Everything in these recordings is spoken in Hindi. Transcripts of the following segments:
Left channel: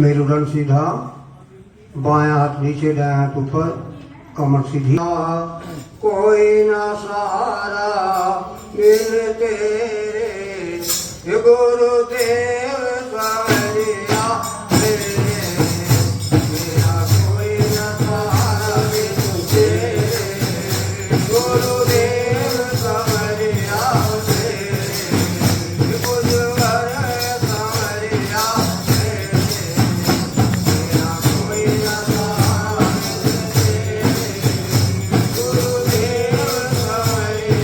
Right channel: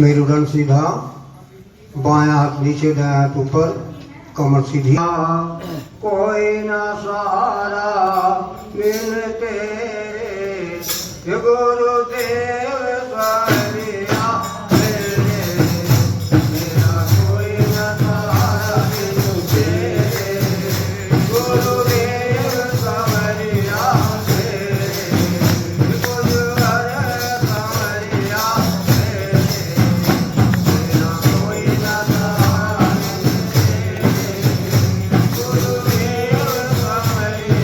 मेरुदंड सीधा, बायां हाथ नीचे दायां हाथ ऊपर, कमर सीधी। कोई ना सहारा मिल तेरे गुरुदेव सहारिया मेरे, मेरा कोई ना सहारा मिल तेरे गुरुदेव सहारिया मेरे, गुरुवर सहारिया मेरे, मेरा कोई ना सहारा मिल तेरे गुरुदेव सहारिया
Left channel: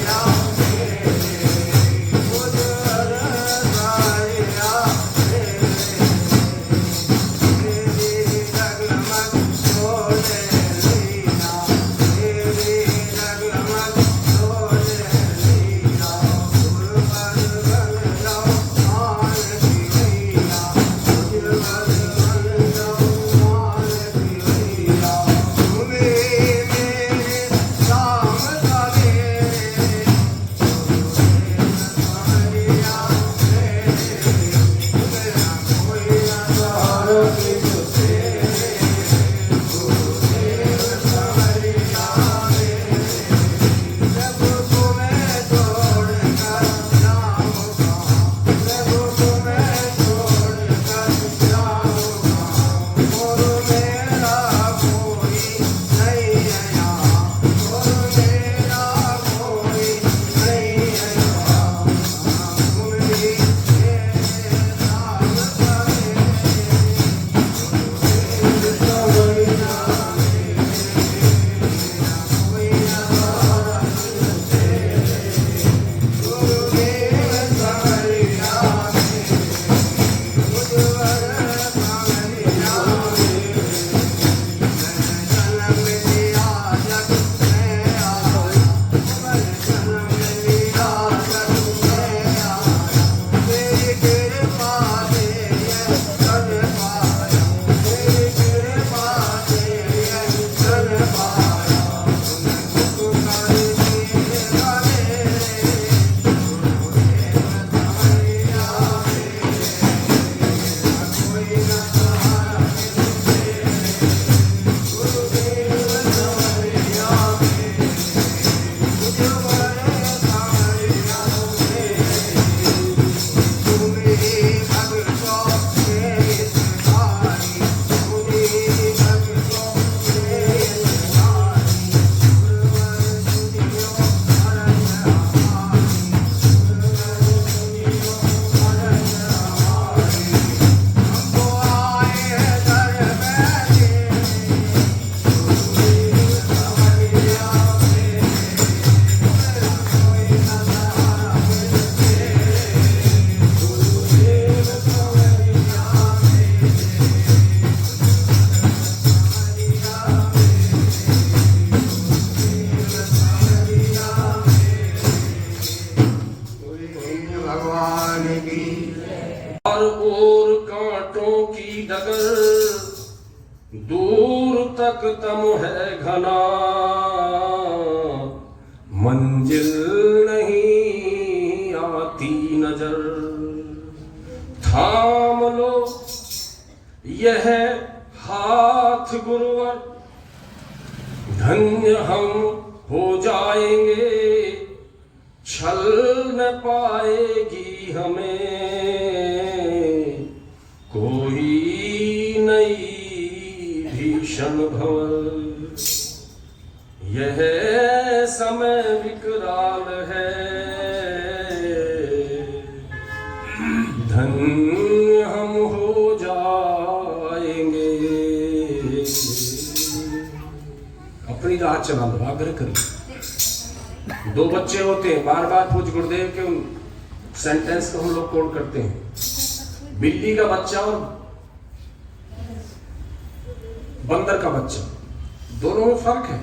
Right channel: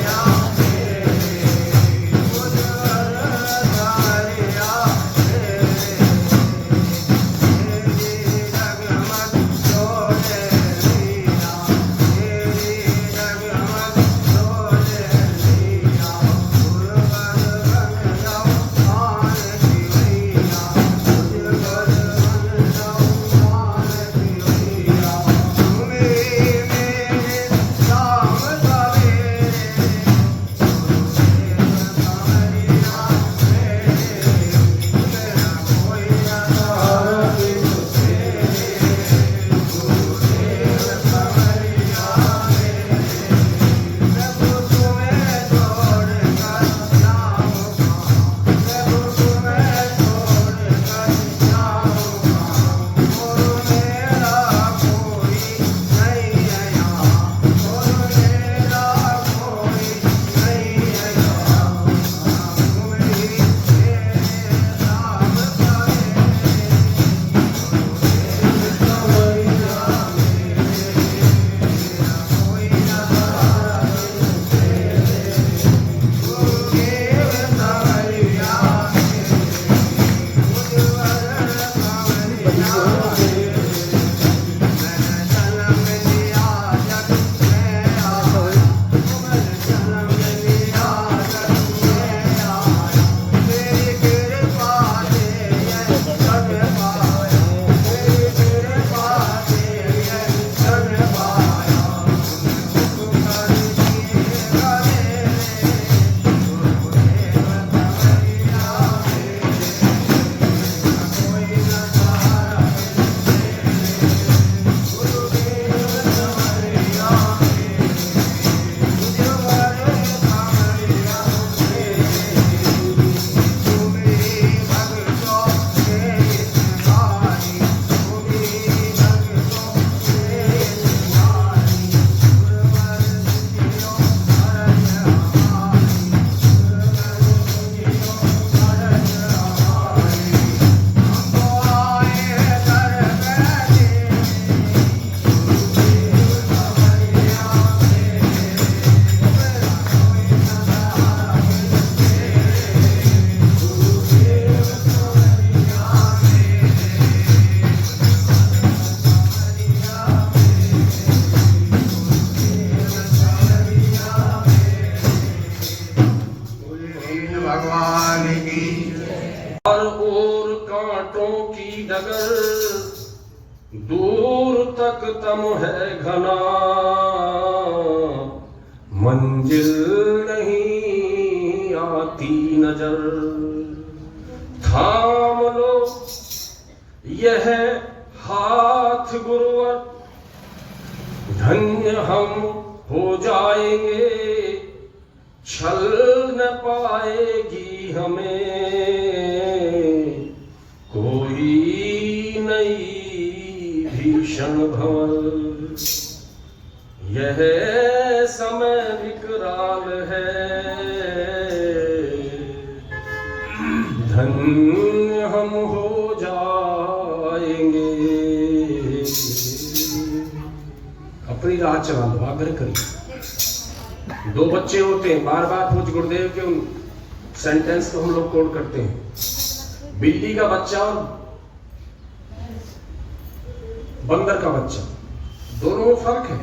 दूर तक तम है घना, मंजिल नहीं आती नजर। थाम लो यह हाथ गुरुवर, धन्य हम हो जाएंगे, छल न पाएगी हमें कोई नई भीषण भंवर। यह समय विकराल है, धन्य हम हो जाएंगे। अपनी राह चला लो, आग्रह करिए। दो बच्चे होते हैं, बार बार पूज्य गुरुदेव के उन सेंटेंस को हम लोग कोड करते हैं। बिल्ली का बच्चा और बंदर का बच्चा, दोनों में फर्क है।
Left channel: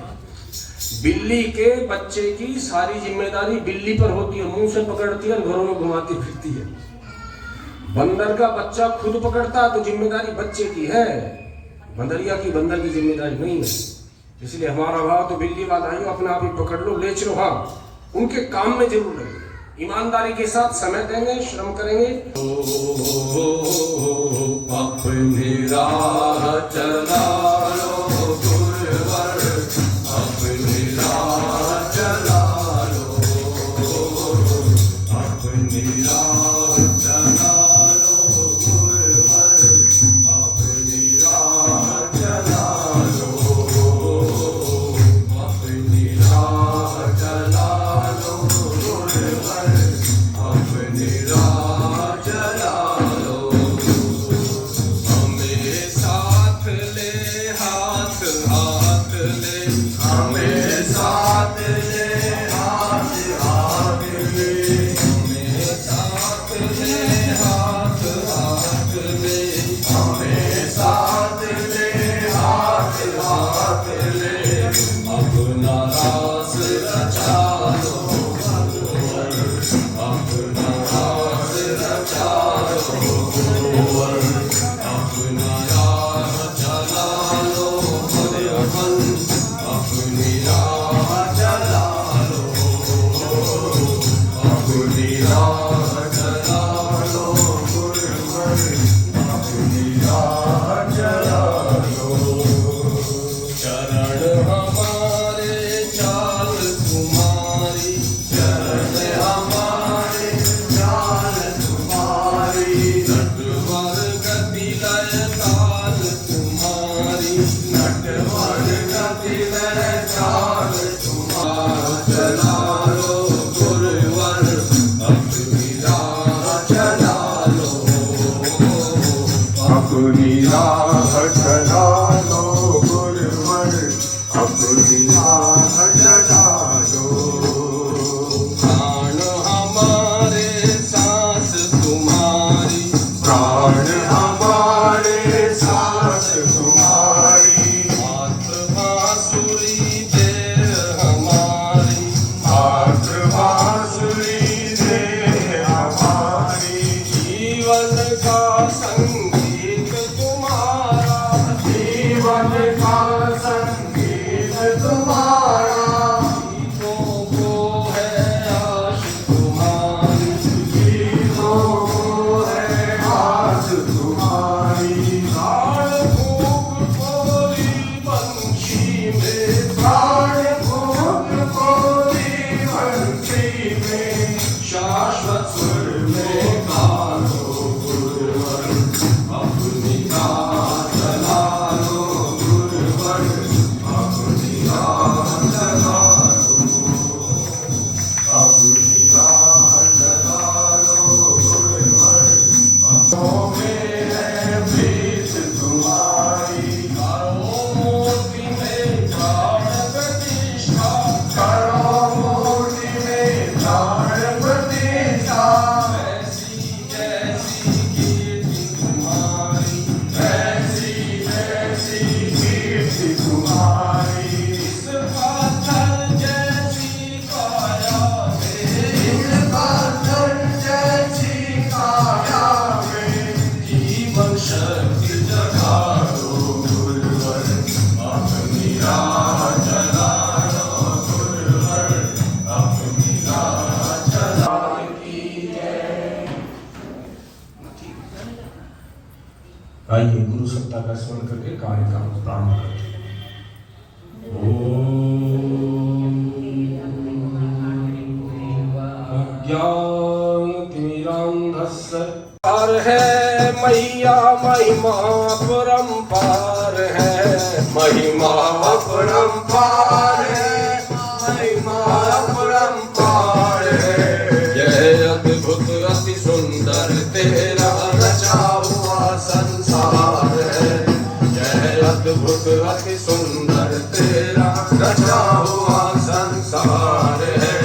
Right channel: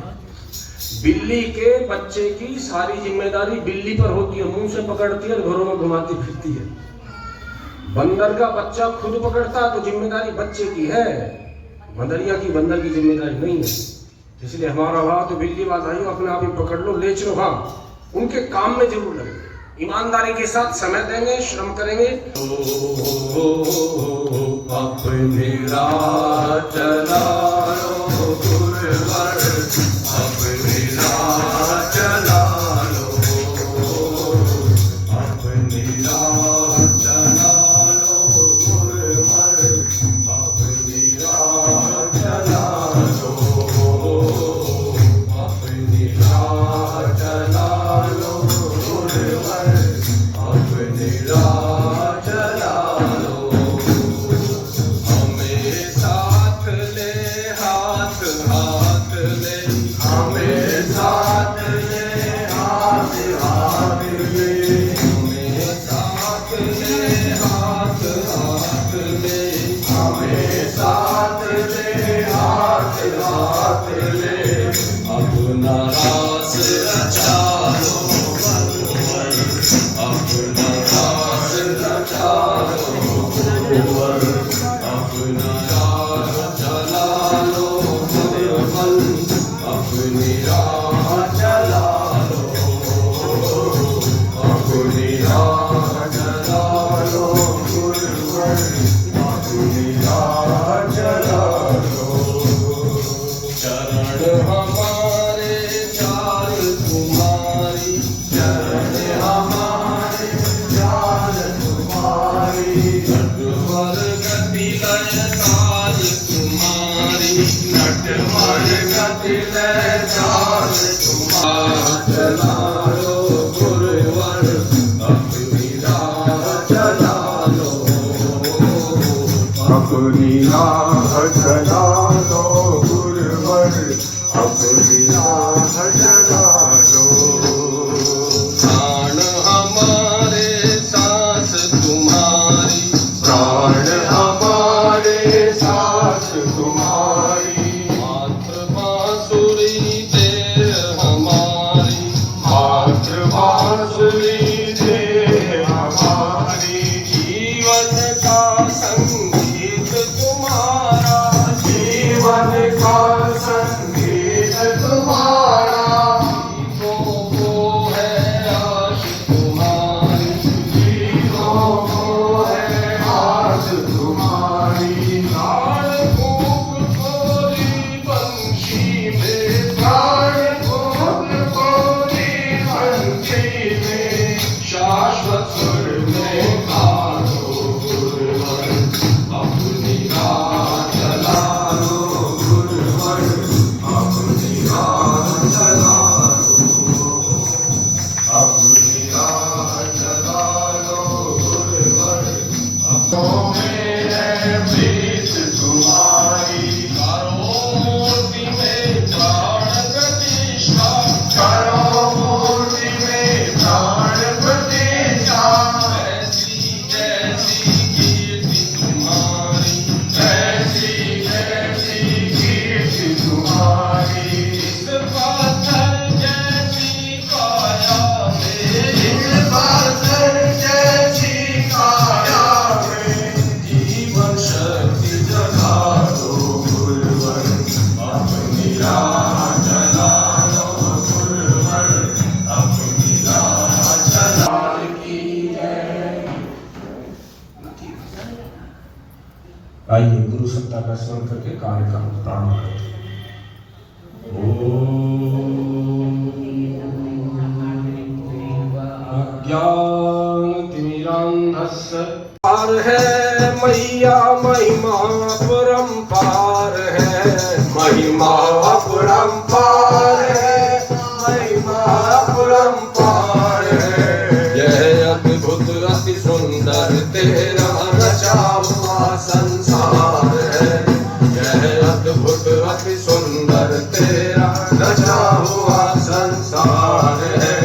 बिल्ली के बच्चे की सारी जिम्मेदारी बिल्ली पर होती है, मुंह से पकड़ती है और घरों में घुमाती फिरती है। बंदर का बच्चा खुद पकड़ता है तो जिम्मेदारी बच्चे की है, बंदरिया की बंदर की जिम्मेदारी नहीं है। इसलिए हमारा भाव तो बिल्ली वाला ही अपने आप ही पकड़ लो, ले चलो। हाँ, उनके काम में जरूर लगे, ईमानदारी के साथ समय देंगे, श्रम करेंगे। अपनी राह चला लो गुरुवर, अपनी राह चला लो, अपनी राह चला लो गुरुवर, अपनी राह चला लो, अपनी राह चला लो गुरुवर, अपनी राह चला लो। हमें साथ ले, हाथ हाथ ले, हमें साथ ले, हाथ हाथ ले, हमें साथ ले, हाथ हाथ ले, हमें साथ ले, हाथ हाथ ले, अपना रास रचा लो गुरुवर, अपना रास रचा लो गुरुवर, अपना राह चला लो गुरुवर, अपनी राह चला लो, अपनी राह चला लो गुरुवर, अपनी राह चला लो। चरण हमारे चाल तुम्हारी, चरण हमारे चाल तुम्हारी, नटवर गति लय ताल तुम्हारी, नटवर गति लय ताल तुम्हारी, चला लो गुरुवर, अपनी राह चला लो, अपनी राह चला लो गुरुवर, अपनी राह चला लो। प्राण हमारे सांस तुम्हारी, प्राण हमारे सांस तुम्हारी, हाथ बांसुरी दे हमारी, हाथ बांसुरी दे हमारी, जीवन का संगीत तुम्हारा, जीवन का संगीत तुम्हारा, गीतों को है आश तुम्हारी, गीतों को है आस तुम्हारी, ताड़ फूक कोरी बंशी में, ताड़ फूक कोरी बंसी में, शाश्वत सुर में गालो गुरुवर, अपनी राह चला लो गुरुवर, अपनी राह चला लो, अपनी राह चला लो गुरुवर, अपनों में है प्रीत तुम्हारी, करो मूर्ति में प्राण प्रतिष्ठा, करो मूर्ति में प्राण प्रतिष्ठा, ऐसी जैसी कीर्ति तुम्हारी, ऐसी ऐसी कीर्ति तुम्हारी, इस पाथर जैसी काया में, इस पाथर जैसी काया में, जीवन शक्ति जगा लो गुरुवर, अपनी राह चला लो गुरुवर, अपनी राह चला की जय। आइए गुरु सत्ता का स्मरण करके कार्य का प्रारंभ करते हैं। ज्ञानतिमिरान्धस्य पार है मैया, महिमा परम्पार है, महिमा परम्पार है, महिमा परम्पार है, यह अद्भुत अति सुंदर तेरा रचा हुआ संसार है, यह अद्भुत अति सुंदर तेरा रचा हुआ संसार है,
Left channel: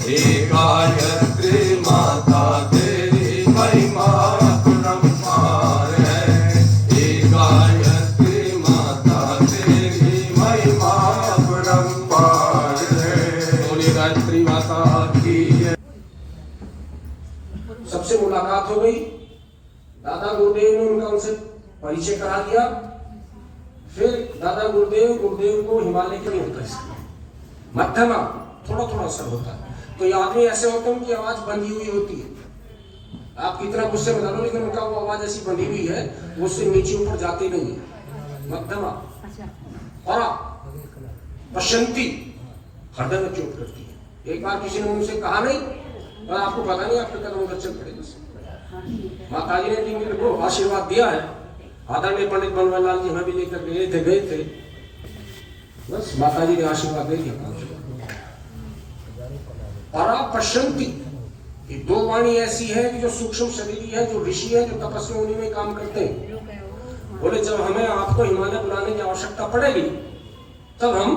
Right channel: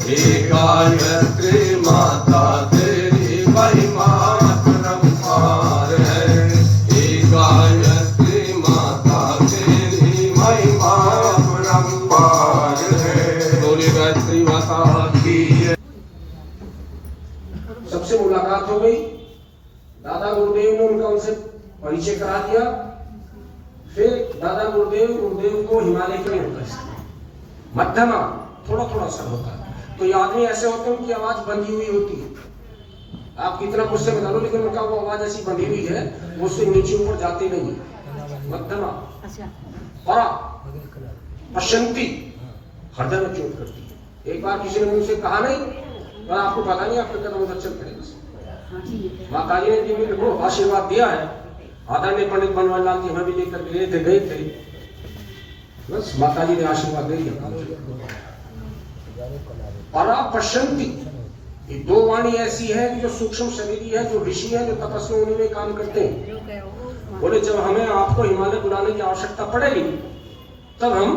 हे गायत्री माता तेरी महिमा परम्पार है, हे गायत्री माता तेरी महिमा परम्पार है। बोलिए गायत्री माता की। सबसे मुलाकात हो गई, दादा गुरुदेव ने उनसे परिचय करा दिया। फिर दादा गुरुदेव को हिमालय के लिए होता है, मध्यमा थोड़ा थोड़ा सा होता है। तो ये आदमी ऐसे होते हैं उनकी आवाज बंधी हुई होती है, आप कितना गुस्से में डालो लेकिन उनका वो आवाज ऐसी बंधी हुई है वो उससे नीचे ऊपर जाते नहीं है। मध्यमा परा पशंती हृदय में चोट करती है। एक बार किसी ने मुझसे कहा नहीं और आपको पता नहीं आपके कदम में चल पड़ेगा। माता जी ने मेरे को आशीर्वाद दिया है, आदरणीय पंडित बनवारी लाल जी हमें भी लेकर गए थे, बस माता जी ने आशीर्वाद दे दिया। परा पशंती, ये दो वाणी ऐसी है कि जो सूक्ष्म शरीरी है, जो ऋषि है, जो तपस्वी होने में काम करते हैं। बोले जब हमें आपको हिमालय बुलाने की आवश्यकता पड़ेगी तब हम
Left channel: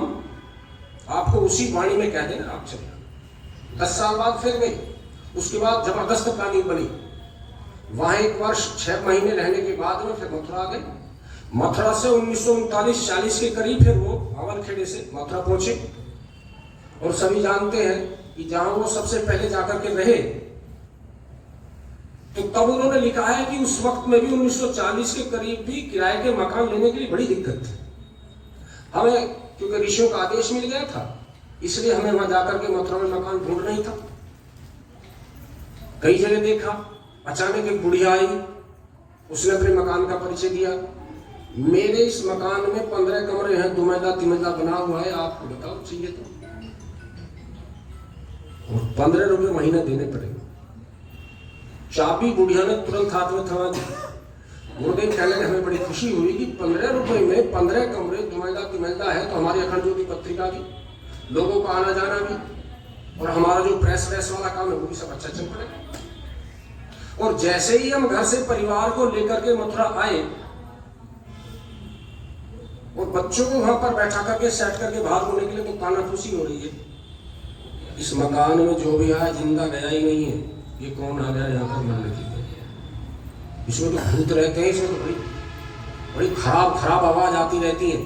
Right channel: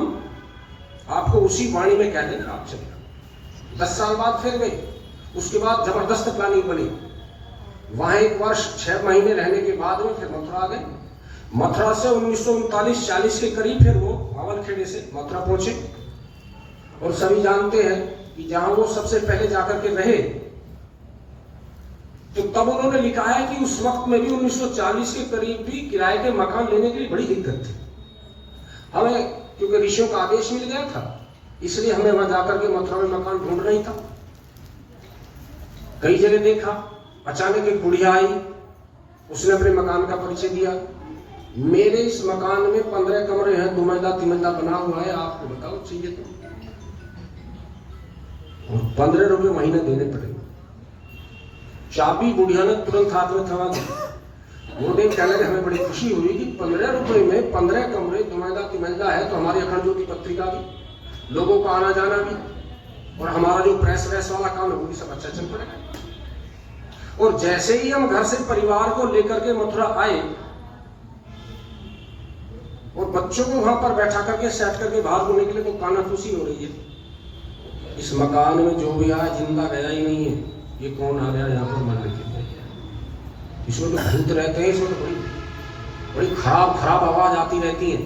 आपको उसी वाणी में कह देंगे आप चले। 10 साल बाद फिर गए, उसके बाद जबरदस्त प्लानिंग बनी। वहां 1 वर्ष 6 महीने रहने के बाद में फिर मथुरा गए। मथुरा से 1939-40 के करीब फिर वो भावलखेड़े से मथुरा पहुंचे। और सभी जानते हैं कि जहां वो सबसे पहले जाकर के रहे, तो तब उन्होंने लिखा है कि उस वक्त में भी 1940 के करीब भी किराए के मकान लेने के लिए बड़ी दिक्कत थी हमें, क्योंकि ऋषियों का आदेश मिल गया था, इसलिए हमें वहां जाकर के मथुरा में मकान ढूंढ नहीं था। कई जगह देखा, अचानक एक बुढ़िया आई, उसने अपने मकान का परिचय दिया। मेरे इस मकान में 15 कमरे हैं, 2 मंजिला 3 मंजिला बना हुआ है, आपको बताओ चाहिए तो 15 रुपए महीने देने पड़ेंगे। चाबी बुढ़िया ने तुरंत हाथ में थमा दी। वो देख कहने लगे हमें बड़ी खुशी हुई कि 15 रुपए में 15 कमरे 2 मंजिला 3 मंजिला है, तो हमारी अखंड ज्योति पत्रिका भी, लोगों का आना जाना भी, और हमारा जो प्रेस व्रेस वाला काम है वो भी सब अच्छा चल पड़ेगा। और जैसे ही हम घर से परिवार को लेकर के मथुरा आए और बच्चों को वहां पर बैठा करके सेट करके बाहर होने के लिए, तो कानाफूसी हो रही है, इस मकान में जो भी आया जिंदा गया ही नहीं है, ये कौन आ गया यहाँ पर मरने के लिए, इसमें तो भूत रहते हैं, इसमें तो बड़ी खराब खराब आवाज आती रहती है।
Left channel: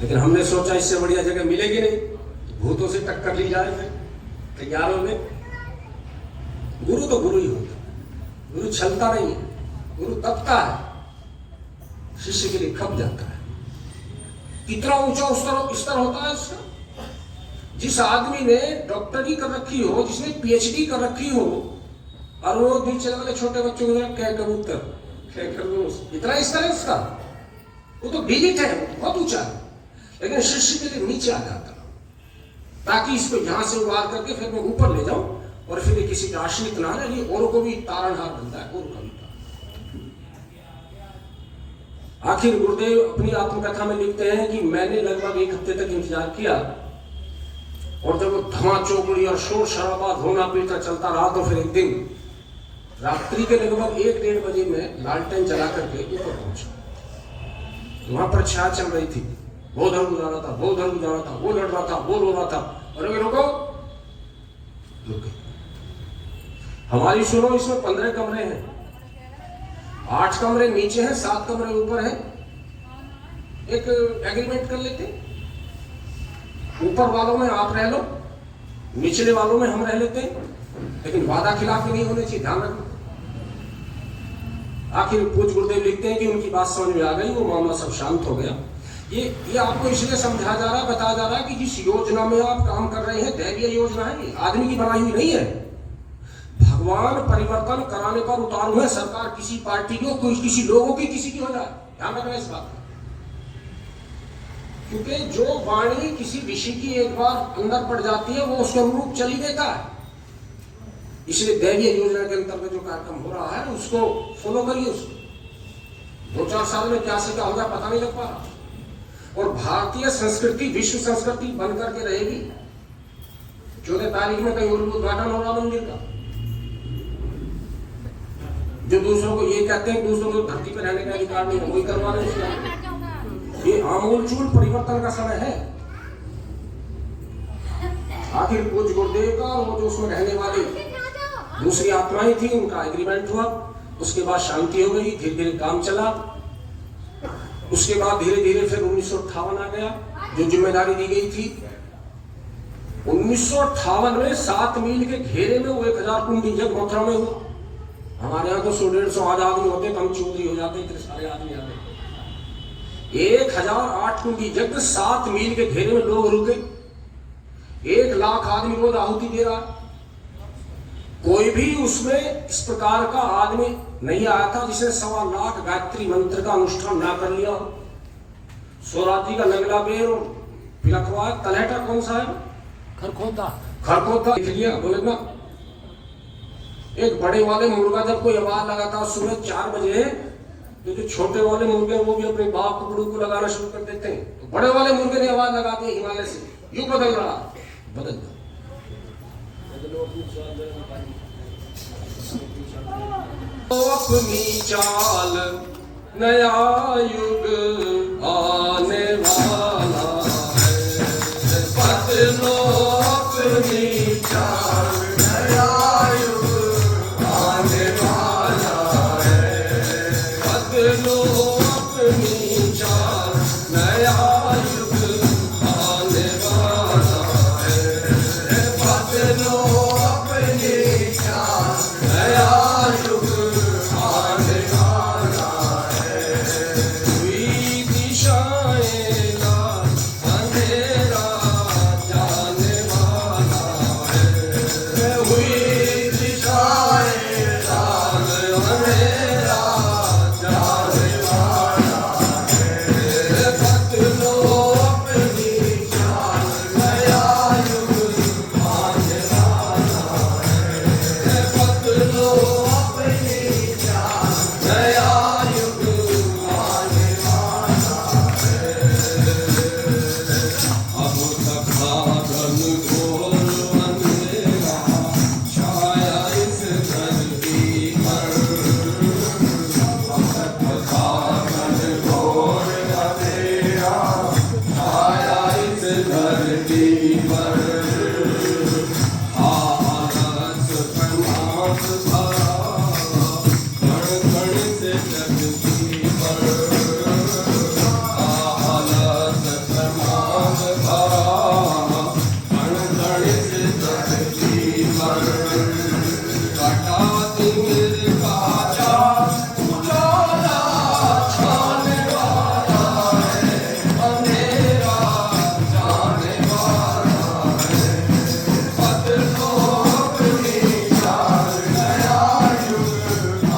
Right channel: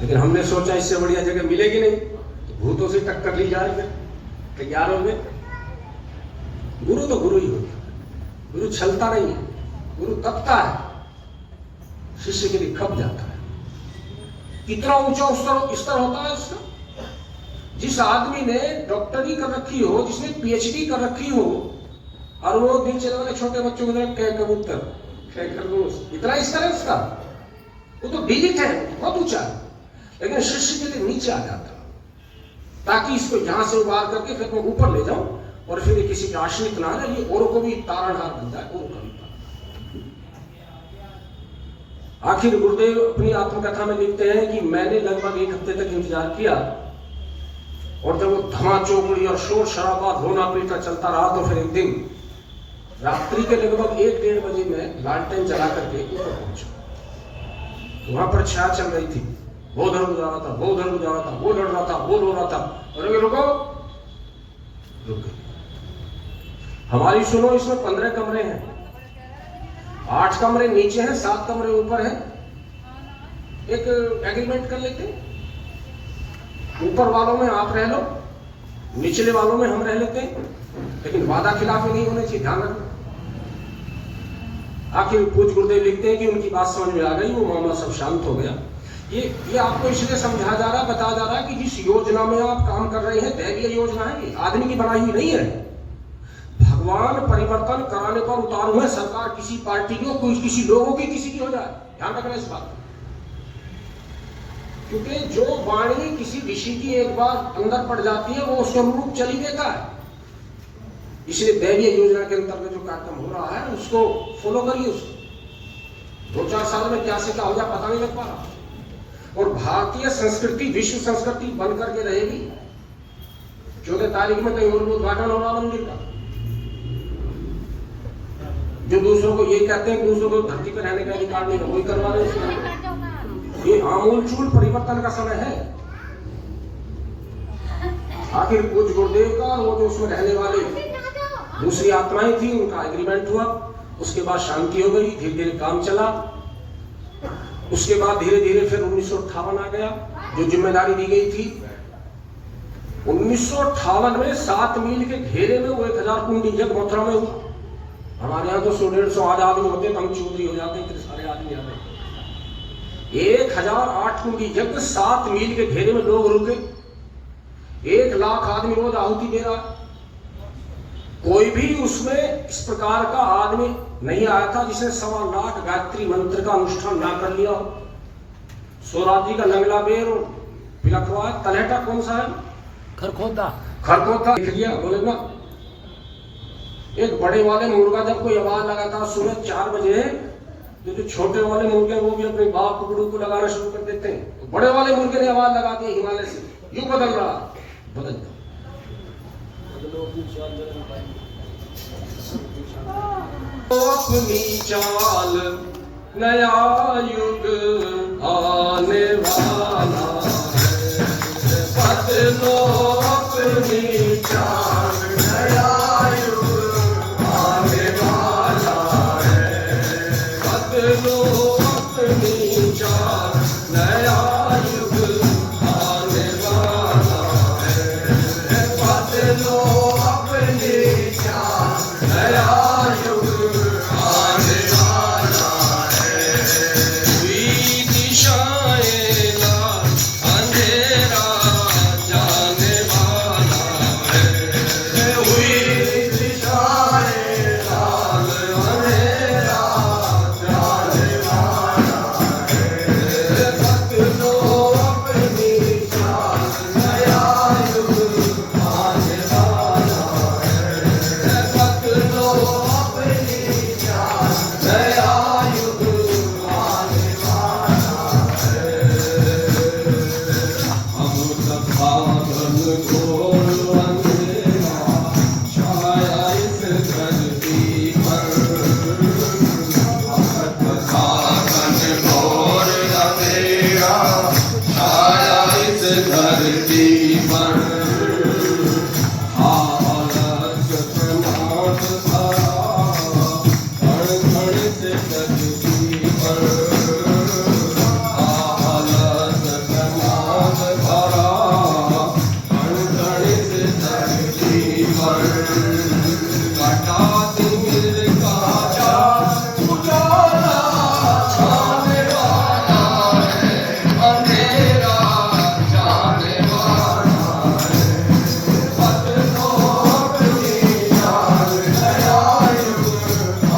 लेकिन हमने सोचा इससे बढ़िया जगह मिलेगी नहीं, तो भूतों से टक्कर ली जाए। फिर तैयार हो गए। गुरु तो गुरु ही होता है, गुरु छलता नहीं है, गुरु तपता है, शिष्य के लिए खप जाता है। कितना ऊंचा स्तर होता है उसका। जिस आदमी ने डॉक्टरी कर रखी हो, जिसने पीएचडी कर रखी हो, और वो नीचे वाले छोटे बच्चों के साथ कह कबूतर कह खरगोश, इतना स्तर है उसका, वो तो डिलीट है, बहुत ऊंचा है। लेकिन शिष्य के लिए नीचे आ जाता है, ताकि इसको यहां से उबार करके फिर मैं ऊपर ले जाऊं और फिर ये किसी का आश्रित ना रहे, ये औरों को भी तारणहार बनता है, औरों का भी। आखिर गुरुदेव अपनी आत्मकथा में लिखते हैं कि मैंने लगभग 1 हफ्ते तक इंतजार किया, और जब वो धमा चौकड़ी और शोर शराबा रोना पीटा चलता रहा, तो फिर एक दिन रात्रि के लगभग 1-1:30 बजे में लालटेन जला करके ऊपर पहुंचा। वहां पर छाया चल रही थी, वो उधर गुजरा रहा था, वो उधर गुजरा रहा था, वो लड़ रहा था, वो रो रहा था, और रुको रुके हमारी सुनो, इसमें 15 कमरे हैं, 8 कमरे नीचे हैं, 7 कमरे ऊपर हैं। एक एग्रीमेंट कर लेते, ऊपर वालों में आप रह लो, निचले वालों में हम रह लेते, लेकिन वादा खिलाफी नहीं होने चाहिए, ध्यान रखो। आखिर पूज्य गुरुदेव लिखते हैं कि उनकी बात समझ में आ गई, वो मामला सब शांत हो गया। ये आपको इसलिए समझाया जा रहा है, बताया जा रहा है कि जिस योजना में आप काम कर रहे हैं, दैवीय योजना है, ये आदमी की बनाई हुई नहीं है। भगवान परिवर्तन कराने पर उतारू है, सरकार किसी पार्टी की हो, कोई किसी लोगों की, किसी की हो जाए, ध्यान रखना इस बात। क्योंकि जो वाणी किसी ऋषि की एक बार अंदर पड़ जाती है, वो उसके अनुरूप चली देता है। इसलिए दैवीय योजना के अंतर्गत जो कार्यक्रम हो रहा है, उसको फॉलो करिए। उसको 2-4 साल में क्या से क्या होगा पता नहीं लग पा रहा। और भारतीय संस्कृति विश्व संस्कृति बन करके रहेगी। 14 तारीख में कहीं और उद्घाटन हो रहा मंदिर का। जो दूसरों को ये कहते हैं, दूसरों को धरती पर रहने का अधिकार नहीं है, वही करवा रहे हैं। ये आमूलचूल परिवर्तन का समय है। आखिर पूज्य गुरुदेव का और वो जो उसमें रहने वाले दूसरी आत्माएं थी, उनका एग्रीमेंट हुआ। उसके बाद शांति हो गई, धीरे धीरे काम चला। उसके बाद धीरे धीरे फिर 1958 आ गया, जो जिम्मेदारी दी गई थी। 1958 में 7 मील के घेरे में वो 1000 कुंडी यज्ञ मथुरा में हुआ। हमारे यहाँ तो 100-150 आदमी होते, कम चौधरी हो जाते, इतने सारे आदमी आ गए। 1008 कुंडी यज्ञ 7 मील के घेरे में लोग रुके। 1 लाख आदमी रोज आहुति दे रहा है। कोई भी उसमें इस प्रकार का आदमी नहीं आया था जिसने 1.25 लाख गायत्री मंत्र का अनुष्ठान ना कर लिया। स्वराज जी का नगला बेर पिलखवा तलहटा कौन सा है? खरखोदा लिख लिया। बोले ना एक बड़े वाले मुर्गा जब कोई आवाज लगाता सुबह 4 बजे, जो छोटे वाले मुर्गे वो भी अपने बाप कुकड़ू को लगाना शुरू कर देते हैं। तो बड़े वाले मुर्गे ने आवाज लगाते हैं हिमालय से, युग बदल रहा, बदल तो अपनी चाल नया युग आने वाला है, बदलो अपनी चाल नया युग आने वाला है, बदलो अपनी चाल नया युग आने वाला है, बदलो अपनी चाल नया युग आने वाला है। हुई दिशाएं लाल अंधेरा जाने वाला है, हुई दिशाएं लाल अंधेरा जाने वाला है, बदलो अपनी चाल नया युग आने वाला है, बदलो अपनी चाल नया युग आने वाला अब तक भागन घोर अंधेरा छाया इस धरती पर, अब तक भागन घोर अंधेरा छाया इस धरती पर, आलस प्रमाद भरा कण कण से धरती पर, आलस प्रमाद भरा कण कण से धरती पर, काटा दूर काटा उजाला छाने वाला है, अंधेरा जाने वाला है, बदलो अपनी चाल नया युग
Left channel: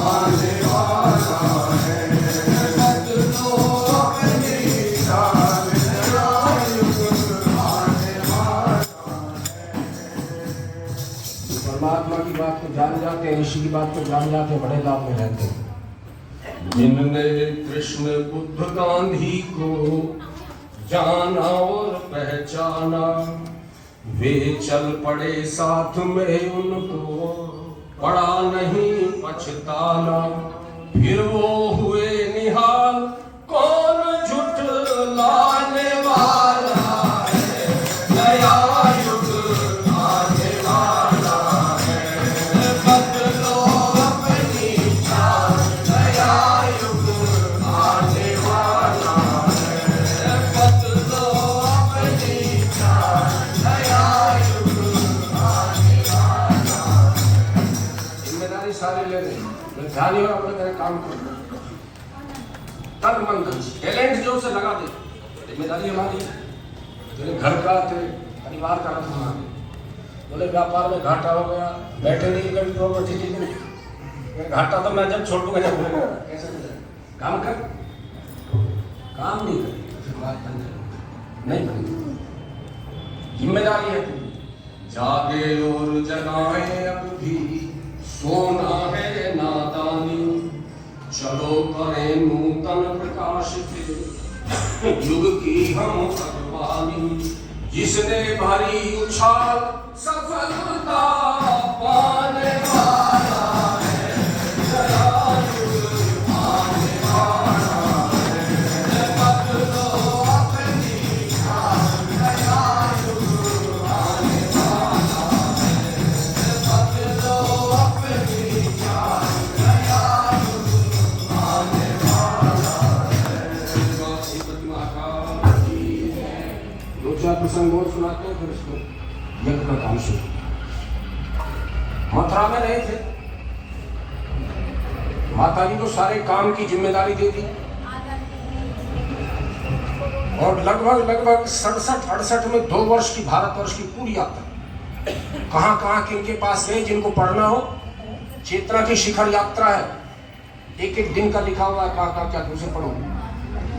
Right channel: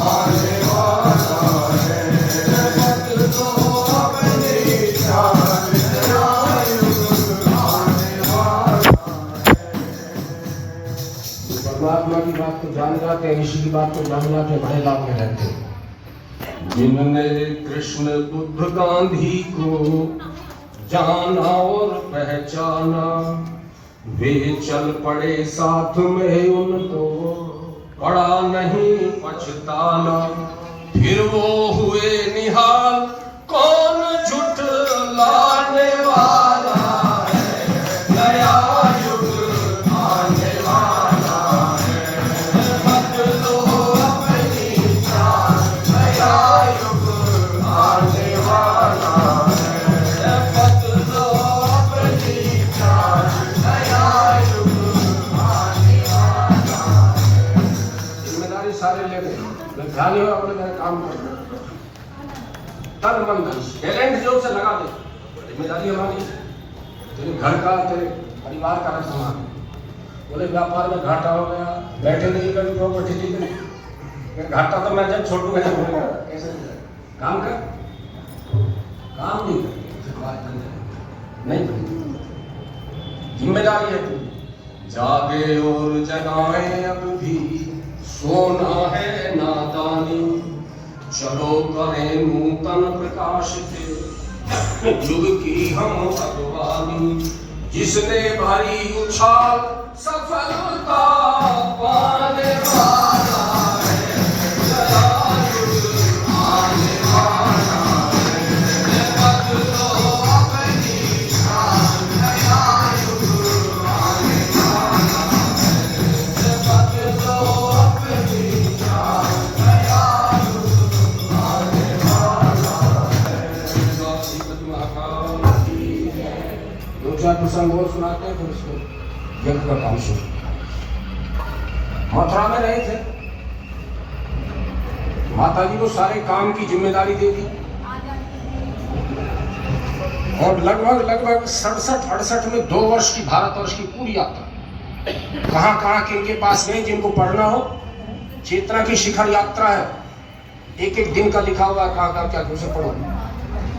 आने वाला है, बदलो अपनी चाल नया युग आने वाला है। परमात्मा की बात को जान जाते हैं, ऋषि की बात को जान जाते, बड़े लाभ में रहते हैं। जिनने कृष्ण बुद्ध गांधी को जाना और पहचाना, वे चल पड़े साथ में, उनको पड़ा नहीं पछताना। फिर वो हुए निहाल, कौन झुठलाने वाला है, नया युग आने वाला है, बदलो अपनी चाल नया युग आने वाला है, बदलो अपनी चाल नया युग आने वाला है। जिम्मेदारी सारे ले लें, ध्यान और अपने घर काम करो, तन मन धन टैलेंट जो से लगा दे। जिम्मेदारी हमारी, तेरे घर का तेरे परिवार का रखना। बोले व्यापार में घाटा हो गया, बैठे नहीं कभी प्रॉपर्टी थी तो घाटा तो मैं जब छोड़ूंगा जब होगा, कैसे काम कर, काम नहीं कर, बात नहीं बनेगी। जिम्मेदारी है तू, जागे और जगाए अब भी, सोना है नादानी, चलो करें नूतन प्रकाश से युग की हम अगवानी। जिसने भरी उछाल सफलता पाने वाला है, नया युग आने वाला है, बदलो अपनी चाल नया युग आने वाला है, बदलो अपनी चाल नया युग आने वाला है। महाकाल की दो चार प्रसंग और सुनाते हैं, फिर उसको यज्ञ का काम शुरू। मथुरा में रहे थे, माता जी को सारे काम की जिम्मेदारी दे दी। और लगभग 67-68 में 2 वर्ष की भारतवर्ष की पूरी यात्रा, कहाँ कहाँ किनके पास गए, जिनको पढ़ना हो, चेतना की शिखर यात्रा है, एक एक दिन का लिखा हुआ है, कहाँ कहाँ क्या दूसरे पढ़ो,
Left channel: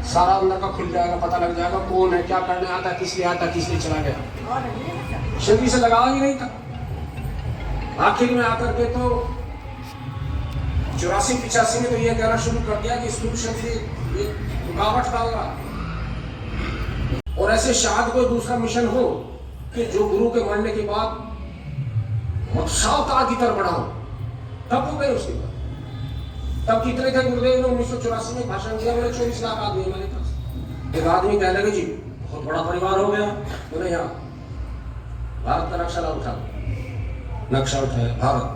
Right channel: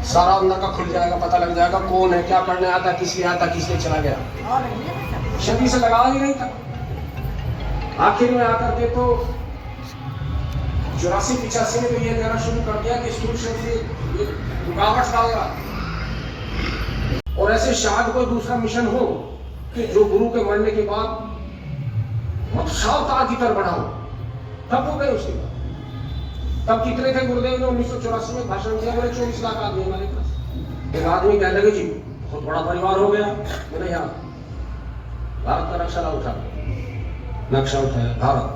सारा अंदर का खुल जाएगा, पता लग जाएगा कौन है, क्या करने आता, किस लिए आता, किस लिए चला गया, शरीर से लगाया ही नहीं था। आखिर में आकर के तो 84-85 में तो ये कहना शुरू कर दिया कि स्कूल से रुकावट डाल रहा, और ऐसे शायद कोई दूसरा मिशन हो कि जो गुरु के मरने के बाद अब सावतार की तरफ बढ़ाओ, तब हो गए उसके बाद। तब कितने थे गुरुदेव ने 1984 में भाषण दिया, मैंने 24 लाख आदमी हमारे पास। एक आदमी कहने लगे जी बहुत बड़ा परिवार हो गया, मैंने यहाँ भारत का नक्शा उठाया, भारत,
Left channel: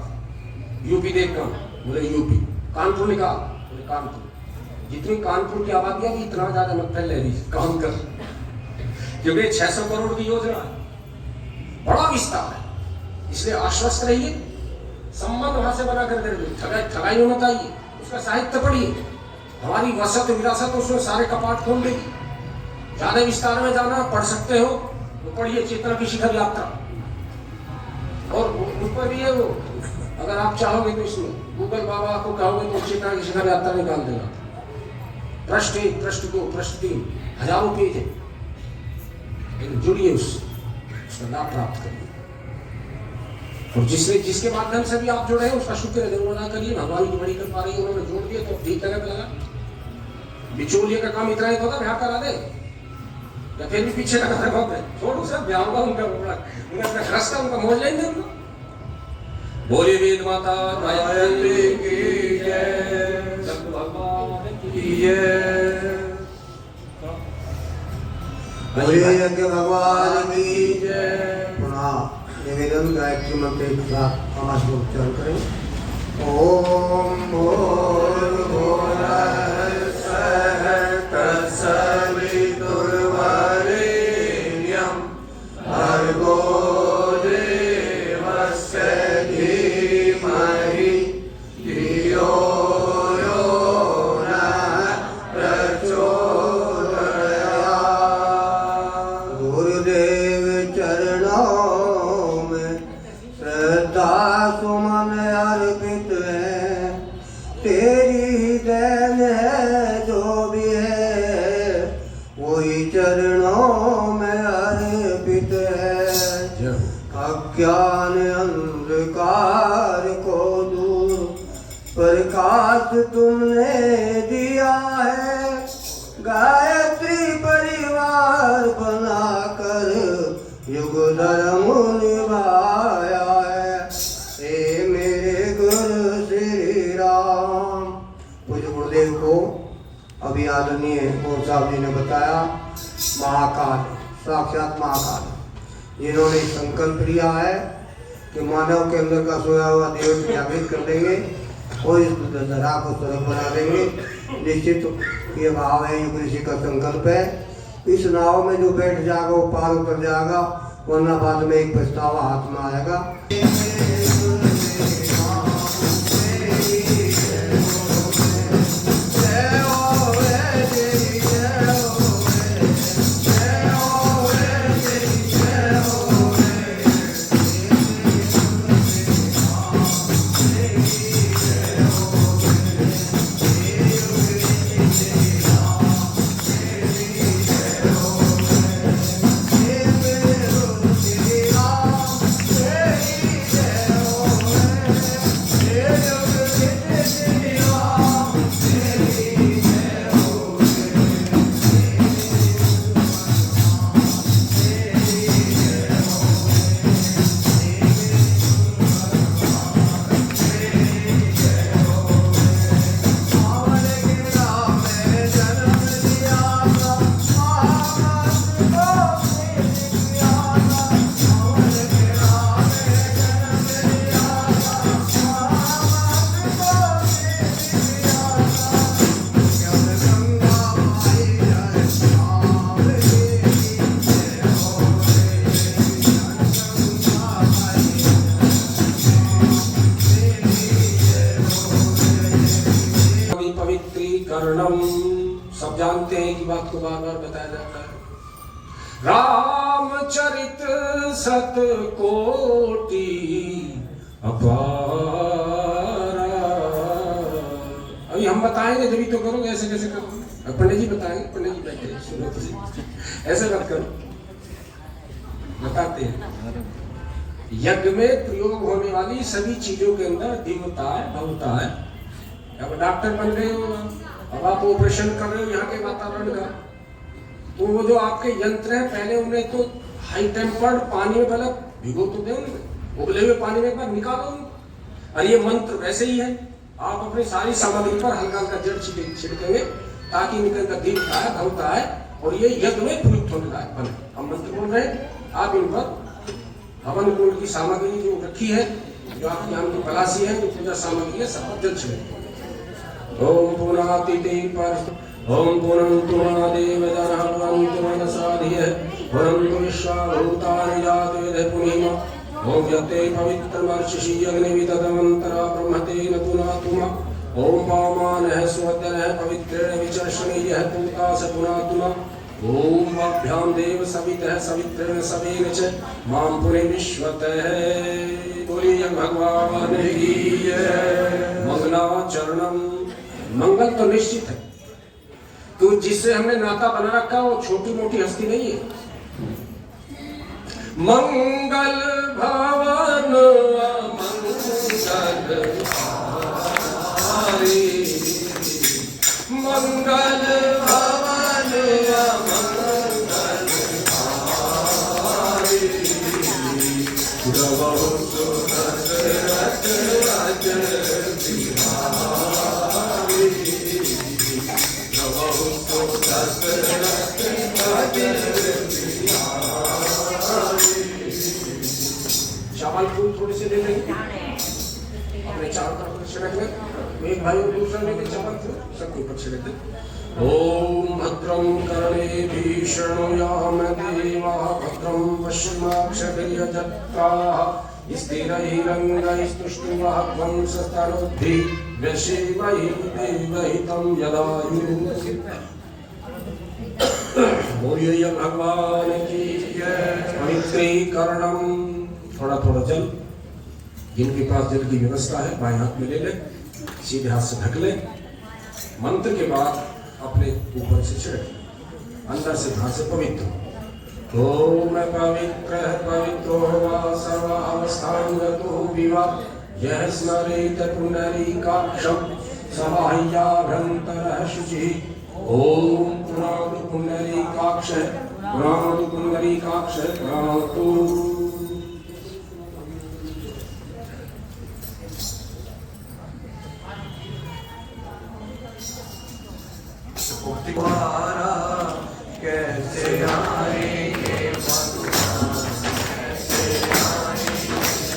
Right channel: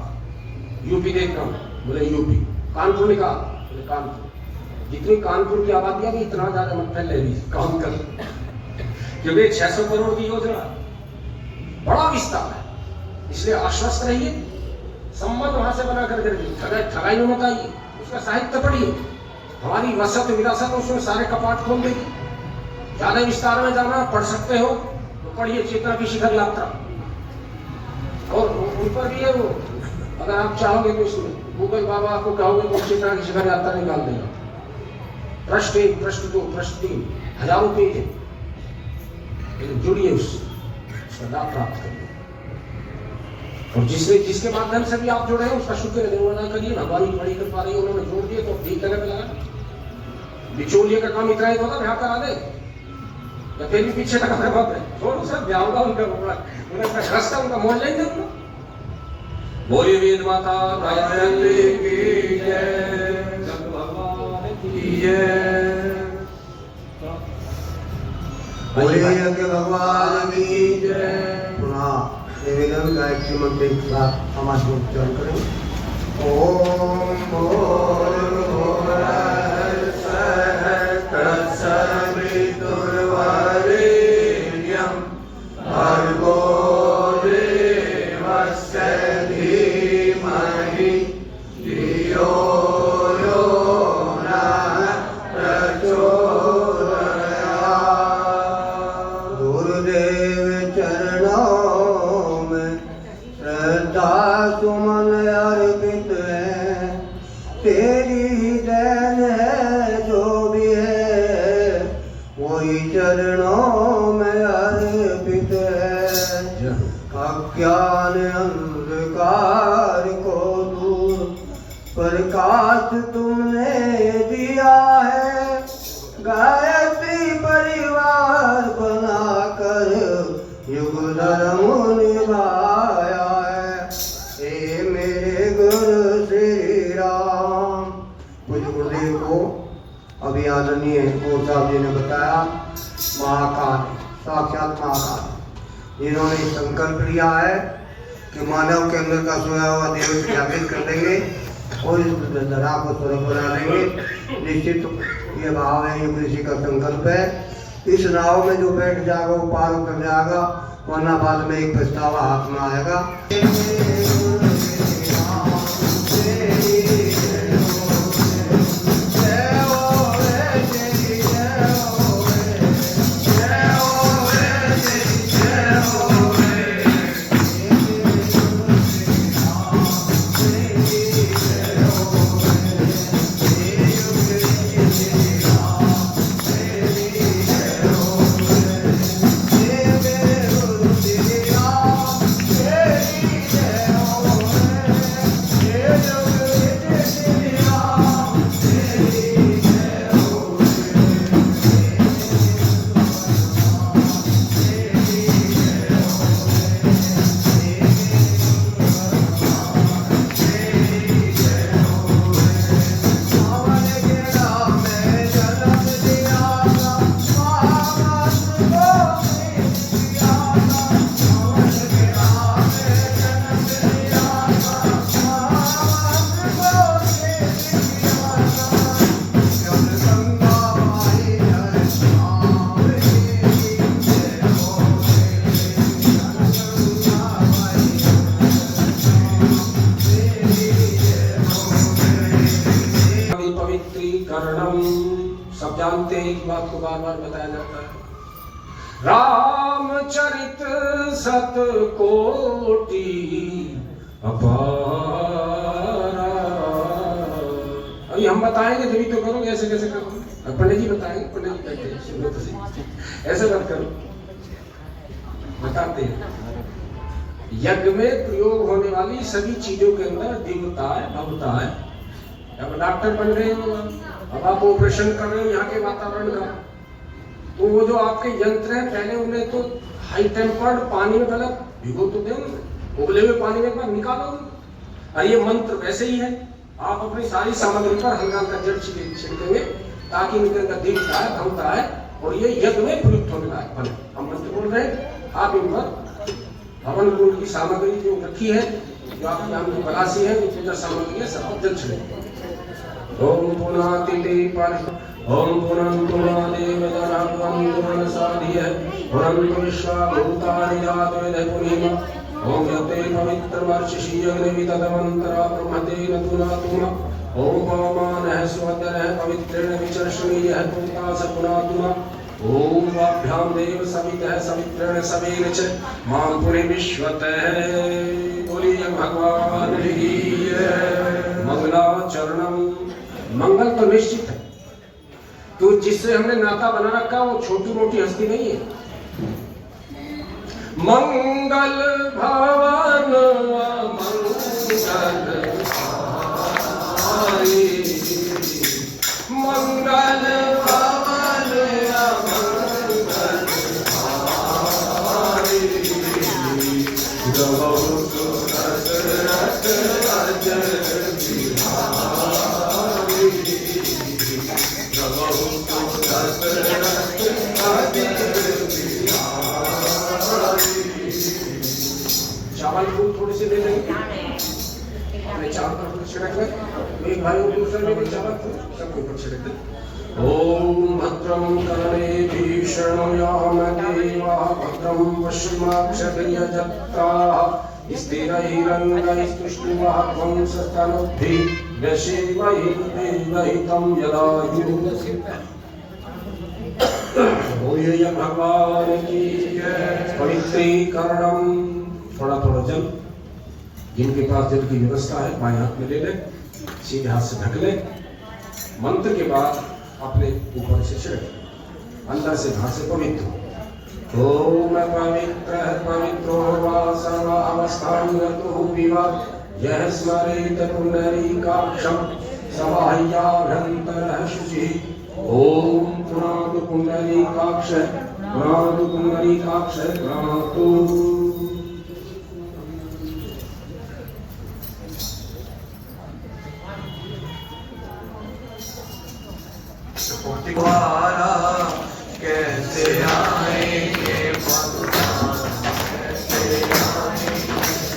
यूपी देखना, बोले यूपी, कानपुर निकाल, बोले कानपुर, जितनी कानपुर की आबादी है इतना ज्यादा मत फैले नहीं, काम कर, क्योंकि 600 करोड़ की योजना, बड़ा विस्तार है, इसलिए आश्वस्त रहिए, संबंध वहां से बना कर ठगाई में मत आइए, उसका साहित्य पढ़िए, हमारी वसत विरासत उसमें सारे कपाट खोल देगी। ज्यादा विस्तार में जाना पढ़ सकते हो तो पढ़िए चेतना की शिखर यात्रा, और ऊपर भी है वो, अगर आप चाहोगे तो इसमें गूगल बाबा आपको कहोगे तो चेतना की शिखर यात्रा निकाल देगा, पृष्ठ 1, पृष्ठ 2, पृष्ठ 3, हजारों पेज है, जुड़िए उसका लाभ प्राप्त करिए, और जिसके माध्यम से भी आप जुड़े हैं उसका शुक्र अदा करिए। भगवान की बड़ी कृपा रही, उन्होंने जोड़ दिए तो ठीक जगह पे लगा। बिचौलिए का काम इतना ही होता, ब्याह करा दे या फिर भी पीछे लगा कर बाप रे छोड़, सब ब्याह होगा उनका, उन्हें अपना खर्च उनका मोड़ लेंगे उनका। बोलिए वेद माता गायत्री की जय, भगवान की जय, बोलिए यज्ञ भगवान की जय। पुनः निवेदन गायत्री मंत्र के साथ समाज को उच्चारण करें। ओम भर्गो देवस्य धीमहि धियो यो नः प्रचोदयात्। गुरुदेव चरणों में श्रद्धा सुमन अर्पित है, तेरी देन है जो भी है वही चरणों में अर्पित है। अज्ञान अंधकार को दूर प्रकाश तुमने दिया है, गायत्री परिवार बनाकर युग धर्म निभाया है। हे मेरे गुरु श्री राम। मुझे गुरुदेव को अभी आदरणीय गौर साहब जी ने बताया, महाकाल, साक्षात महाकाल, जिन्होंने संकल्प लिया है कि मानव के अंदर का सोया हुआ देव स्थापित कर देंगे और इस धरा को स्वर्ग बना देंगे। निश्चित ये भाव है, ये ऋषि का संकल्प है। इस नाव में जो बैठ जाएगा वो पार उतर जाएगा, वरना बाद में एक पछतावा हाथ में आएगा। जानते हैं कि बात को बार बार बताया जाता है। रामचरित सत कोटि अपारा। अभी हम बताएंगे तभी तो करोगे, ऐसे कैसे करोगे? पंडित जी बताएंगे, पंडित जी बैठे सुनो तो सही, ऐसे मत करो। बताते हैं यज्ञ में प्रयोग होने वाली सभी चीजों के अंदर दिव्यता है, भव्यता है। अब डॉक्टर बन रहे हो, अब आप ऑपरेशन कर रहे हो यहाँ के वातावरण का, तो वो जो आपके यंत्र है पहले उन्हें तो हाई टेम्पर्ड पानी में पहले भिगो तो दे, उबले हुए पानी में एक बार निकालो। और ये मंत्र वैसे ही है, आप अपनी सारी सामग्री पर हल्का हल्का जड़ छिड़केंगे ताकि इनके अंदर दिव्यता है, भव्यता है और ये यज्ञ में प्रयुक्त होने लायक बने। हम मंत्र बोल रहे हैं, आप इन पर हवन कुंड की सामग्री जो रखी है, जो आपकी आम की बलासी है, जो पूजा सामग्री है, सब जल छिड़केंगे। ओम पूर्णातिथि पर ओम पूर्णन्तु महादेव दनः पूर्णन्तु मनसाधियः पूर्णन्तु विश्वाभूतानि जाते पुनीम ओम यते पवित्रमर्षि अग्निविदधमन्तरा ब्रह्मतेन पुनातुम ओम पवमानः स्वदनः पवित्रेण विचर्षणीयः पूता स पुनातुम ओम वाभ्यां देव सवितः सवित्रेण सवेन च मां पुनि विश्वतः। बोलिए भगवान की जय। मंगलाचरणम, मंगल तो निश्चित है, तो जिससे हमने नाता बना रखा वो छोटी मोटी हस्ती नहीं है। मंगल भवन मंगल भवन चावल फूल थोड़े से दे देंगे अपने चार पर छिड़क ले, एक भाई को दूसरा लेके चावल सबके ऊपर छिड़क दे। ओम भद्रं कर्णेभिः शृणुयाम देवाः भद्रं पश्चिमाक्षभिर्यजत्राः स्थिरैरङ्गैस्तुष्टुवाहं सतनुभिः व्यसेवैर्देवहितं यदायुः। बोलिए भगवान की जय। पवित्रीकरणम, थोड़ा थोड़ा जल, जिनके पास जल की व्यवस्था है बाएं हाथ में ले ले, सीधे हाथ से ढक ले। मंत्र के बाद अपने ऊपर से छिड़क, अंदर से बाहर से पवित्र। ओम पवित्र पवित्रो वा सर्व अवस्थान गतो विवा यः स्मरेत पुंडरीकाक्षं समाह्याभ्यन्तरः शुचिः। ओम पुनातु पुंडरीकाक्ष पुनातु पुंडरीकाक्ष पुनातु। कैसे आएंगे भगवान, कैसे आएंगे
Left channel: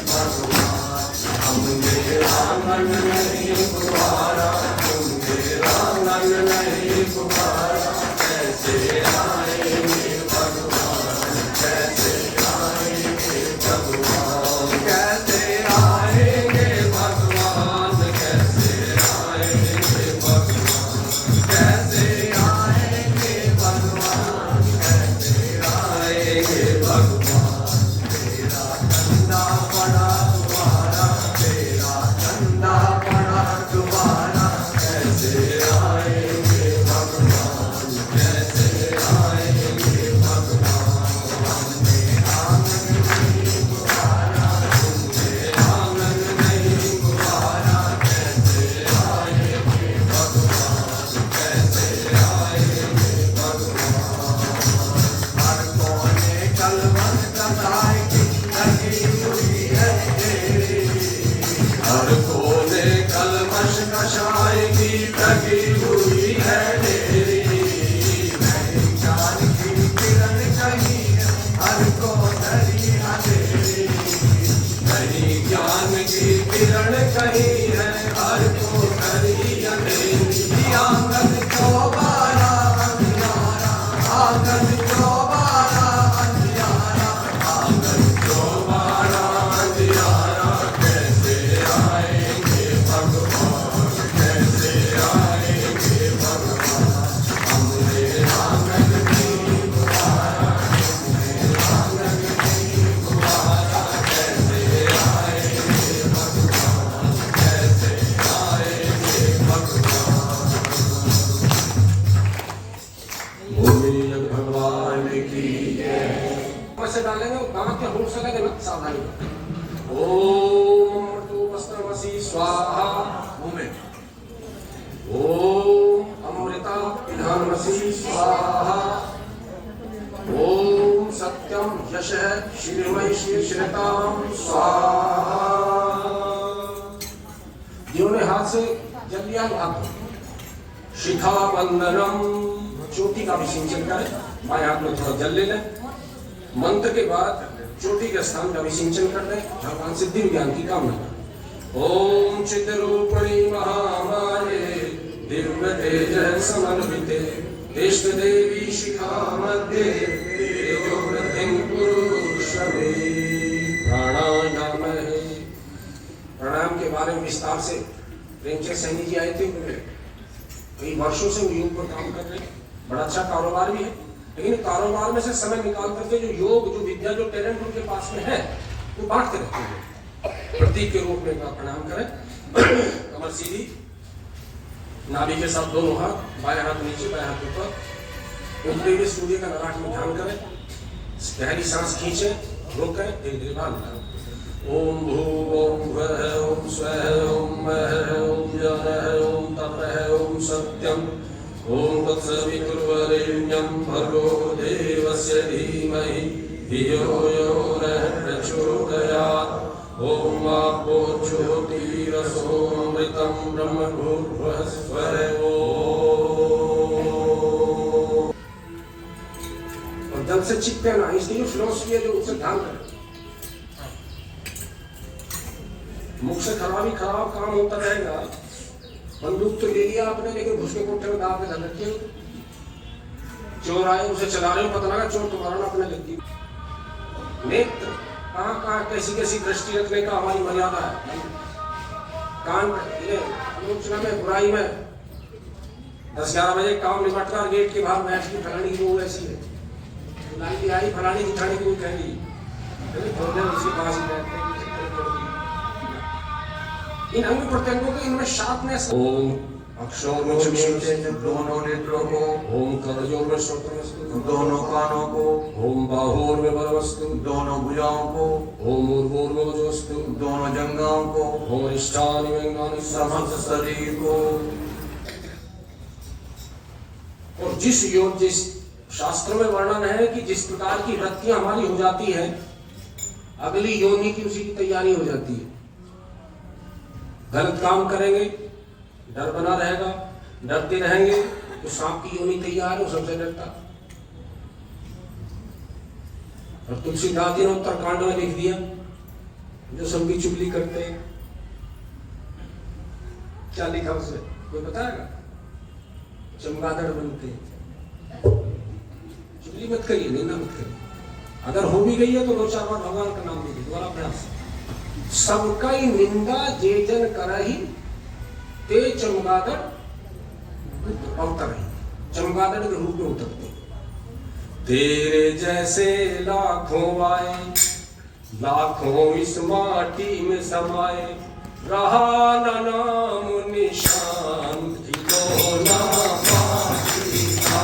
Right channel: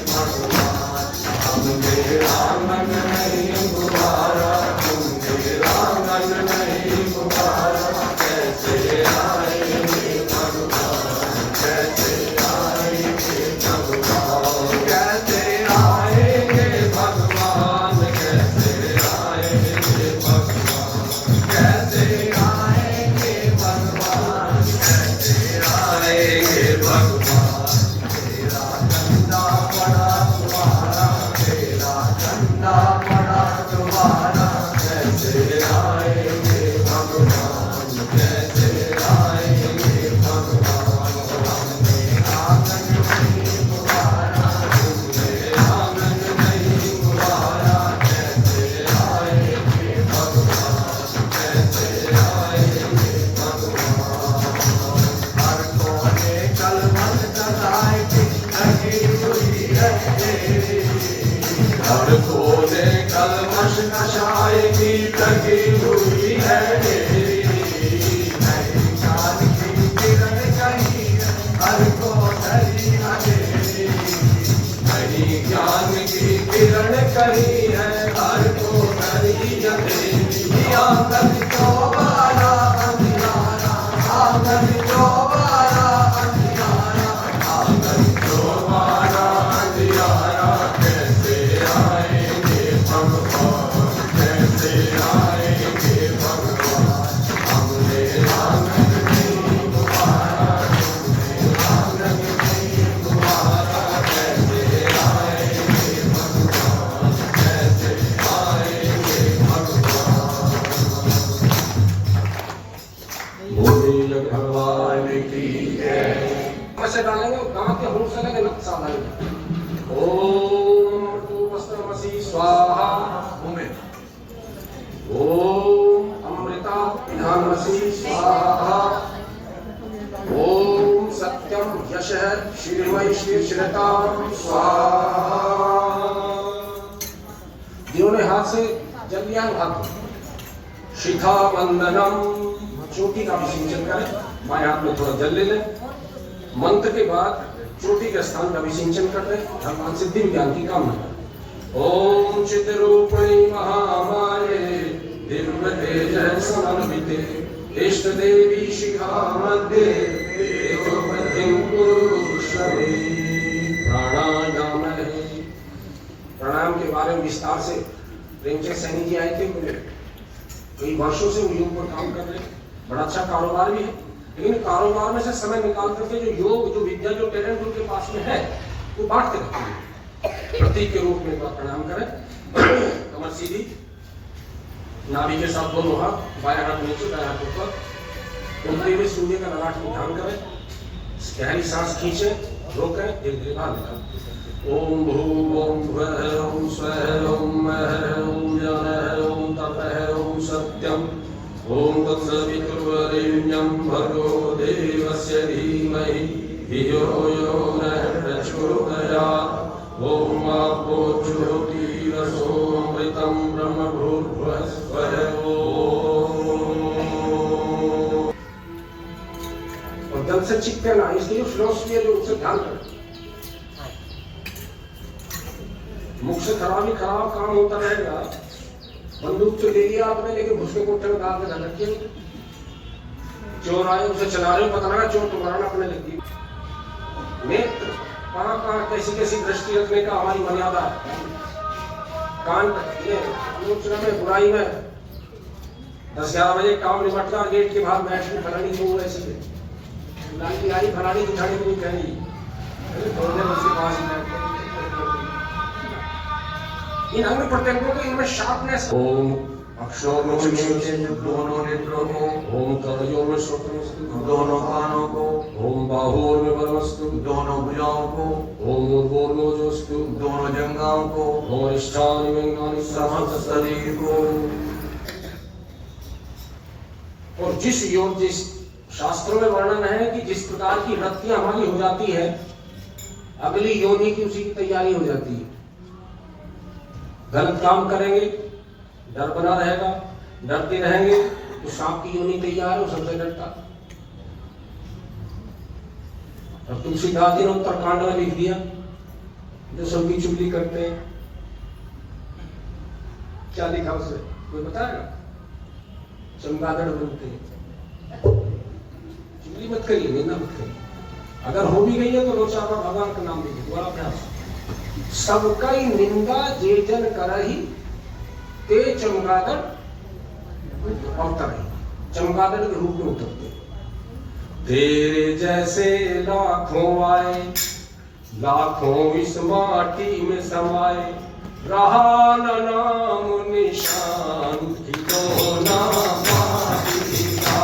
भगवान, हमने आंगन नहीं गुबारा, हमने आंगन नहीं गुबारा। कैसे आएंगे भगवान, कैसे आएंगे भगवान, कैसे आएंगे भगवान, कैसे आएंगे भगवान, कैसे आएंगे भगवान, कैसे आएंगे भगवान। तेरा धंधा बड़ा तुम्हारा, तेरा धंधा बड़ा तुम्हारा। कैसे आएंगे भगवान, कैसे आएंगे भगवान, हमने आंगन नहीं गुबारा, हमने आंगन नहीं गुबारा। कैसे आएंगे भगवान, कैसे आएंगे भगवान। हर कोने कलवत कसाई की लगी हुई है तेरी, हर कोने कलमश कसाई की लगी हुई है तेरी। नहीं ज्ञान की किरण कहीं हर को धरी अंधेरी, नहीं ज्ञान की किरण कहीं है हर को धरी अंधेरी। आंगन क्यों बारा अंधियारा, आंगन क्यों बारा अंधियारा, आंगन क्यों बारा अंधियारा। कैसे आएंगे भगवान, कैसे आएंगे भगवान, हम मनसि स्वाहा। ओम सत्यम यशः श्रीमय श्री श्रीताम स्वाहा। दोनों हाथ से जल लिया हाथ शिखा वंदनम, चोटी का भी सिंचन करें। बाएं हाथ में थोड़ा जल ले लें। मंत्र के बाद चोटी के स्थान का भी सिंचन कर रहे, भगवान सिद्धि ज्ञान की कामना करें। ओम चिद्रूपिणी महामाये दिव्य तेज समन्विते इष्ट देवी शिखा मध्य तेजो वृद्धिं कुरु श्रवे। प्राणायाम है। प्राणायाम के बारे में विस्तार से प्रेमचंद सैनी जी आए थे, कई वर्षों से वो योग पर काम कर रहे हैं। बड़ा अच्छा कारोबार भी है, लेकिन कारोबार में से समय निकाल करके जो योग, जो विद्या, जो टैलेंट उनके पास में है वो बांटते रहते हैं। प्रतीक के रूप में प्रणाम करें। कमर सीधी, नाभि के साथ दोनों हाथ, बाएं हाथ नीचे दाएं हाथ ऊपर। उंगली में सूर्य का ललाट में ध्यान करें। गहरी सांस खींचे, रोकें, धीरे धीरे बाहर निकालें। ओम भू ओम भुवः ओम स्वः ओम महः ओम जानः ओम तपः ओम सत्यम ओम तत्सवितुर्वरेण्यं भर्गो देवस्य धीमहि धियो यो नः प्रचोदयात्। ओम आपो ज्योतिरसो अमृतं ब्रह्म भूर्भुवः स्वः ओम। और जल से चिपके ना, इसलिए फिलोसफी जो उनसे ध्यान करें। मुख से खराब ही खराब काम होता रहेगा। बंदूक तो ले लिया आपने, लेकिन घुसके कोठे में दांत में धर रखे। चोर आए, उसे चला रहे हो, पता लगा चोर तुम्हारा ना अपने लग गई। नेत्र कहाँ कैसी कैसी दृष्टि रखने का हमारी मर्यादा है। कान ये आलोचना में, बुराई में 10-11 बजे काम निपट कर गेट के बाहर बैठ के फलानी को ऐसी है फलानी फलानी उठाने के लिए कहेंगी, थोड़ी देर उसके पास ही बैठ। इन अंग प्रत्यंगों को इनमें शार्पनेस। ओम अक्षरों में दोनों नेत्रों को, ओम करजोर में श्रोत्रमस्तु दोनों कानों को, ओम बाहुओं में बलमस्तु दोनों भुजाओं को, ओम ऊर्ध्वोर में ओजोस्तु दोनों जंघाओं को, ओम इष्टानि व्यंगानि समस्त शरीर को। और जिस योग, जिस शास्त्रों में वर्णन है कि जिस प्रकार की वृत्तियां हमारी हो जाती है, अगली योनि की उसी की तैयारी हो जाती है। गलत काम करेंगे, डर बना रहेगा, डरते रहेंगे तो सांप की योनि तैयार है, सबसे डरता। और तुलसीदास जी ने उत्तरकांड में लिख दिया, जो संगी चुगली करते हैं, क्या लिखा उसे कोई बताएगा? चमगादड़ बनते हैं। चुगली मत करिए, निंदा मत करिए। अगर हो भी गई है तो 2-4 बार भगवान का नाम लीजिए, दोबारा प्रयास। सबका ही निंदा जे जन करही ते चमगादड़ अवतरही। चमगादड़ के रूप में उतरते। तेरे जैसे लाखों आए, लाखों इस माटी में समाए, रहा न नाम निशान खिलौना माटी का।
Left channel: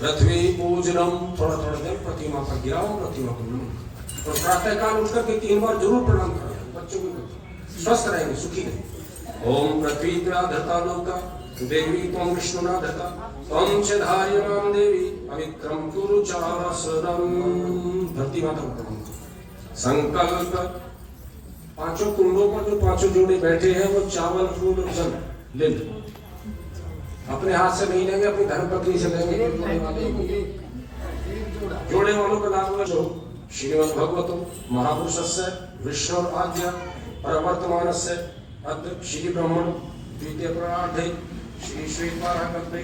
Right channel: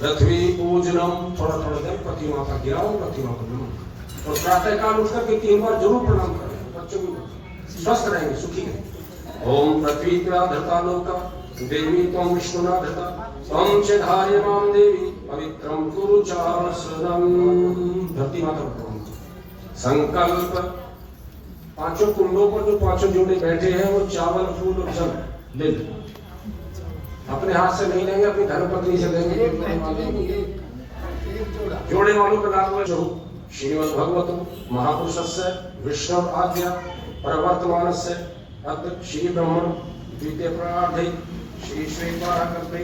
पृथ्वी पूजनम, थोड़ा थोड़ा देर प्रतिमा पर गिराओ, प्रतिमा पर नमन। और प्रातःकाल उठ करके 3 बार जरूर प्रणाम करें। बच्चों को स्वस्थ रहेंगे, सुखी रहेंगे। ओम पृथ्वी धता लोका देवी त्वं विष्णुना धता त्वं च धार्यमां देवी पवित्रं कुरु चासनम। धरती माता को प्रणाम। संकल्प, 5 कुंडों पर जो 5 जोड़े बैठे हैं वो चावल, फूल और जल ले लो। अपने हाथ से नहीं लेंगे, अपनी धर्मपत्नी से लेंगे। जोड़े वालों का नाम जो श्रीमद् भगवतो महापुरुषस्य विष्णु आज्ञा प्रवर्तमानस्य अद्य श्री ब्रह्मण द्वितीय प्रार्थे श्री श्वेताकल्पे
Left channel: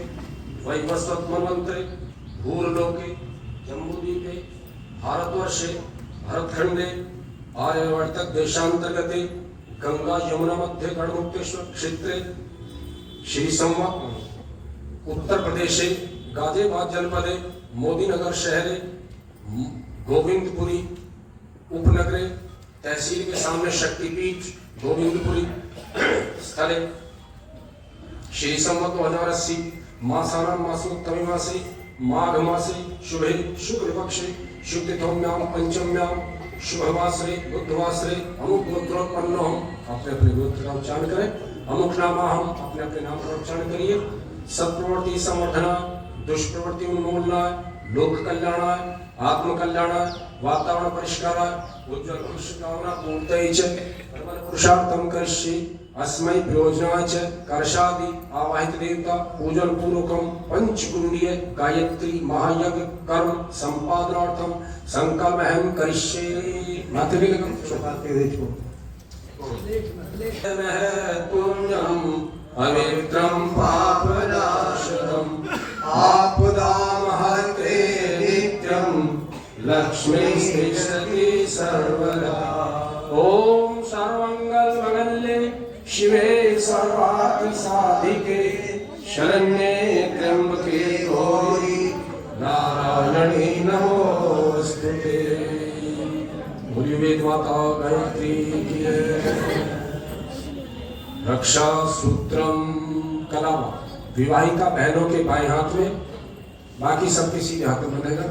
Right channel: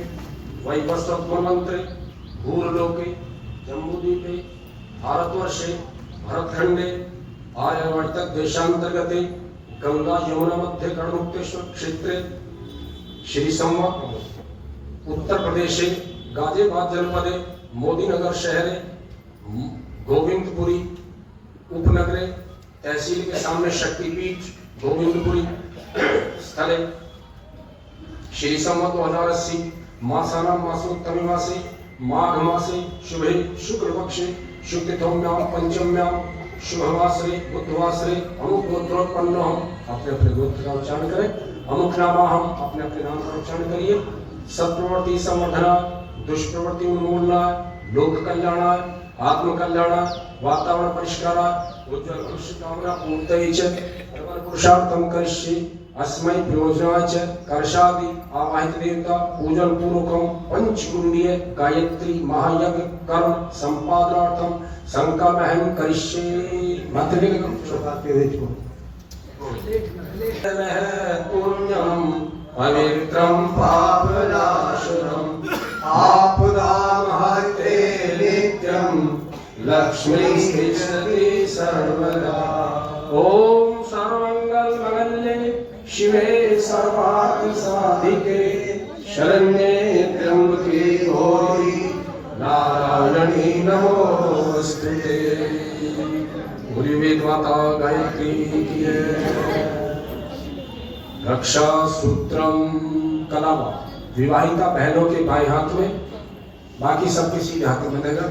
वैवस्वतमन्त्रे भूलोके जम्बूद्वीपे भारतवर्षे भरतखंडे आर्यवर्त देशांतर्गते गंगा यमुना मध्य गढ़मुक्तेश्वर क्षेत्रे श्री संवत उत्तर प्रदेशे गाजियाबाद जनपदे मोदीनगर शहरे गोविंदपुरी उपनगरे तहसील के सामने शक्तिपीठ गोविंदपुरी स्थले श्री संवत 2080 मासानां मासोत्तरे मासे माघ मासे शुभे शुक्ल पक्षे शुक्लतम्यां पंचम्यां शुभवासरे बुधवासरे अमुक गोत्रोत्पन्न हम अपने अपने गोत्र का उच्चारण करें। अमुक नामा हम अपने अपने नाम का उच्चारण करिए। सत्प्रवृत्ति संवर्धना, दुष्प्रवृत्ति उन्मूलना, लोक कल्याणा, आत्म कल्याणा, वातावरण परिष्कारा, उज्ज्वल भविष्य कामना पूर्तये च प्रबल पुरुषार्थम करिष्ये अस्मै प्रयोजनाय च कर्षादि आवाहित देवता पूजन पूर्वकम पंचगुण्डीय गायत्री महायज्ञ कर्म संपादनार्थम संकल्पहं करिष्ये। मातृ पुण्यम पवित्रम पापनाशनम आपदाम हते नित्यम लक्ष्मी तिष्ठति सर्वदा। ओम सर्वमंगल मांगल्ये शिवे सर्वार्थ साधिके शरण्ये त्र्यंबके गौरी नारायणी नमोस्तुते। बोलिए वेद माता गायत्री की रक्षा सूत्रम कलावा विवाहिता बहनों के बाएं हाथ में, बाकी सबके सीधे हाथ में बनेगा।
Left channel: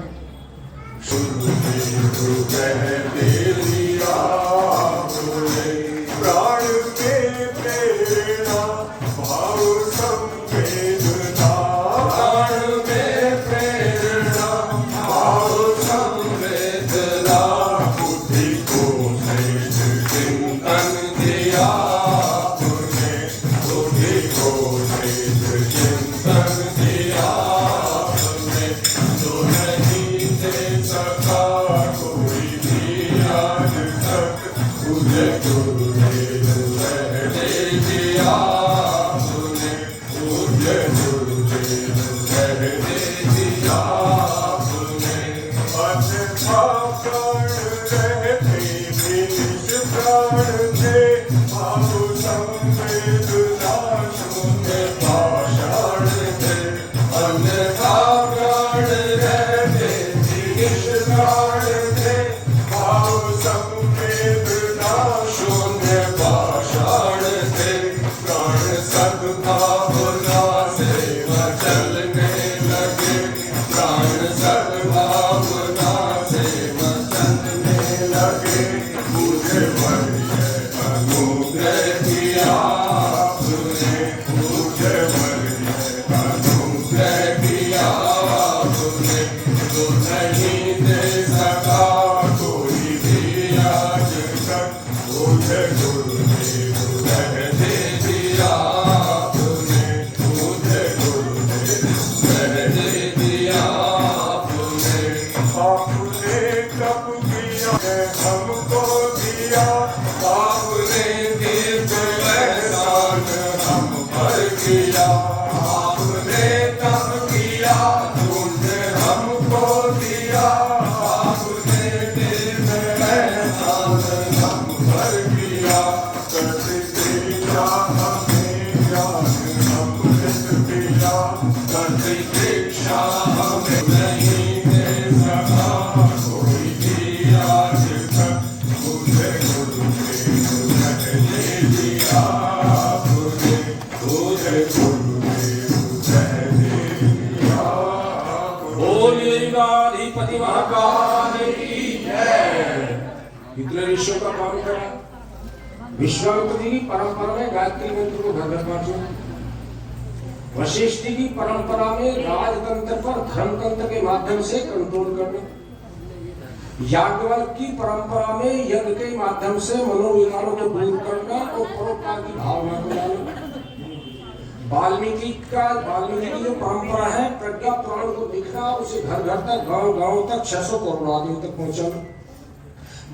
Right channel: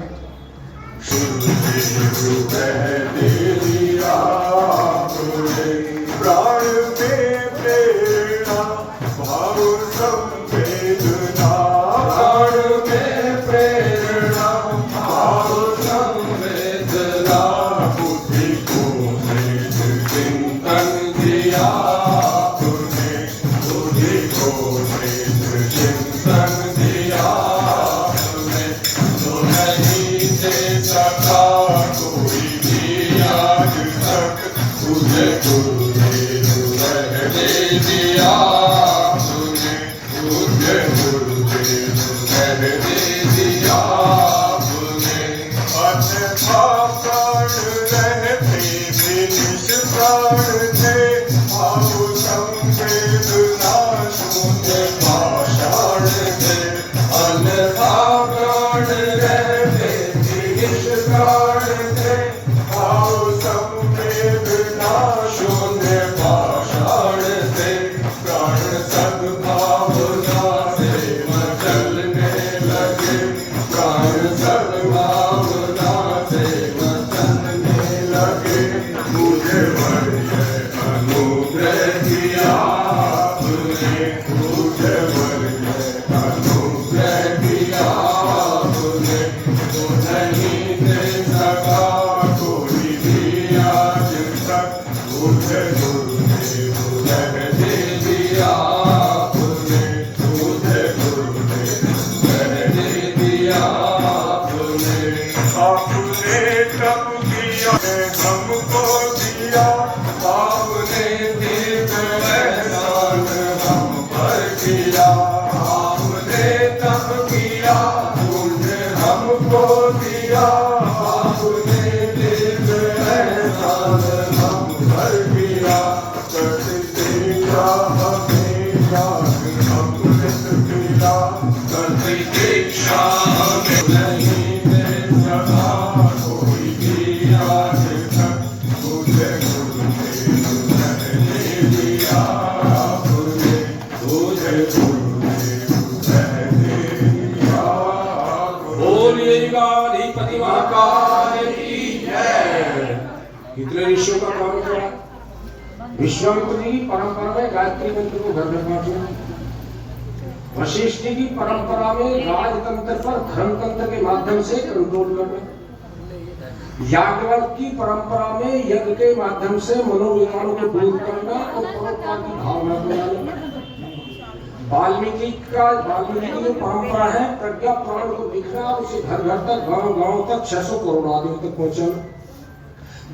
इतने ऋषियों का काम करा। विश्वामित्र जी की परंपरा में गायत्री मंत्र को घर घर बांटना, वशिष्ठ जी की परंपरा में राजतंत्र पर धर्मतंत्र के माध्यम से कंट्रोल करना, याज्ञवल्क्य की परंपरा में यज्ञ के माध्यम से मनोविकारों को दूर करना और परोपकार की भावना को लाना। वाल्मीकि की जो परंपरा है प्रज्ञा प्राण को दिखना, उसे घर घर तक गांव गांव तक 600 करोड़ आदमी तक पहुंचाना।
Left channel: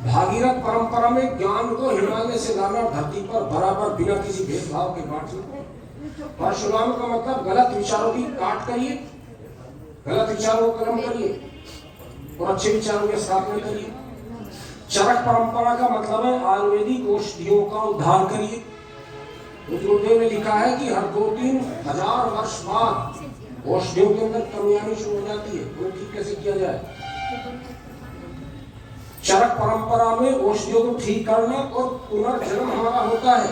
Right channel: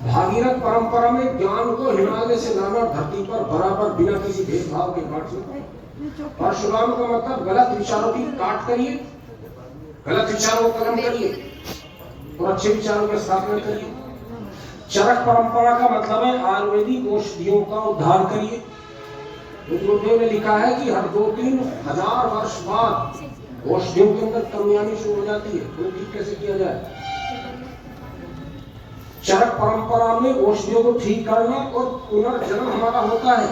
भागीरथ परंपरा में ज्ञान को हिमालय से लाना, धरती पर बराबर बिना किसी भेदभाव के बांटना। परशुराम का मतलब गलत विचारों की काट करिए, गलत विचारों को कलम करिए और अच्छे विचारों की स्थापना करिए। चरक परंपरा का मतलब है आयुर्वेदिक औषधियों का उद्धार करिए। उपनिषदों में लिखा है कि हर 2-3 हजार वर्ष बाद औषधियों के अंदर कमी आनी शुरू हो जाती है, वो ठीक कैसे किया जाए। चरक परंपरा में औषधियों को ठीक करना और पुनर्जन्म हमारा होता है।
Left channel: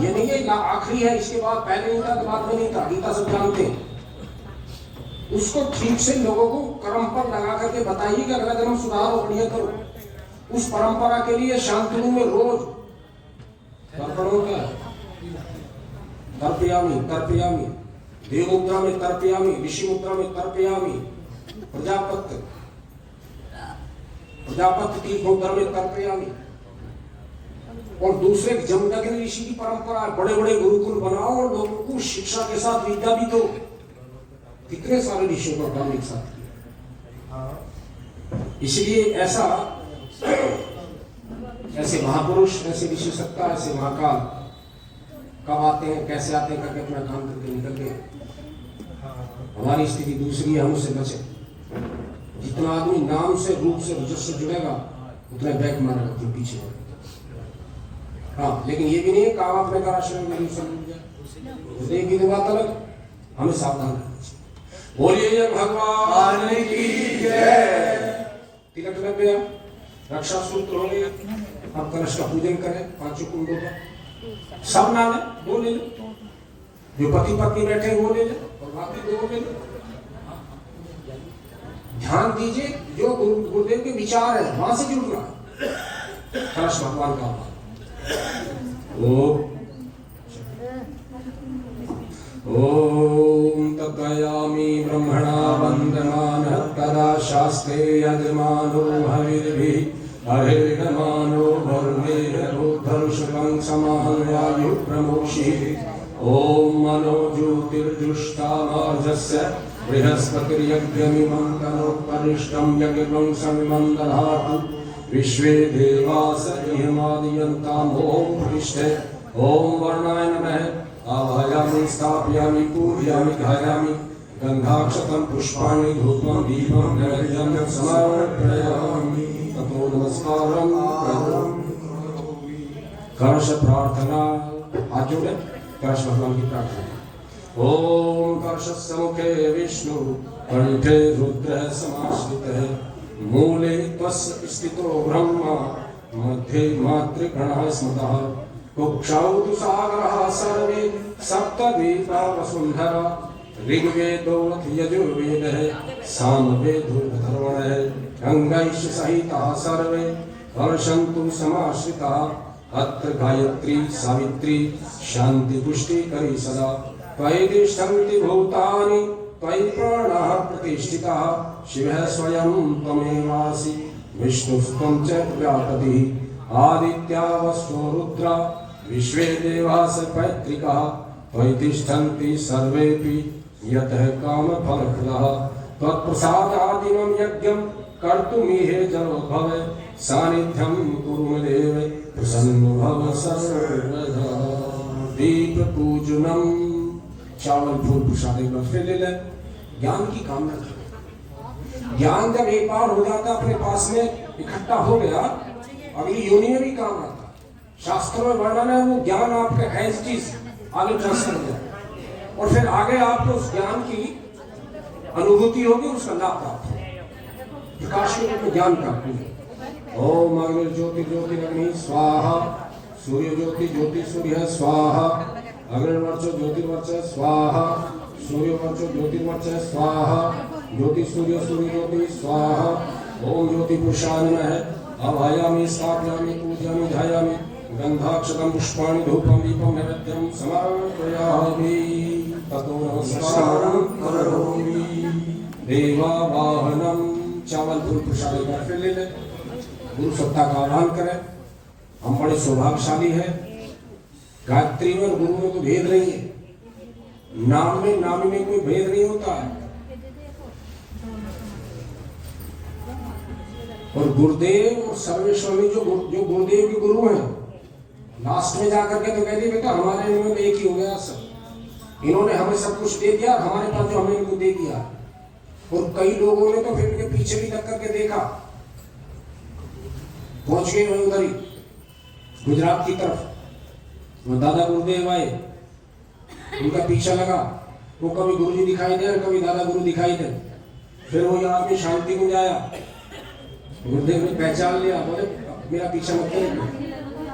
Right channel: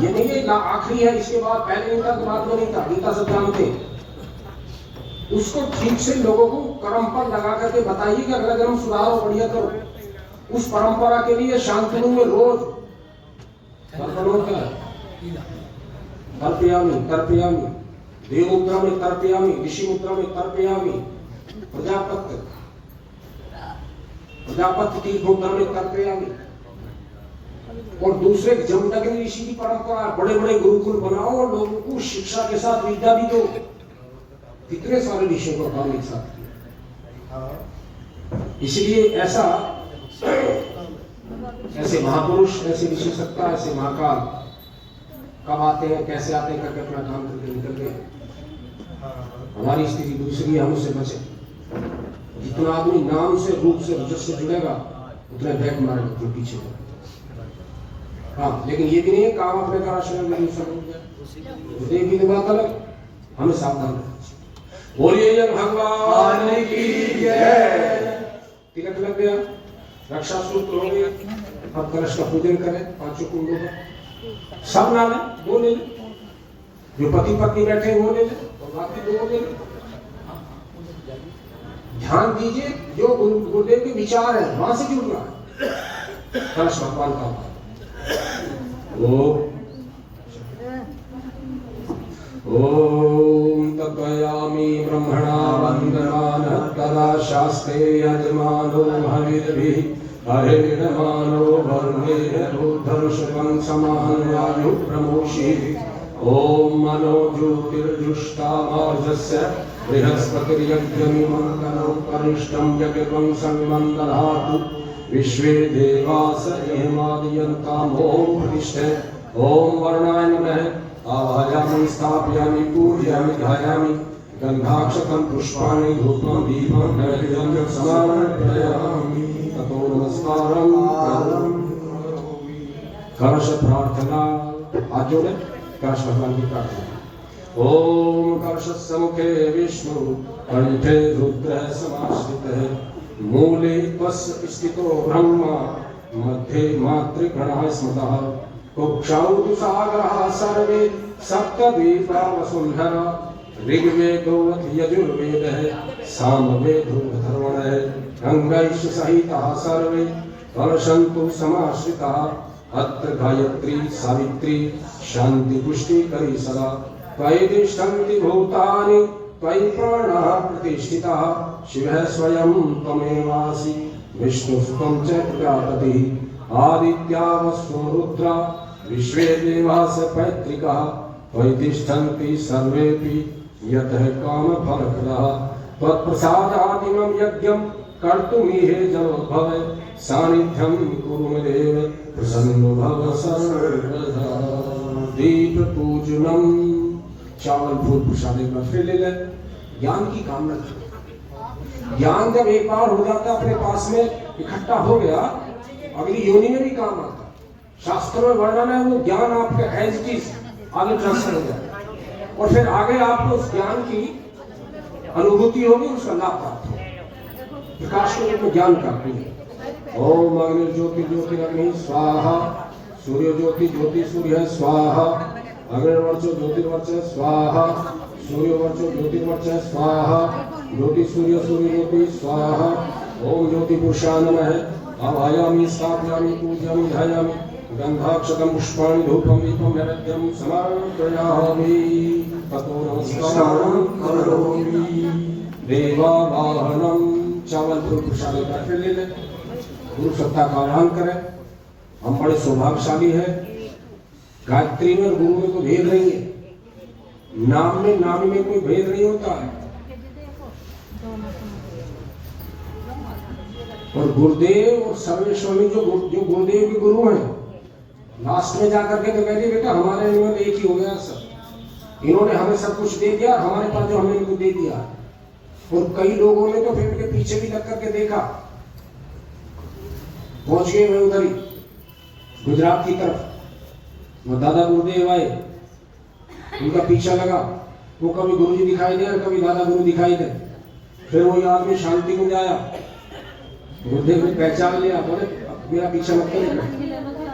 ये नहीं है ना आखिरी है, इसके बाद पहले नहीं था तो बाद में नहीं था, गीता सब जानते। उसको ठीक से लोगों को कर्म पर लगा करके बताइए कि अगला जन्म सुधारो, बढ़िया करो। उस परंपरा के लिए शांतनु में रोज तर्पयामी तर्पयामी, देव मुद्रा में तर्पयामी, ऋषि मुद्रा में तर्पयामी, प्रजापति तीर्थ मुद्रा में तर्पयामी। और दूसरे जमदग्नि ऋषि की परंपरा, बड़े बड़े गुरुकुल बनाओ और लोगों को शिक्षा के साथ विद्या भी दो। कितने सारे ऋषियों का काम एक साथ किया। इसलिए ऐसे महापुरुष, ऐसे ऋषि सत्ता, ऐसे महाकाल कब आते हैं, कैसे आते हैं, करके अपना काम करके निकल गए। हमारी स्थिति दूसरी है, हम उससे बचे। जितना आदमी नाम से, रूप से, रजस से जुड़ेगा उतना बैक मारेगा, उतना पीछे। हाँ, लेकिन ये भी नहीं है काम अपने का आश्रम में एक भी बात अलग, हमें सावधान रहना चाहिए। बोलिए भगवान की जय। तिलक लग गया, रक्षा सूत्र हो गया, अब कलश का पूजन करें 5 कुंडों का। सब नाम है, 2 ले लो, जो पति पत्नी बैठे वो ले लो और बाकी 2 ले लो। ध्यान दीजिए, जो गुरुदेव के विचार है वहां से जुड़ना है। कलश भगवान का ओम तपयामि ब्रह्मणा वंदमान तदा शास्त्रे यजमानो हरिर्भिः हरिर्मानो वरुणेन रुद्धर्षकं समाहयामि प्रमोषि। ओम मनो ज्योतिर्जुष्टामार्जस्य बृहस्पतिर्यज्ञमिमं करिष्ठं यज्ञं संमन्दधातु। विश्वे देवास नियमादयन्ताम् ओम प्रतिष्ठे। ओम वर्णाय नमः। आवाहयामि स्थापयामि पूजयामि ध्यायामि गन्धाक्षतं पुष्पाणि धूपं दीपं नैवेद्यं समर्पयामि। ततो नमस्कारं करोमि। कलश प्रार्थना, हाथ जोड़े, कलश भगवान की प्रार्थना। ओम कलशस्य मुखे विष्णु कंठे रुद्रः समाश्रितः मूले तस्य स्थितो ब्रह्मा मध्ये मातृगणः स्मृतः कुक्षौ तु सागरः सर्वे सप्तद्वीपा वसुन्धरा ऋग्वेदो यजुर्वेदः सामवेदो अथर्वणः गंगैश्च सहिताः सर्वे कलशन्तु समाश्रिताः अत्र गायत्री सावित्री शान्ति पुष्टिकरी सदा त्वयि तिष्ठन्ति भूतानि त्वयि प्राणाः प्रतिष्ठिताः शिवः स्वयं त्वमेवासि विष्णुस्त्वं च प्रजापतिः आदित्या वसो रुद्रा विश्वे देवास पैतृकाः त्वयि तिष्ठन्ति सर्वेऽपि यतः कामफलप्रदः त्वत्प्रसादादिमं यज्ञं कर्तुमीहे जलोद्भव सानिध्यं कुरु मे देव प्रसन्नो भव सर्वदा। दीप पूजनम, चावल फूल प्रसाद एक बार फिर ले ले। ज्ञान की कामना करें। ज्ञान जब एक बार हो जाता अपने पास में इकट्ठा हो गया, अगली योनि में भी काम आता। शास्त्र में वर्णन है, वो ज्ञान आपका एज इट इज आगे ट्रांसफर हो जाए और फिर आगे आपको उस ज्ञान की अनुभूति होगी, उसका लाभ प्राप्त होगा, प्रकाश के रूप में ज्ञान प्राप्त होगा। ओम अग्नि ज्योति ज्योतिरग्नि स्वाहा, सूर्य ज्योति ज्योति सूर्य स्वाहा, अग्निर्वर्चो ज्योतिर्वर्चः स्वाहा, सूर्यवर्चो ज्योतिर्वर्चः स्वाहा, ज्योति सूर्य सूर्य ज्योति स्वाहा। ओम ज्योति पुरुषाय नमः। आवाहयामि स्थापयामि पूजयामि ध्यायामि गन्धाक्षतं पुष्पाणि धूपं दीपं नैवेद्यं समर्पयामि। ततो नमस्कारं करोमि। देवावाहनं, चावल फूल प्रसाद का फिर ले ले। गुरु सत्ता का आह्वान करें। हम बड़े सौभाग्यशाली है। गायत्री में और गुरु में कोई भेद नहीं है, नाम में नामी में कोई भेद नहीं होता है। और गुरुदेव और सर्वेश्वरी जो गुरुदेव के गुरु हैं, लास्ट में जाकर के तो कह दिया बेटा हमारे नियम एक ही हो गया सब, इन्होंने हमें सब कुछ दे दिया, हमारे पास जो हमने इनको दे दिया। और कई लोगों ने तो फिर उनके पीछे भी लग करके देखा, पहुंच गए हुए उधर ही गुजरात की तरफ। वो दादा गुरुदेव आए, उनका पीछा लगा, वो कभी गुरु जी दिखाई दे और कभी दादा गुरु दिखाई दे। फिर वही आदमी शांति कुंज आया, गुरुदेव ने पहचान लिया, बोले मेरा पीछा मत करेगा।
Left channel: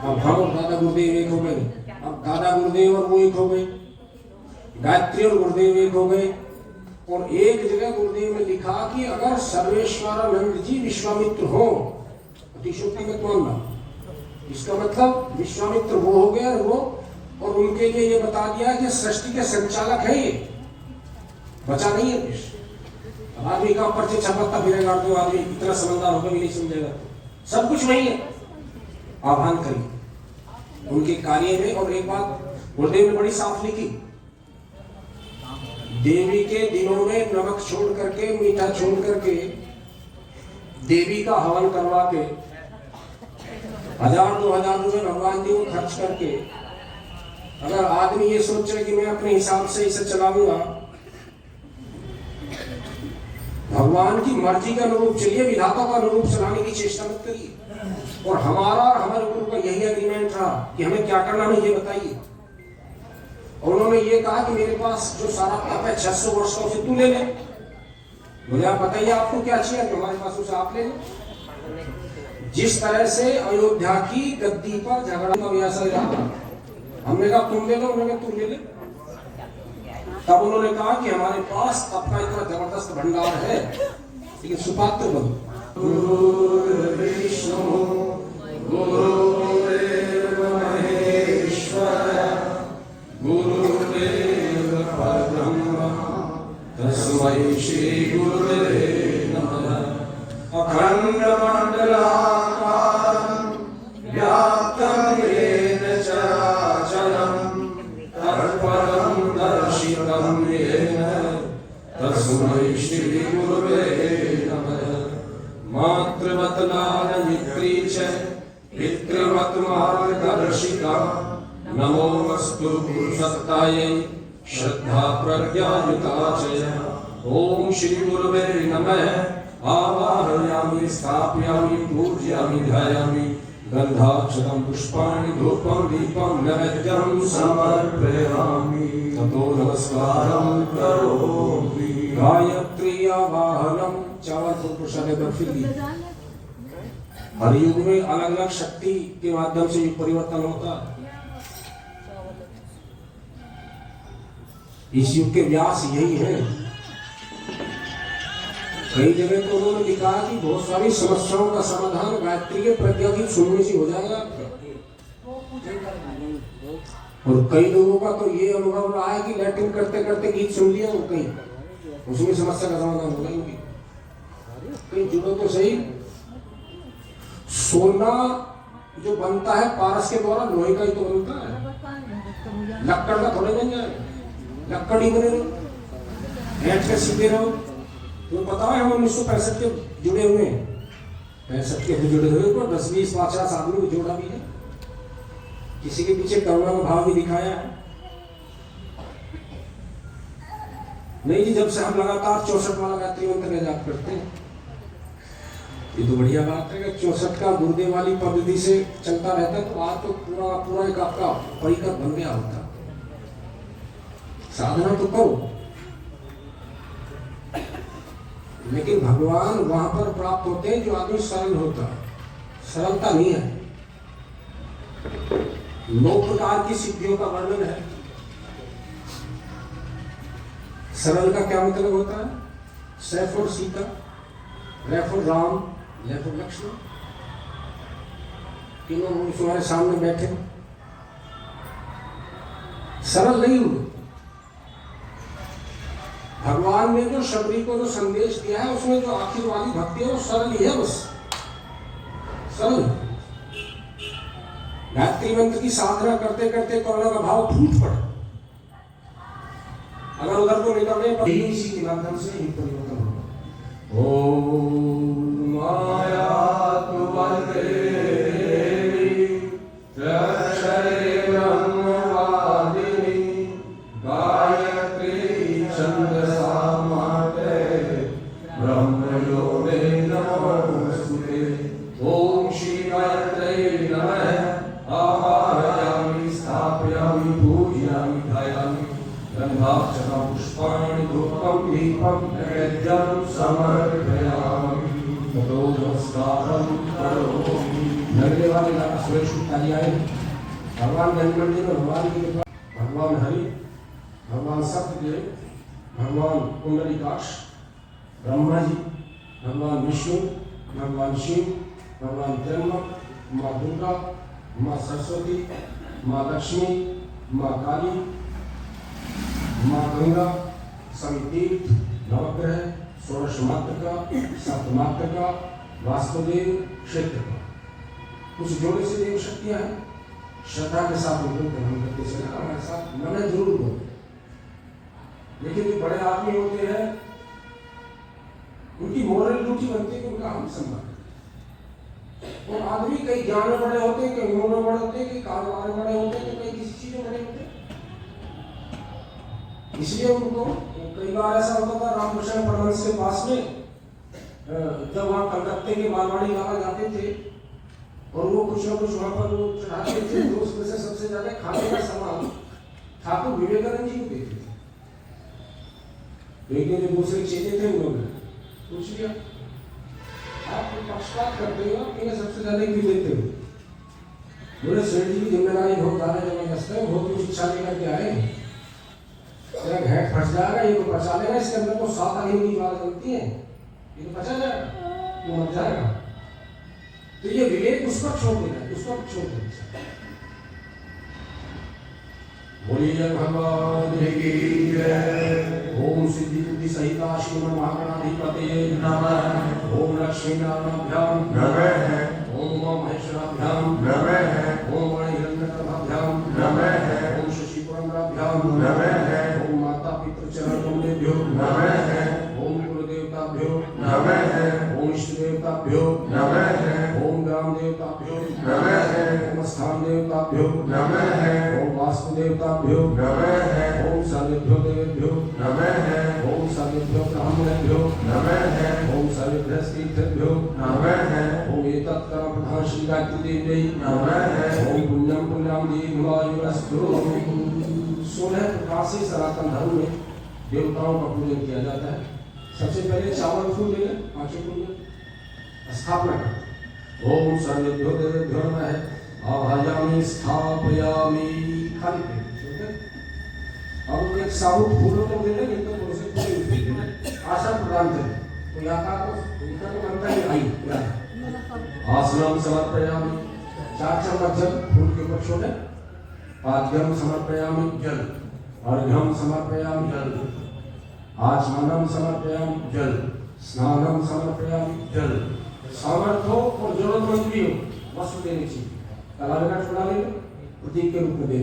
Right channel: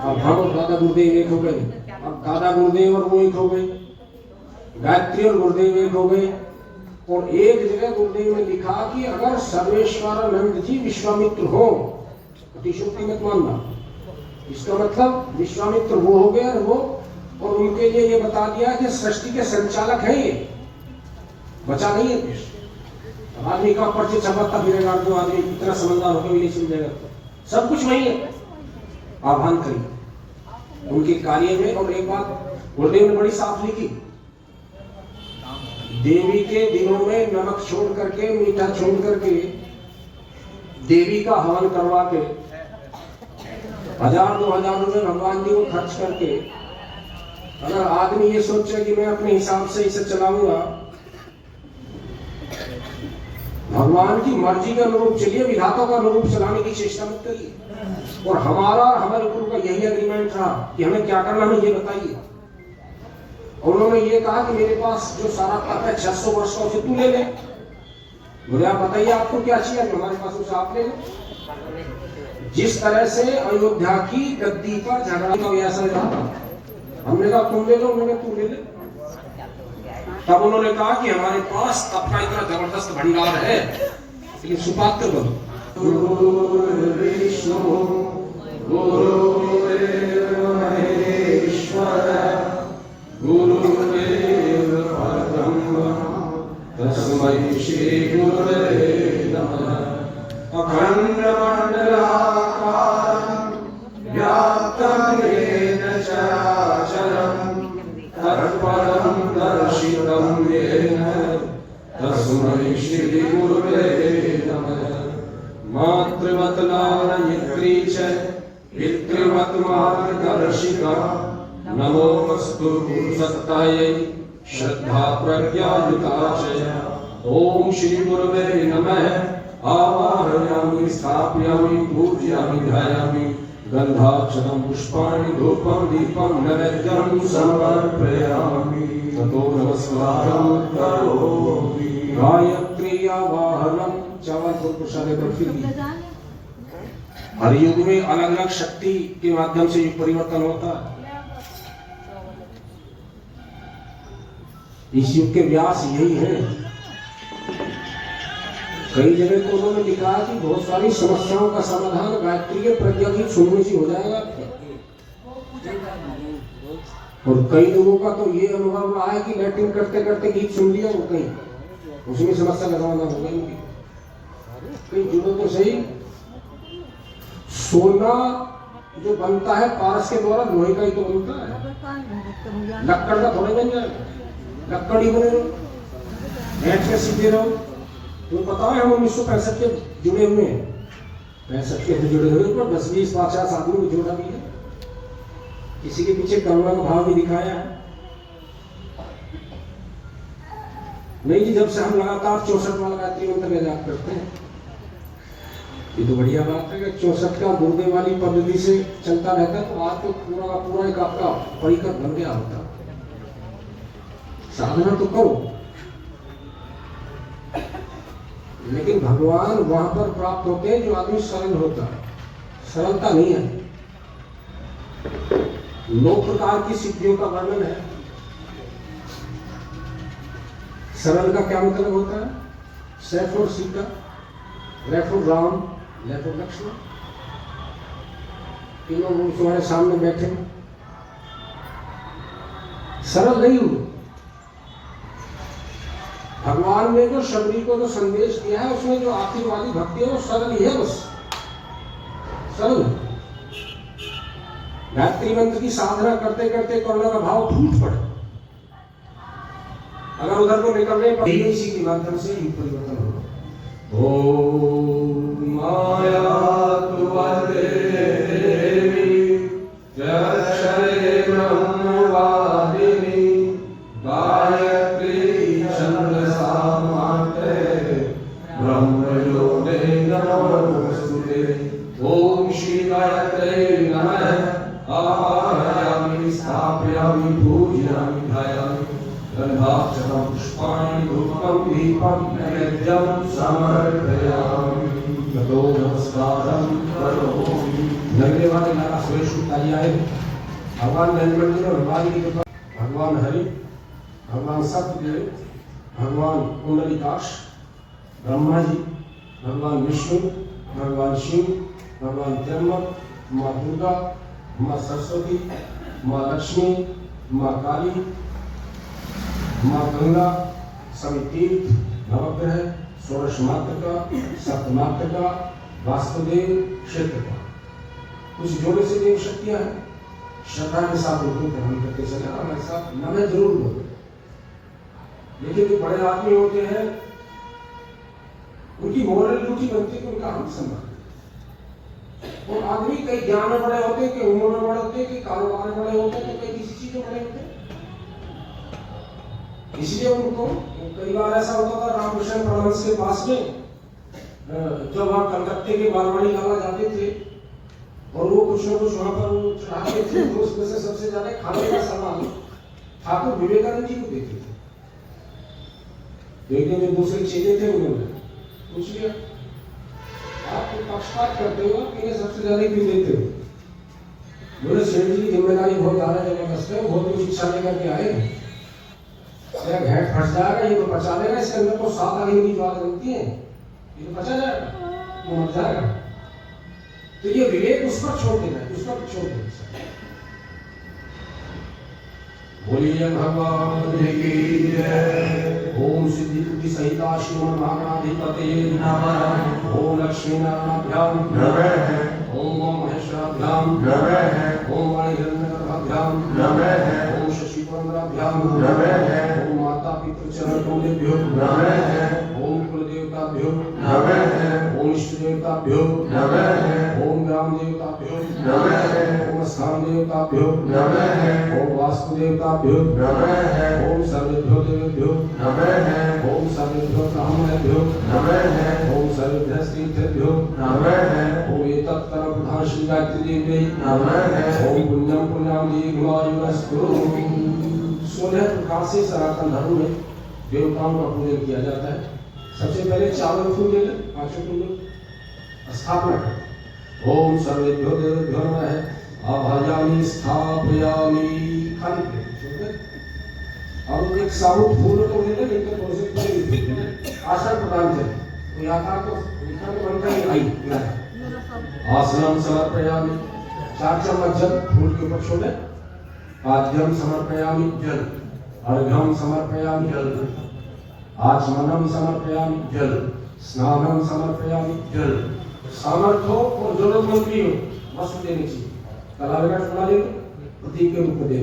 अब हम और दादा गुरुदेव एक हो गए। अब दादा गुरुदेव और वो एक हो गए, गायत्री और गुरुदेव एक हो गए। और एक जगह गुरुदेव ने लिखा कि अगर सर्वेश्वरानंद जी विश्वामित्र हो, अतिशोक्ति मत मानना, इसका मतलब विश्वामित्र वो हो गया वो, और उनके लिए ये बता दिया कि सृष्टि के संचालक है ये, बचा नहीं है कुछ। आदमी का पर्चे छपकता फिरेगा तो आदमी इतना समझदार होकर भी नहीं समझेगा, सब कुछ नहीं है। आह्वान करिए उनके कार्य में। और एक बात गुरुदेव ने बड़ी साफ लिखी, देवी के दिनों में नमक छोड़ करके, मीठा छोड़ करके, देवी का हवन करवा के 1000-2000 रुपए भगवान जी को खर्च करके, अगर आदमी ये सोचे कि मैं अपने हिसाब से इसे चलाऊंगा, भगवान की मर्जी का अनुरूप चलिए, विधाता का अनुरूप चलाने की चेष्टा मत करिए। और हमारा हमारे गुरु का यही एग्रीमेंट था कि हमें क्या करना है ये बताइए। उन्होंने ये कहा कि मेरे पास जो सारा तप है 600 वर्ष का, उसे तू ले ले। मुझे आप बताइए आपको क्या चाहिए, हमारे पास उसे आप ले ले। जिस तरह से अयोध्या की गद्दी पर झगड़ा का ऐसा ही रहा, हमने कहा तुम ले लो, उन्होंने तुम ले ले। तब उन्होंने कहा कि हमारे पास तप का इतना जबरदस्त भंडार है, लेकिन सुपात्र बनो। गुरु विष्णु गुरुदेव महेश्वर गुरुदेव परब्रह्म तस्मै श्री गुरुवे नमः। अखंड मंडलाकारं व्याप्तं येन चराचरं तत्पदं दर्शितं येन तस्मै श्री गुरुवे नमः। मातृवत् लालयित्री च पितृवत् मार्गदर्शिका नमोऽस्तु गुरुसत्तायै श्रद्धा प्रज्ञायुता च। ओम श्री गुरुवे नमः। आवाहयामि स्थापयामि पूजयामि ध्यायामि गन्धाक्षतं पुष्पाणि धूपं दीपं नैवेद्यं समर्पयामि। ततो नमस्कारं करोमि। गायत्री आवाहनम चावल प्रसाद बर्फी। हर युग में अलग अलग शक्ति के माध्यम से युग परिवर्तन होता है। इस युग के व्यास यही है। कई जगह तो उन्होंने लिखा है कि बहुत सारी समस्याओं का समाधान गायत्री के प्रज्ञा गीत सुनने से हो जाएगा। और कई लोगों का तो ये अनुभव रहा है कि लैट्रिन करते करते गीत सुन लिया वो कहीं, उसमें समस्या का समाधान हो गया। कहीं जुड़ो तो सही। सोना जो बनता है पारस के द्वारा, लोहे का ही तो बनता है, लक्कड़ का थोड़े बन जाए। लक्कड़ ही बने रहो, बैठ के सीधे रहो। तो बताओ हम 1965 के जुड़े हुए हैं, 65 के तो जुड़े हुए, पर 10-20-50 आदमी को जोड़ा भी है, किसी के पीछे करुणा का भाव भी दिखाया है। नहीं जी, जब से हम लगातार 64 वाला गायत्री मंत्र का जाप करते हैं, ये तो बढ़िया बात है कि 64 का गुरुदेव वाली पद्धति से चलता रहता, तो आज तो पूरा एक आपका परिकर बन गया होता। साधना तो करो, लेकिन भगवान वहां पर प्राप्त होते हैं जो आदमी सरल होता है। सरलता नहीं है। 9 प्रकार की सिद्धियों का वर्णन है। सरल का क्या मतलब होता है? स फॉर सीता, र फॉर राम, ल फॉर लक्ष्मण, तीनों तुम्हारे सामने बैठे, सरल नहीं हुए। भगवान ने जो शबरी को जो संदेश दिया है, उसमें जो आखिर वाली भक्ति है वो सरल ही है, बस सरल। गायत्री मंत्र की साधना करते करते करुणा का भाव फूट पड़े, अगर उधर को निकलने पर इसी के माध्यम से ही परिवर्तन होगा। ओम माया तुवते अक्षरे ब्रह्मवादिनी गायत्री छंदसा माते ब्रह्मयोगे नमोस्तुते। ओम श्री गायत्री नमः। आवाहयामि स्थापयामि पूजयामि ध्यायामि गन्धाक्षतं पुष्पाणि धूपं दीपं नैवेद्यं समर्पयामि ततो नमस्कारं करोमि। लगने वाले नारा सुरेश ताली आए। भगवान गंजमंडी में भगवान की कृपा, भगवान हरि, भगवान सत्यदेव, भगवान कुंडलिकाक्ष, ब्रह्मा जी, भगवान विष्णु, भगवान शिव, भगवान त्र्यंबक, माँ दुर्गा, माँ सरस्वती, माँ लक्ष्मी, माँ काली, माँ गंगा, सभी तीर्थ, नवग्रह, षोडश मातृका, सप्तमातृका, वास्तुदेव, क्षेत्र कुछ जोड़े से देव शक्तियां हैं। श्रद्धा के साथ उनको ग्रहण करते चले और ऐसा मन जरूर हो। लेकिन जो बड़े आदमी होते हैं उनकी मोरल ड्यूटी बनती है कि उनका हम सम्मान करें। और आदमी कई ज्ञान में बड़े होते हैं, कई उम्र में बड़े होते हैं, कई कारोबार में बड़े होते हैं, कई किसी चीज में बड़े होते हैं। इसलिए उनको कई बार ऐसा होता था रामकृष्ण परमहंस के पास में जब वहाँ कलकत्ते के बारवाड़ी लाला जाते थे और वो कुछ ना कुछ वहाँ पर वो चढ़ाते थे, तो उसमें से सबसे ज्यादा खाने का सामान ठाकुर विवेकानंद जी को देते थे। एक दिन दूसरे चेले थे, उन्होंने पूछ लिया आप पक्षपात करते हो कि सबसे ज्यादा क्यों देते हो? बोले सेठ जी की जिम्मेदारी बहुत ज्यादा जबरदस्त है, बहुत कुछ इच्छा लेकर के आए, घेट फंस जाएगा, ये तो पचा लेगा, इसके अंदर तो 7 आगे की बात बनती है, ये तो पचा जाएगा, वो मर जाएगा। तो ये विवेक उस पर छोड़ देना है, उस पर छोड़ देना। बोलिए भगवान की जय। ओम सिद्धि बुद्धि सहिता श्रीमन महागणाधिपतये नमः। ओम लक्ष्मी नारायणाभ्याम नमः। ओम महेश्वराभ्याम नमः। ओम वाणी हिरण्यगर्भाभ्याम नमः। ओम शशि पुरंदराभ्याम नमः। ओम माता पितृ चरण कमलेभ्यो नमः। ओम कुल देवताभ्यो नमः। ओम इष्ट देवताभ्यो नमः। ओम ग्राम देवताभ्यो नमः। ओम स्थान देवताभ्यो नमः। ओम वास्तु देवताभ्यो नमः। ओम सर्वेभ्यो देवेभ्यो नमः। ओम सर्वेभ्यो ब्राह्मणेभ्यो नमः। ओम सर्वेभ्यः तीर्थेभ्यो नमः। ओम एतत् कर्म प्रधान श्री गायत्री देवी नमः। ओम पुण्यम पुण्याम दीर्घायुरस्तु। 16 प्रकार से सनातन धर्म में देवताओं का पूजन किया जाता है। सबसे पहले चावल फूल ले लें, 5 फूल स्थापना कर। ओम सर्वेभ्यो देवेभ्यो नमः। आभायामि स्थापयामि। खाली पेट और एक साबुत फूलों को ले लें, जिनको थोड़े से पूरे ले लें, आसन प्रदान करें। तो यहाँ तो बनता ही आई आसनम समर्पयामि। 4 चम्मच जल फूल के ऊपर छोड़े। पाद्यम समर्पयामि जल। अर्घ्यम समर्पयामि जल। आचमनम समर्पयामि जल। स्नानम समर्पयामि जल। सामर्थ्य हो और जरूरतमंद भी हो, वस्त्र देनी चाहिए। कलावे का टुकड़ा ले प्रतीक के रूप में दे।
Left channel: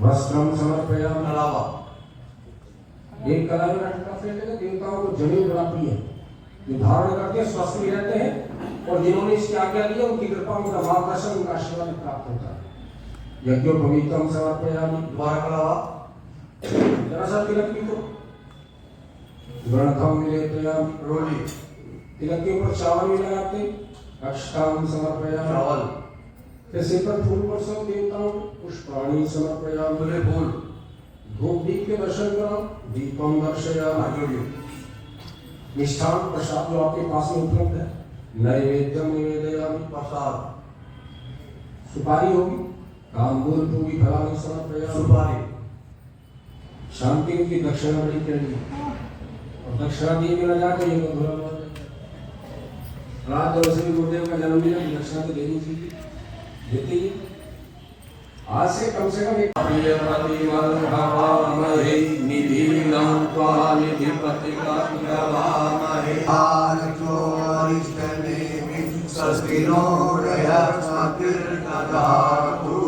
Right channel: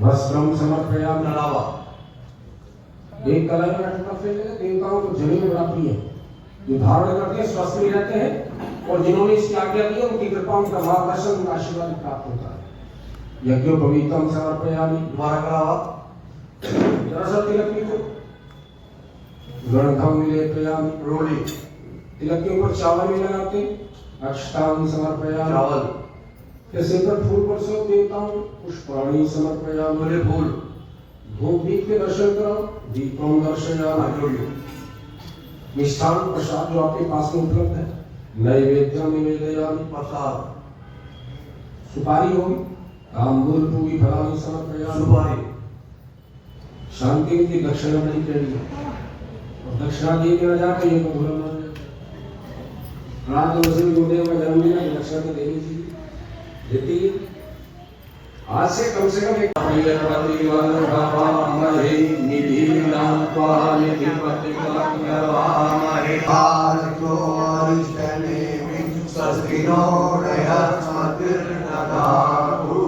वस्त्रम समर्पयामि अलावा एक कलावे का टुकड़ा फेंक देना। देवताओं को जमीन बड़ा प्रिय है, जो धारण करके स्वस्थ भी रहते हैं और जिन्होंने इसकी आज्ञा दी उनकी कृपा, उनका मार्गदर्शन, उनका आशीर्वाद प्राप्त होता है। यज्ञोपवीतम समर्पयामि। दोबारा कलावा जरा तिलक को गणकम लेपयामि। रोली तिलक के ऊपर चावल भी लगाते। अक्षताम समर्पयामि। चावल फिर सिर पर फूल बरसाओ देवताओं। पुष्पाणि समर्पयामि। फूल धूप दीप के दर्शन करो। दीपम दर्शयामि। मिष्ठान प्रसाद जो आपके पास में उपलब्ध है। नैवेद्यम निवेदयामि। प्रसाद सुपारी होगी। तांबूल पूरी फलानि समर्पयामि। सुपारी शांति की दक्षिणा नहीं करनी और दक्षिणा दिए बिना जाकर ये तो बुरा मान रात वैसे भी गुरुदेव का जन्मदिन है, दक्षिणा तो देनी चाहिए, देती आज से कम एक प्रिय प्रतिवल भवामहे निधिनं त्वा निधिपतिकामहे आर्यो अरिष्टनेमि स्वस्तिनो दयास्मतिर्दधातु।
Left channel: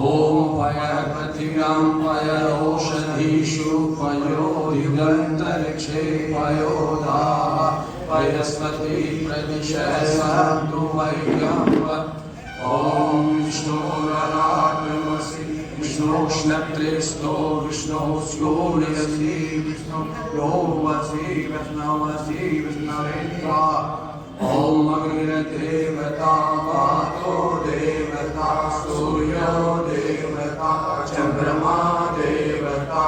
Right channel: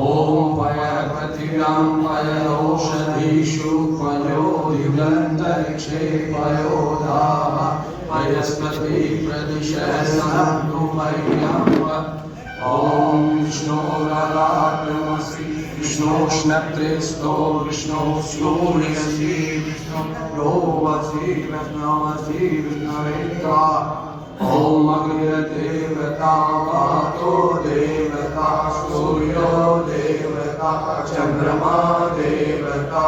ओम पय पृथिव्यां पयोषधीषु पयोदिगन्तरिक्षे पयोदाः पयस्पति प्रदिशः सन्तु मह्यं। ओम विष्णुरात्मसि विष्णोष्णत्रेस्तो विष्णोस्योनिसि विष्णुयोवसि विष्णवसि विष्णवेत्वा। ओम अग्निर्देवता वातो देवता सूर्यो देवता चंद्रमा देवता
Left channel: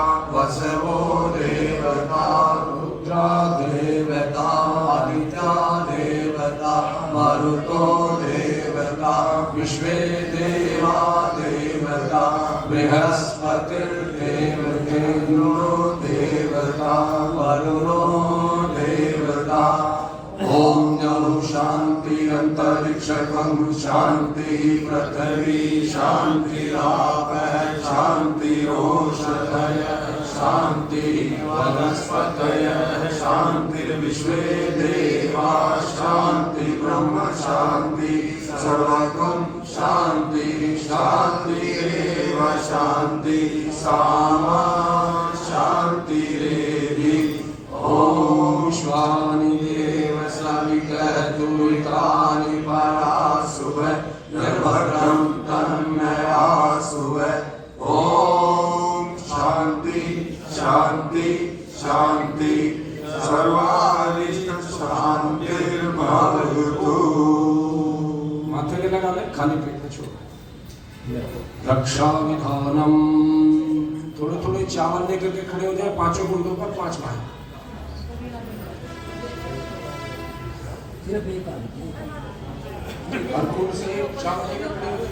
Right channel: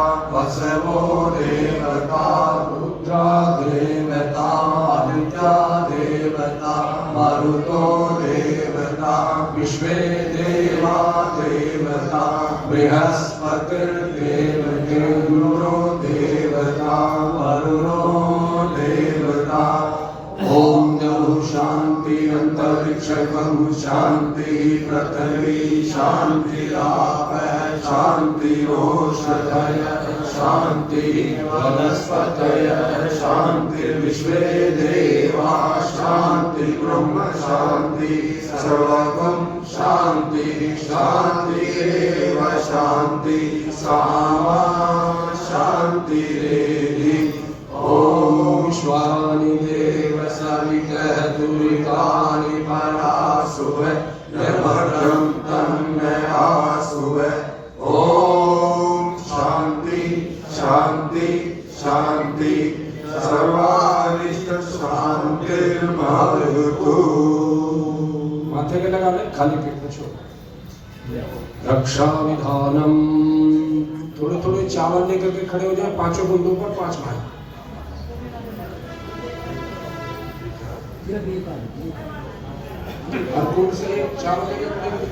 शांति पृथ्वी शांतिराप शांतिरोषधय शांति वनस्पतय शांतिर्विश्वे देवा शांति ब्रह्म शांति सर्वगम शांति शांतिरेव शांति सामा शांतिरेधि ओम श्वानि देव सवितुरितानि परासुव निर्भद्रं तन्मयासुव ओम शांति शांति शांति सर्वारिष्ट शांतिर्भवतु। माथे के लगा ले, खाली पेट में छोड़। रक्षा विधानम, थोड़े थोड़े चावल लेकर के खड़े हो जाए, पांचों गुंडों पर 5 भाई। हर कुंड से चावल लेकर खड़े हो जाए।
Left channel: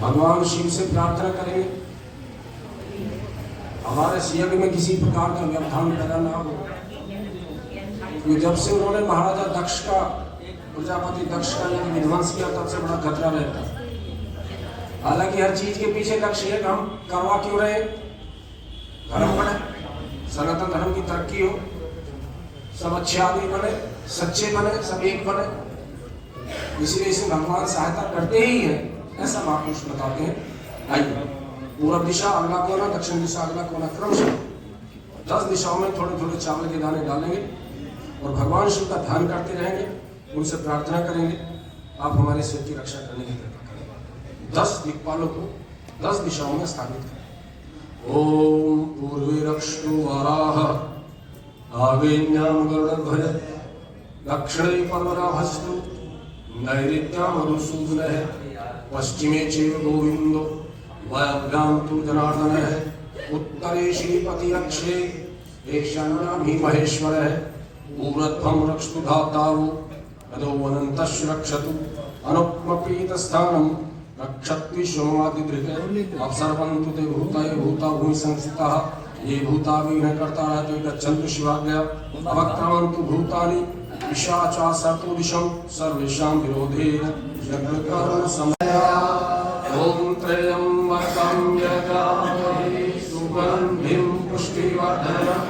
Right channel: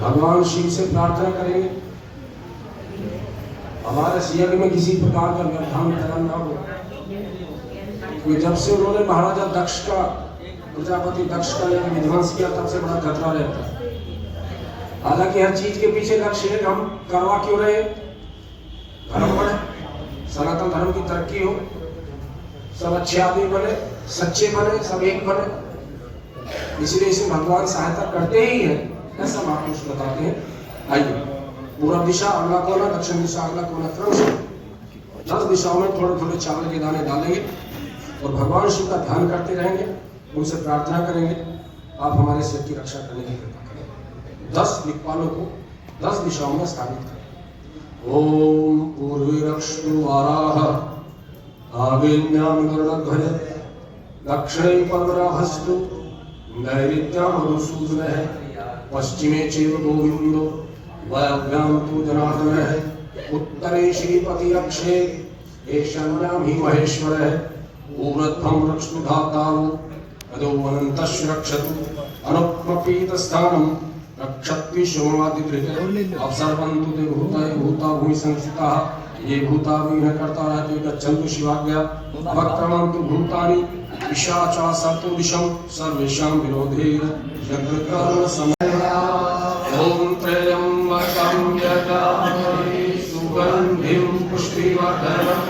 भगवान शिव से प्रार्थना करेंगे हमारे यज्ञ में किसी प्रकार का व्यवधान पैदा ना हो। क्योंकि जब से उन्होंने महाराजा दक्ष का, प्रजापति दक्ष का यज्ञ विध्वंस किया, तब से बड़ा खतरा रहता है। हालांकि हर चीज के पीछे लक्ष्य है, हम करवा क्यों रहे, धर्म बने, सनातन धर्म की तरक्की हो, सब अच्छे आदमी बने, सच्चे बने, सब एक बने, इसलिए इसे भगवान सहायता करते ही है, ऐसा महापुरुष बताते हैं। आइए, पूर्व दिशा अगला कोना, दक्षिण दिशा अगला कोना, क्रमशः 10 दिशाओं में थोड़े थोड़े चावल के दाने डालेंगे और भगवान शिव का ध्यान करते रहेंगे, उनसे प्रार्थना करेंगे, आप हमारे सिर की रक्षा करने की कृपा करें। 10 दिक्पालों को 10 दिशाओं में स्थापित करें। ओम पूर्वे रक्षु वाराह, आग्नेयं गरुड़ध्वज, दक्षिणे पर्वराभस्तु, नैऋत्यां मधुसूदनः, पश्चिमे चैव गोविन्दो, वायव्यां तु जनार्दनः, उत्तरे श्रीपति रक्षे, ईशान्यां हि महेश्वरः, ऊर्ध्वं रक्षतु धातारो, अधो अनन्तश्च रक्षतु, अनुपपीतस्थानं रक्षत्विश्वमादिदृक्, अवसर्वन्तु ते भूताय भूता भूमि संस्थिताः, ये भूता विघ्नकर्ता रहते गच्छन्तु शिवाज्ञया, अवक्रमन्तु भूतानि पिशाचा सर्तो दिशं सर्वेषां विरोधे यज्ञकर्म समया। ओम त्र्यंबकं यजामहे सुगन्धिं पुष्टिवर्धनं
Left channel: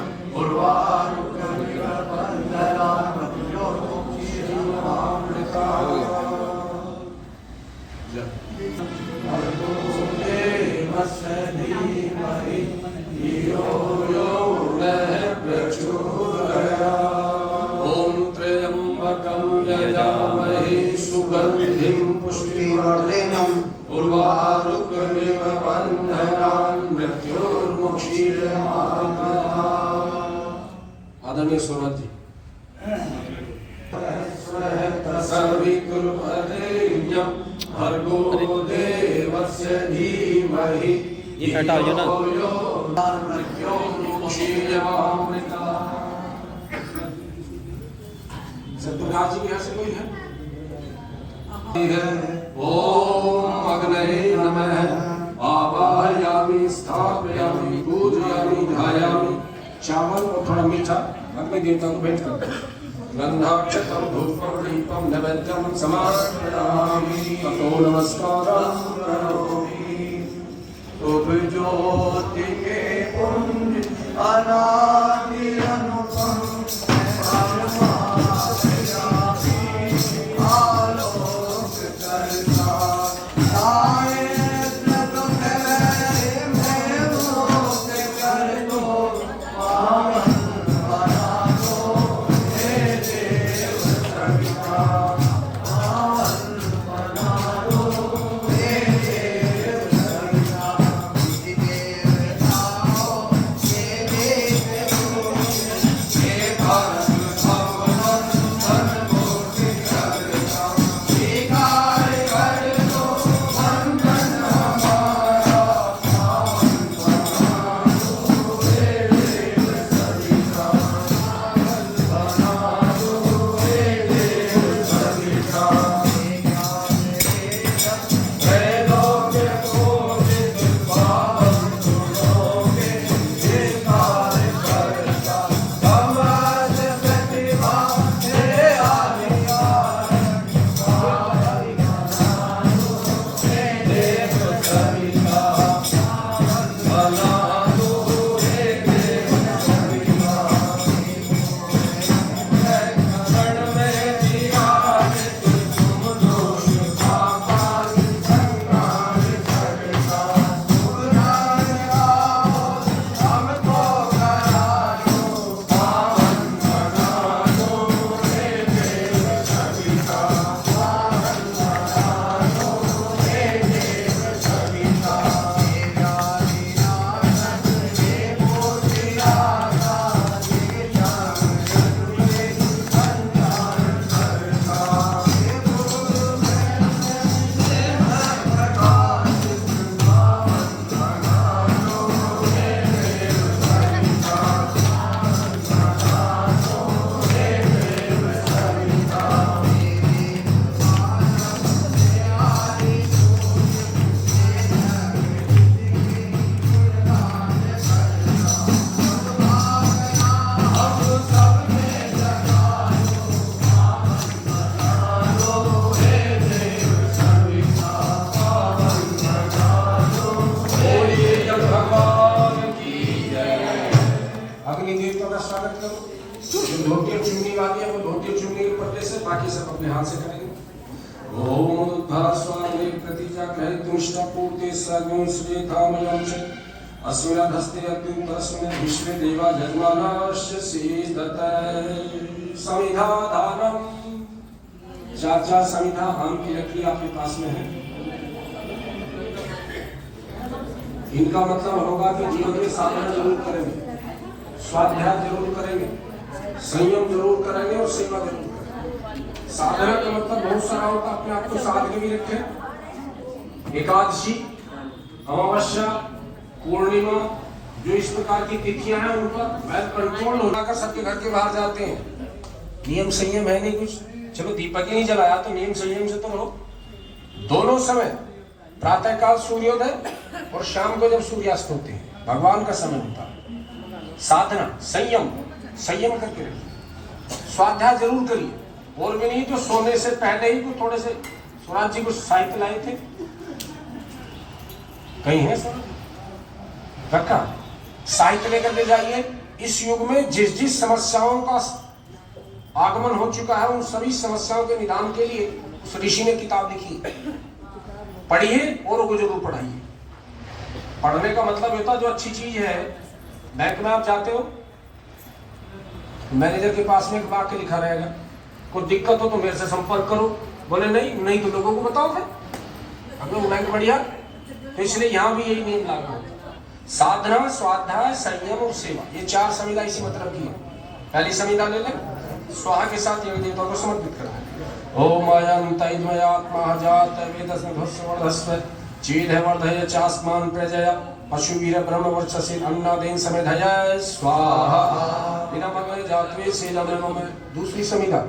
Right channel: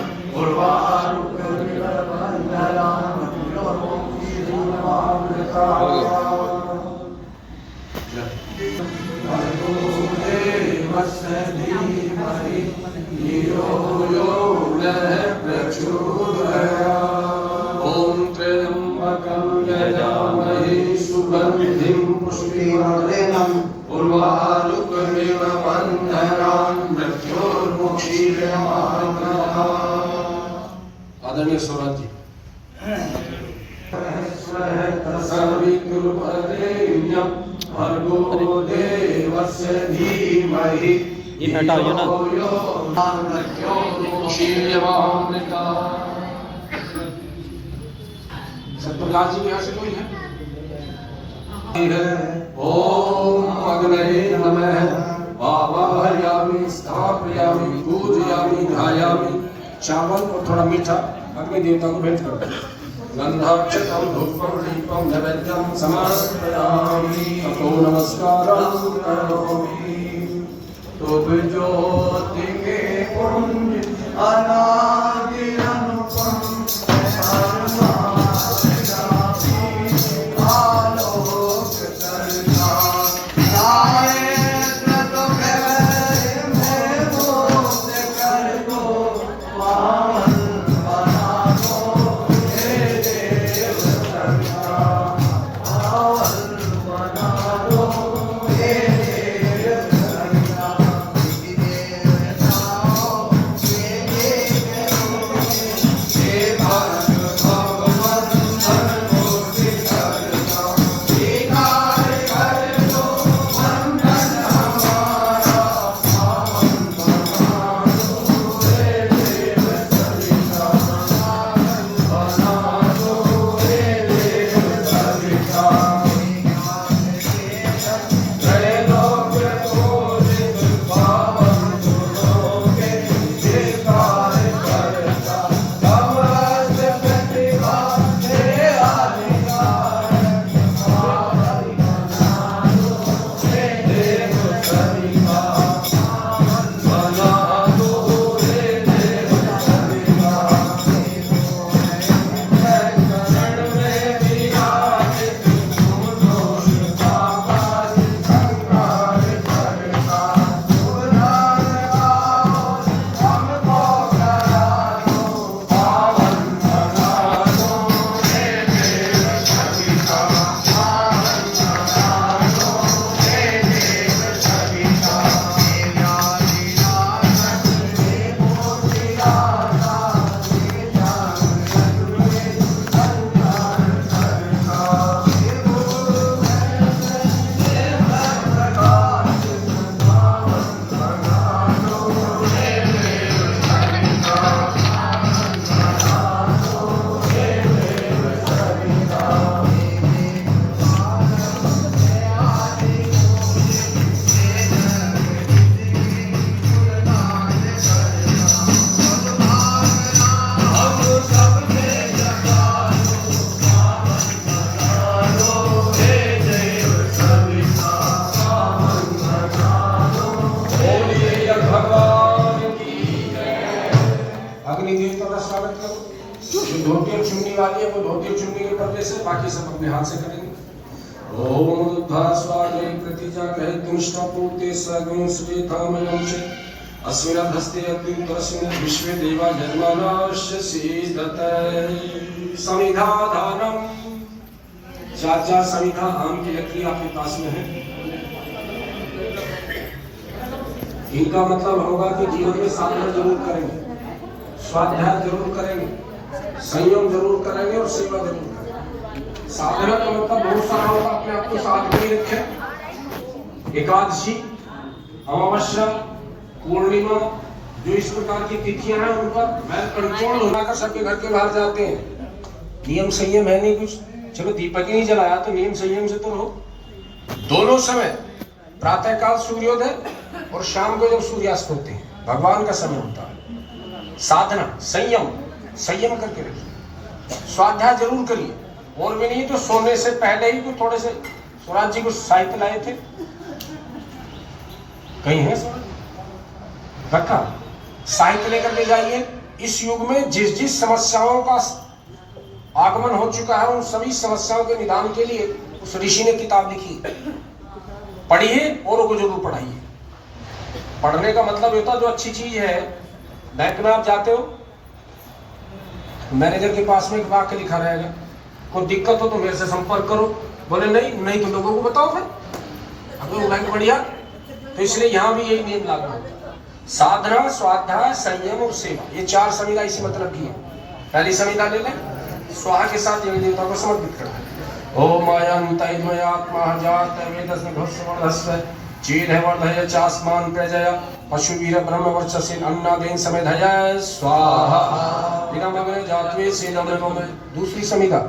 ओम त्र्यंबकं यजामहे सुगन्धिं पुष्टिवर्धनं उर्वारुकमिव बन्धनान् मृत्योर्मुक्षीयमामृतः। आदरणीय सौरभ जी, भर्गो देवस्य धीमहि इन हटाओ ना। सत्यप्रकाश जी यहाँ से कोई है? ओम अग्नये नमः, आवाहयामि स्थापयामि पूजयामि ध्यायामि। चावल और थोड़ा मीठा अग्नि देवता को भेंट करते हैं। गंधाक्षतं धूपं दीपं नैवेद्यं समर्पयामि, ततो नमस्कारं करोमि। तुभ ज्योति के पुंज अनादि अनुपम, आलोक करना सारे जग में रोक कर दो, पावन बना दो हे देव संता, पावन बना दो हे देव संता। देव जाओ ये देव का स्वागत करो। जो धोती और चुन्नी वाली है वो धोती और चुन्नी के पर्दे से, बाकी सब अपने हाथ से करेंगे। ओम बुद्धा स्वामे प्रतिजा कहे तुष्टा पूर्ते सगुण श्री कामयं च अस्मिन् हस्ते अत्युत्तरस्मिन् विश्वे देवा जन्मानाश्च सीदते समिधा दानम। चार समिधा आम की लकड़ी आपके पास में है। इनका मतलब होगा कि जीवन में साधना जरूर करेंगे, स्वाध्याय जरूर करेंगे, संयम जरूर करेंगे और सेवा जरूर करेंगे। साधना का मतलब बहुत सारा होगा, अपने आप को साथ में रखें। एकादशी, अमावस्या, पूर्णिमा, जो इस प्रकार की तिथियां हैं उन पर वेल कंट्रोल होना कर सबके घर के बाहर जाते हैं। नियम संयम है नहीं कुछ, चलो दीपक ही नहीं जलाया तो नियम संयम से तो हो। दोनों समय प्रातः काल सूर्योदय और शाम को जब सूर्यास्त होते हैं भगवान का समय होता है। साधना संयम करके रखिए, स्वाध्याय जरूर करिए। और भी नहीं तो सोने से पहले ही कुछ थोड़े से स्वराज जी कुछ साहित्य लाए थे, कहीं है सर रखा, साहित्य लेकर के जाइए। इस युग में जिस जिस समस्याओं का आगमन हो चुका है उन सभी समस्याओं के निदान के लिए उस ऋषि ने किताब लिखी, पढ़िए और को जरूर पढ़ाइए। पढ़ने का मतलब होता है जो अच्छी चीज है। बैंक में आप जाते हो, मैनेजर के पास में एक वाक्य लिखा रहेगा, कोई दिक्कत हो तो मेरे से संपर्क करो। बोले नहीं तो लोगों को बताओ फिर, अगर बैंक बढ़िया। तो इसलिए यहाँ भी यही नियम लागू होता है। साधना, स्वाध्याय, संयम और सेवा, ये चार संविधा इसी मतलब की है। पहली संविधा ले लें, स्वाहा के साथ देवी देवता को समर्पित करना। ओम आयंतमयात्मा जात वेदस्म भस्वर्धस्व चेद वर्धय चास्मान प्रजय पशुवीर ब्रह्म वर्चसे अन्नादेन समेधय स्वाहा विनमय जात्वे सेदमनमय। दूसरी संविधा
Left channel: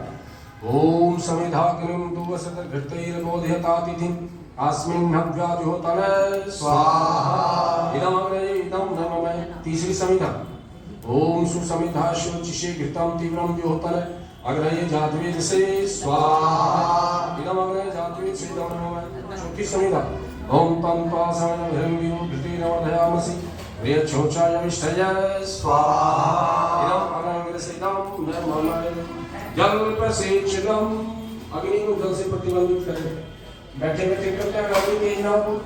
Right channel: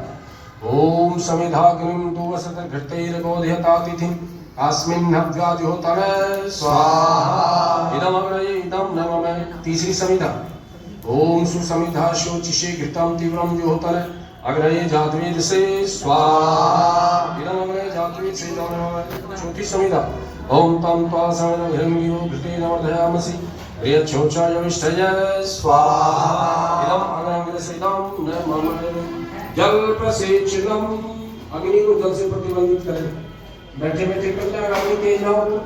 ओम समिधाग्निं दुवसत घृतैर बोधयतातिथिं अस्मिन् हव्याद्योतन स्वाहा इदं नमः। तीसरी संविधा ओम सुसमिधा शोचिषे घृतं तीव्रं योतन अग्रये जातवेद से स्वाहा इदं अग्रये जातवेद से नमः। चौथी संविधा ओम तम त्वासमन घृंगियो घृतेन वर्धयामसि प्रियच्छोचायविष्ठय स्वाहा इदं अग्रये से नमः। जल प्रसेचनम, अग्नि को जल से प्रतिबंधित करें। बैठे बैठे करते हैं, अग्नि तेज ना हो,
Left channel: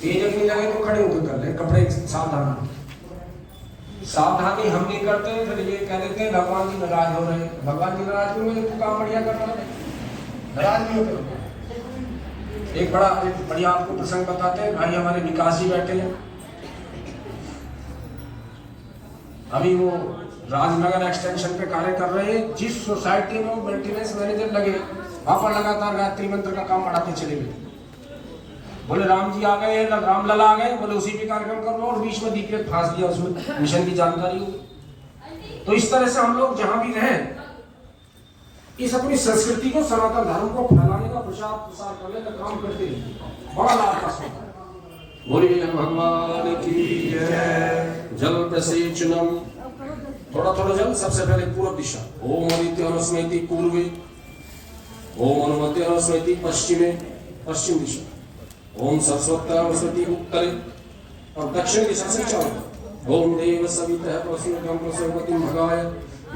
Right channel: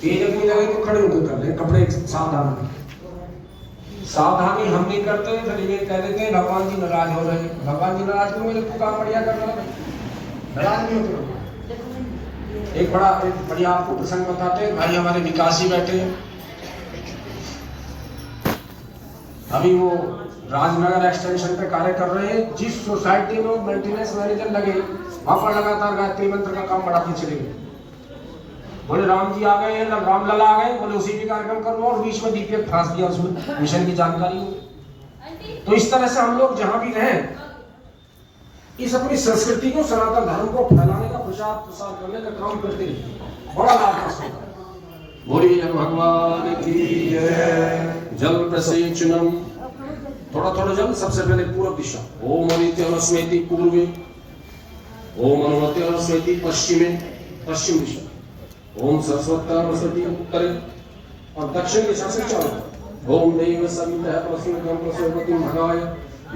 तेज अग्नि लगे तो खड़े होकर कर ले, कपड़े सावधानी हम नहीं करते, फिर ये कह देते हैं भगवान जी नाराज हो रहे हैं। भगवान जी नाराज क्यों हो, काम बढ़िया कर रहे हैं, बयान नहीं होते। एक बढ़िया आपको प्रसंग बताते हैं। भाई हमारे विकासी बैठे हैं, अभी वो राजनगर एक्सटेंशन पे कार्य कर रहे हैं। जिस सोसाइटी में वो मेंटेनेंस मैनेजर लगे वहां पर लगातार गायत्री मंत्र का काम बढ़ाते चले गए। बोले राम जी आ गए हैं, रामलला आ गए, बोले उसी पे कार्यक्रम कर लो, और बीच में दीपक फांस दिया, उसमें मिशन की जानकारी हो। तो इस तरह से हम लोग जहां भी रहें इस अपनी संस्कृति को, सनातन धर्म को फैलाने का प्रचार प्रसार करने का काम करते हैं, बड़ा लाभ होता है। बोलिए भगवान की जय। जल प्रसेचनम, थोड़ा थोड़ा जल, सबसे पहले पूर्व दिशा। ओम अनित्यनुस्मृति पूर्वे, ओम अनुमत्यनुस्मृति पश्चिमे, पश्चिम दिशा। ओम सरस्वती उत्तरे और दक्षिण दिशा से चार। ओम देव सवितः प्रसूतिं प्रसूपतिं भगाय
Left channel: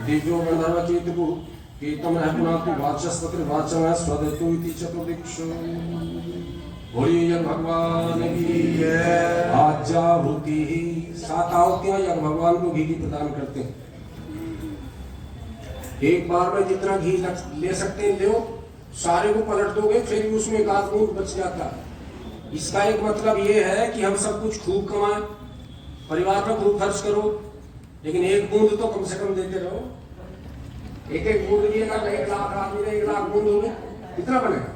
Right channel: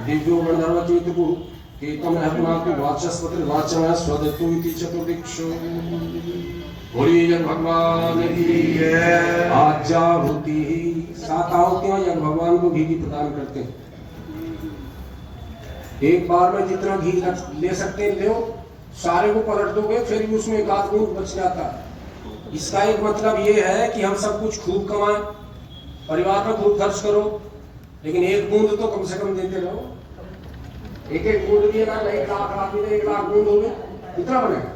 दिव्यो गणधर्मति तुपु केतम रहमातु वाचस्पति वाचम स्वदतु इति चतुर्दिक्षु। बोलिए भगवान की जय। आज्याहुति, 7 आहुतियां या भगवान को घी की प्रदान करते हैं। एक बार में जितना घी ले सकते हैं लो, सारे को पलट दोगे फिर भी उसमें एक आध बूंद बच जाता है। इसका एक मतलब ये है कि हम सब कुछ खूब कमाएं, परिवार में खूब खर्च करो, लेकिन एक बूंद तो कम से कम देते रहो। एक बूंद भी अगर 1 लाख आदमी ने 1 लाख बूंद होंगे कितना बनेगा।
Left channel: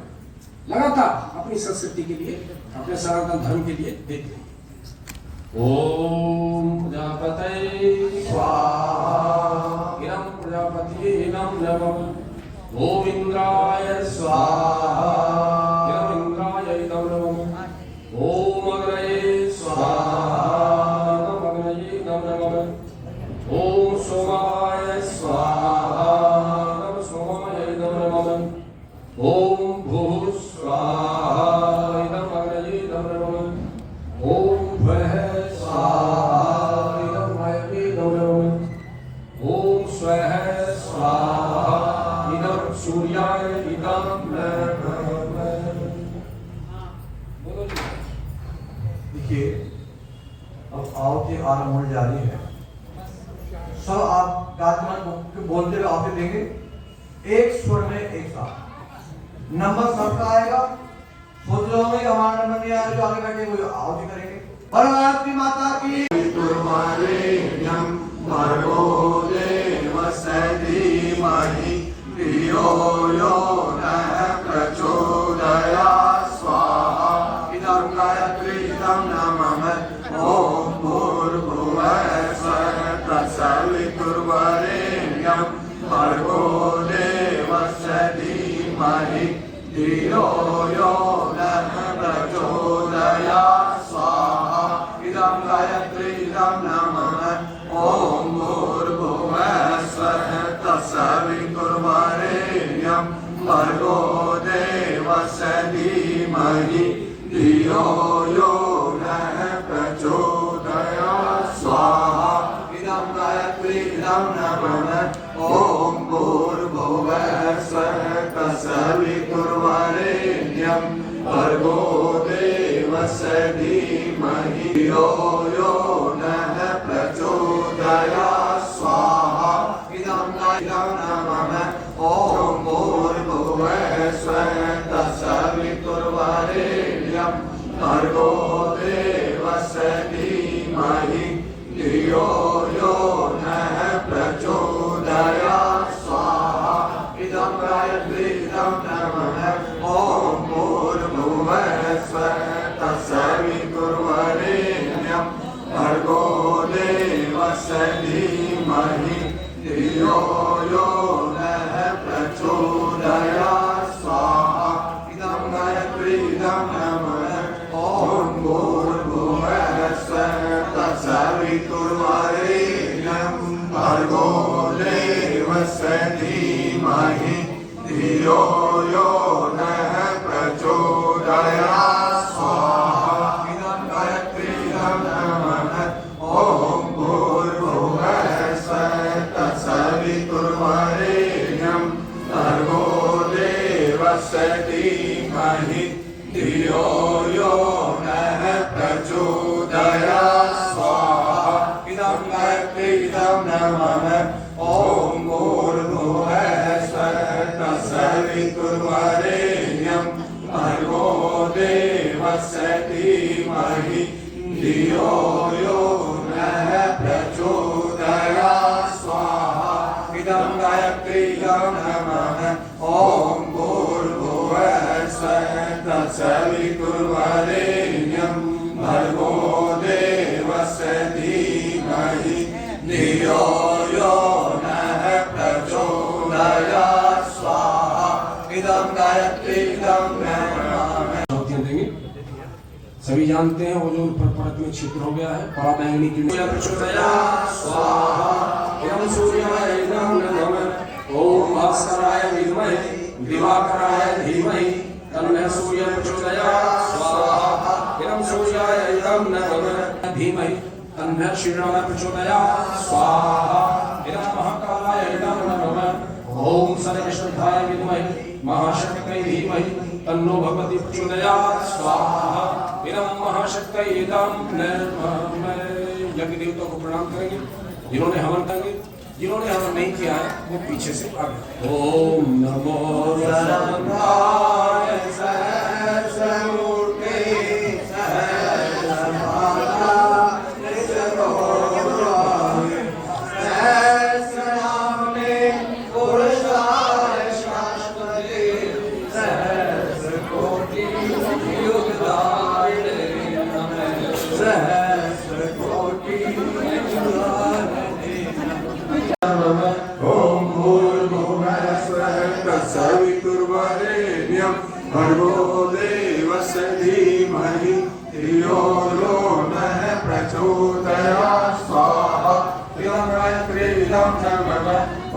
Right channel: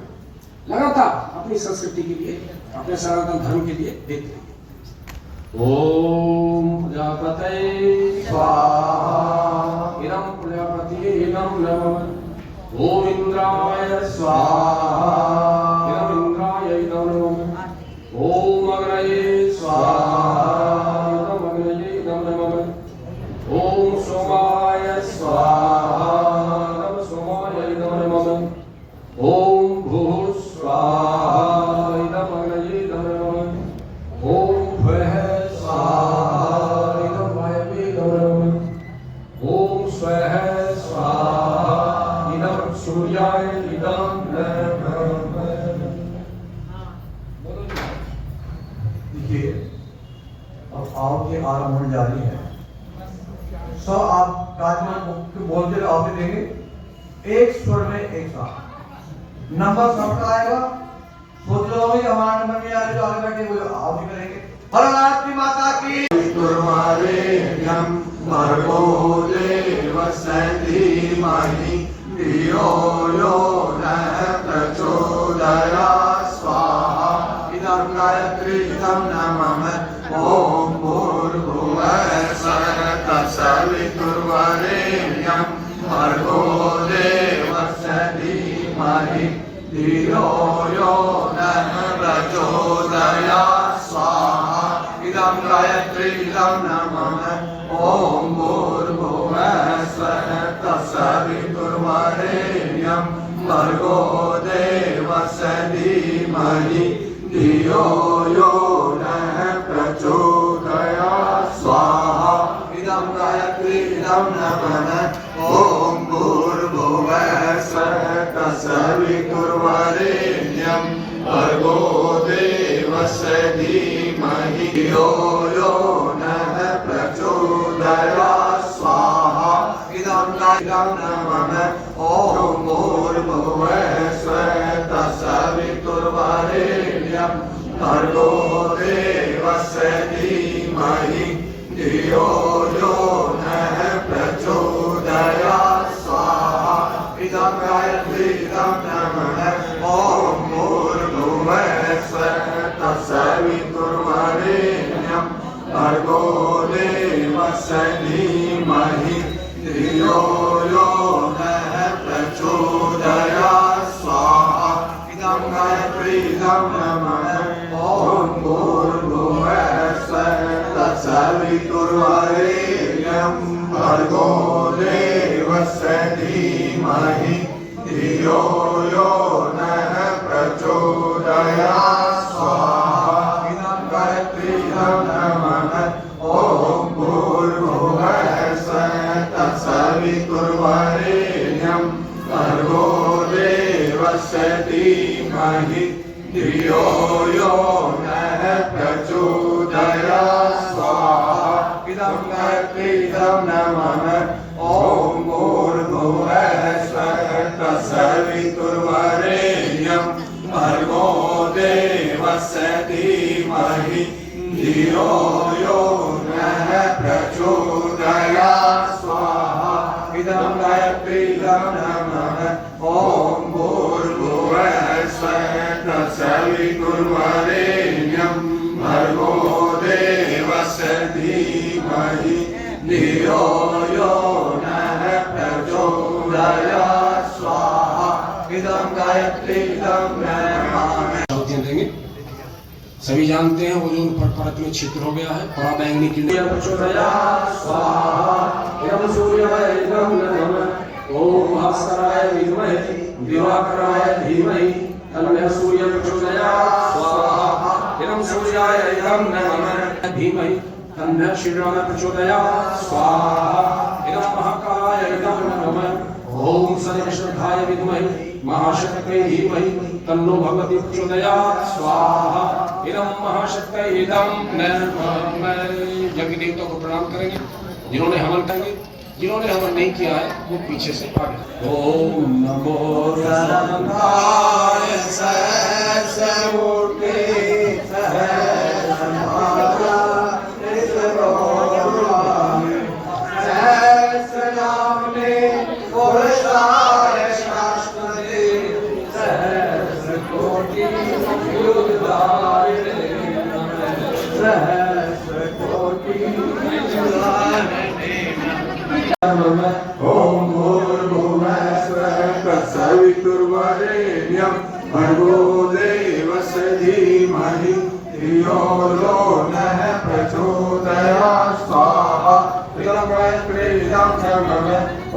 लगातार अपनी संस्कृति के लिए, अपने सनातन धर्म के लिए देते हैं। ओम प्रजापते स्वाहा इदं प्रजापतिये इदं नमः। ओम इंद्राय स्वाहा इदं इंद्राय इदं नमः। ओम अग्नये स्वाहा इदं अग्नये इदं नमः। ओम सोमाय स्वाहा इदं सोमाय इदं नमः। ओम भूः स्वाहा इदं अग्नये इदं नमः। ओम भुवः स्वाहा से आरंभ होने जा रही है। सब आप गायत्री बोलते हुए आपसे देंगे एक स्वर में एक साथ। नंबर सबका आएगा, खुद जो भी हमारा नंबर में आए जो आगे बैठे वो आप भी करेंगे। और गायत्री माता की तुर्वरेण्यं भर्गो देवस्य धीमहि धियो यो नः प्रचोदयात् स्वाहा। इदं गायत्री इदं नमः। ॐ भूर्भुवः स्वः तत्सवितुर्वरेण्यं भर्गो देवस्य धीमहि धियो यो नः प्रचोदयात् स्वाहा। इदं गायत्री इदं नमः। ॐ भूर्भुवः स्वः तत्सवितुर्वरेण्यं भर्गो देवस्य धीमहि धियो यो नः प्रचोदयात् स्वाहा। इदं गायत्री इदं नमः। ॐ भूर्भुवः स्वः तत्सवितुर्वरेण्यं भर्गो देवस्य धीमहि धियो यो नः प्रचोदयात् स्वाहा। इदं इदं नमः। ॐ भूर्भुवः स्वः तत्सवितुर्वरेण्यं भर्गो देवस्य धीमहि धियो यो नः प्रचोदयात् स्वाहा। इदं गायत्री इदं नमः। ॐ भूर्भुवः स्वः तत्सवितुर्वरेण्यं भर्गो देवस्य धीमहि धियो यो नः प्रचोदयात् स्वाहा। इदं गायत्री इदं नमः। ॐ भूर्भुवः स्वः तत्सवितुर्वरेण्यं भर्गो देवस्य धीमहि धियो यो नः प्रचोदयात् स्वाहा। इदं गायत्री इदं नमः। ॐ भूर्भुवः स्वः तत्सवितुर्वरेण्यं भर्गो देवस्य धीमहि धियो यो नः प्रचोदयात् स्वाहा। इदं गायत्री इदं नमः। ॐ भूर्भुवः स्वः तत्सवितुर्वरेण्यं भर्गो देवस्य धीमहि धियो यो नः प्रचोदयात् स्वाहा। इदं गायत्री इदं नमः। ॐ भूर्भुवः स्वः तत्सवितुर्वरेण्यं भर्गो देवस्य धीमहि धियो यो नः प्रचोदयात् स्वाहा। इदं गायत्री इदं नमः। देंगे। सभी जानते हैं वो जो परत में छिद्र हो गया है, परा बैंगनी की प्रचोदयात् स्वाहा। इदं सूर्याय इदं नमः। ओम भास्कराय धीमहि दिवाकराय धीमहि तन्नः सूर्य प्रचोदयात् स्वाहा। इदं सूर्याय इदं नमः। धीमहि तन्नः क्षीराय प्रचोदयात् स्वाहा। इदं महाकालाय इदं नमः। ओम सर्वश्रद्धाय विद्महे महाशक्तये धीमहि तन्नो भगवती प्रचोदयात् स्वाहा। इदं महाशक्तये इदं नमः। यज्ञ देवताओं को प्रणाम करेंगे, जिन्होंने हवन करेंगे, जिन्होंने हवन नहीं किया है वो पीछे से आगे। ओम नमो रंभाय सहस्रमूर्ते सहस्रनामे पुरुषाय शाश्वते सहस्रकोटि युगधारिणे सहस्रकोटि युगधारिणे। ॐ भूर्भुवः स्वः तत्सवितुर्वरेण्यं भर्गो देवस्य धीमहि धियो यो नः प्रचोदयात् स्वाहा। इदं गायत्री इदं नमः।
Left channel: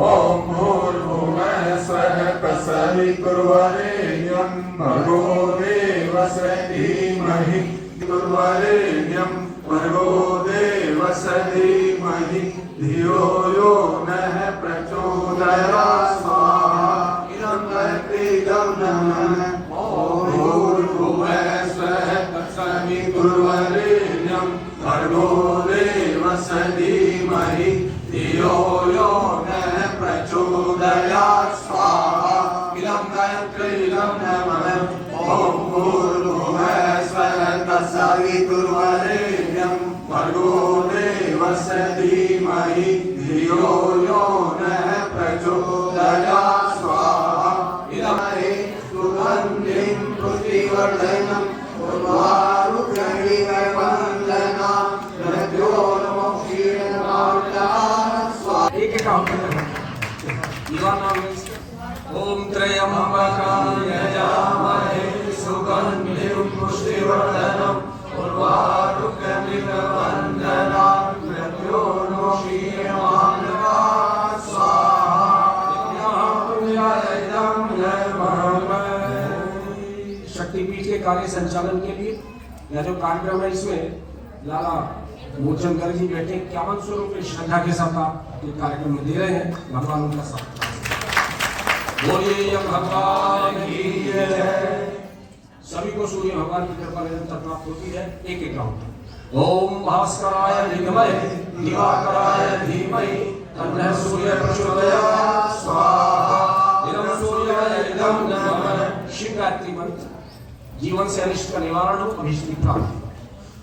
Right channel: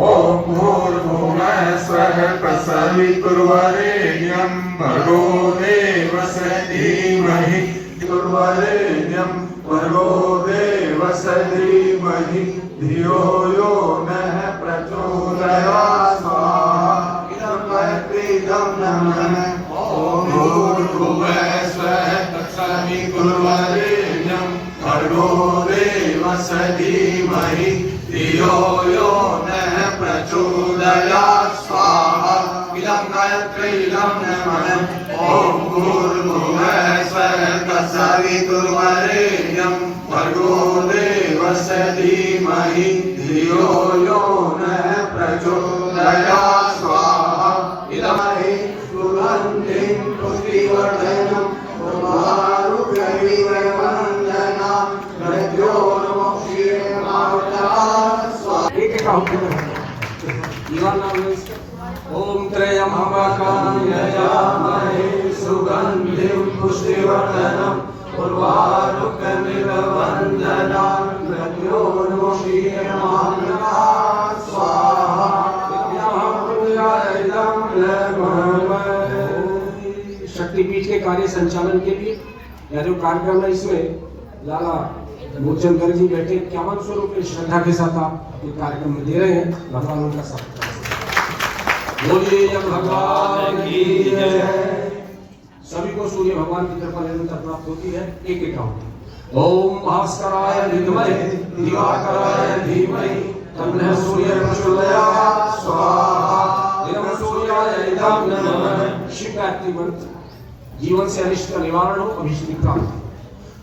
ॐ भूर्भुवः स्वः तत्सवितुर्वरेण्यं भर्गो देवस्य धीमहि तुर्वरेण्यं भर्गो देवस्य धीमहि धियो यो नः प्रचोदयात् स्वाहा। इदं गायत्री इदं नमः। ॐ भूर्भुवः स्वः तत्सवितुर्वरेण्यं भर्गो देवस्य धीमहि धियो यो नः प्रचोदयात् स्वाहा इदं गायत्री इदं नमः ॐ भूर्भुवः स्वः तत्सवितुर्वरेण्यं भर्गो देवस्य धीमहि धियो यो नः प्रचोदयात् स्वाहा इदं सुगन्धिं पुष्टिवर्धनं उर्वारुकविवर्धना मृत्यो एक एक काम करते हैं। युवा नाम है इसका। ओम त्र्यंबकं यजामहे सुगंधिं पुष्टिवर्धनम् उर्वारुकमिव वन्दनात् मृत्योर्मुक्षीयमामृतात् स्वाहा इदं नमः। शक्तिपीठ के कार्य संचालन के लिए यह जो कार्यक्रम है इसमें लाला मूलचंद जी बैठे 51 रुपये श्रद्धा के साथ आप ये कार्यक्रम में दे रहे हैं। भगवान उनका साथ बोलिए भगवान की जय। सभी को सूर्य भगवान की कृपा निरंतर प्राप्त होती है। एक एक काउंट। ओम भास्कराय विद्महे दिवाकराय धीमहि तन्नः सूर्यः प्रचोदयात् स्वाहा इदं सूर्याय इदं नमः। शिव गायत्री मंत्र जीवन से अनिष्ट का निवारण हो, अभिष्ट की प्राप्ति।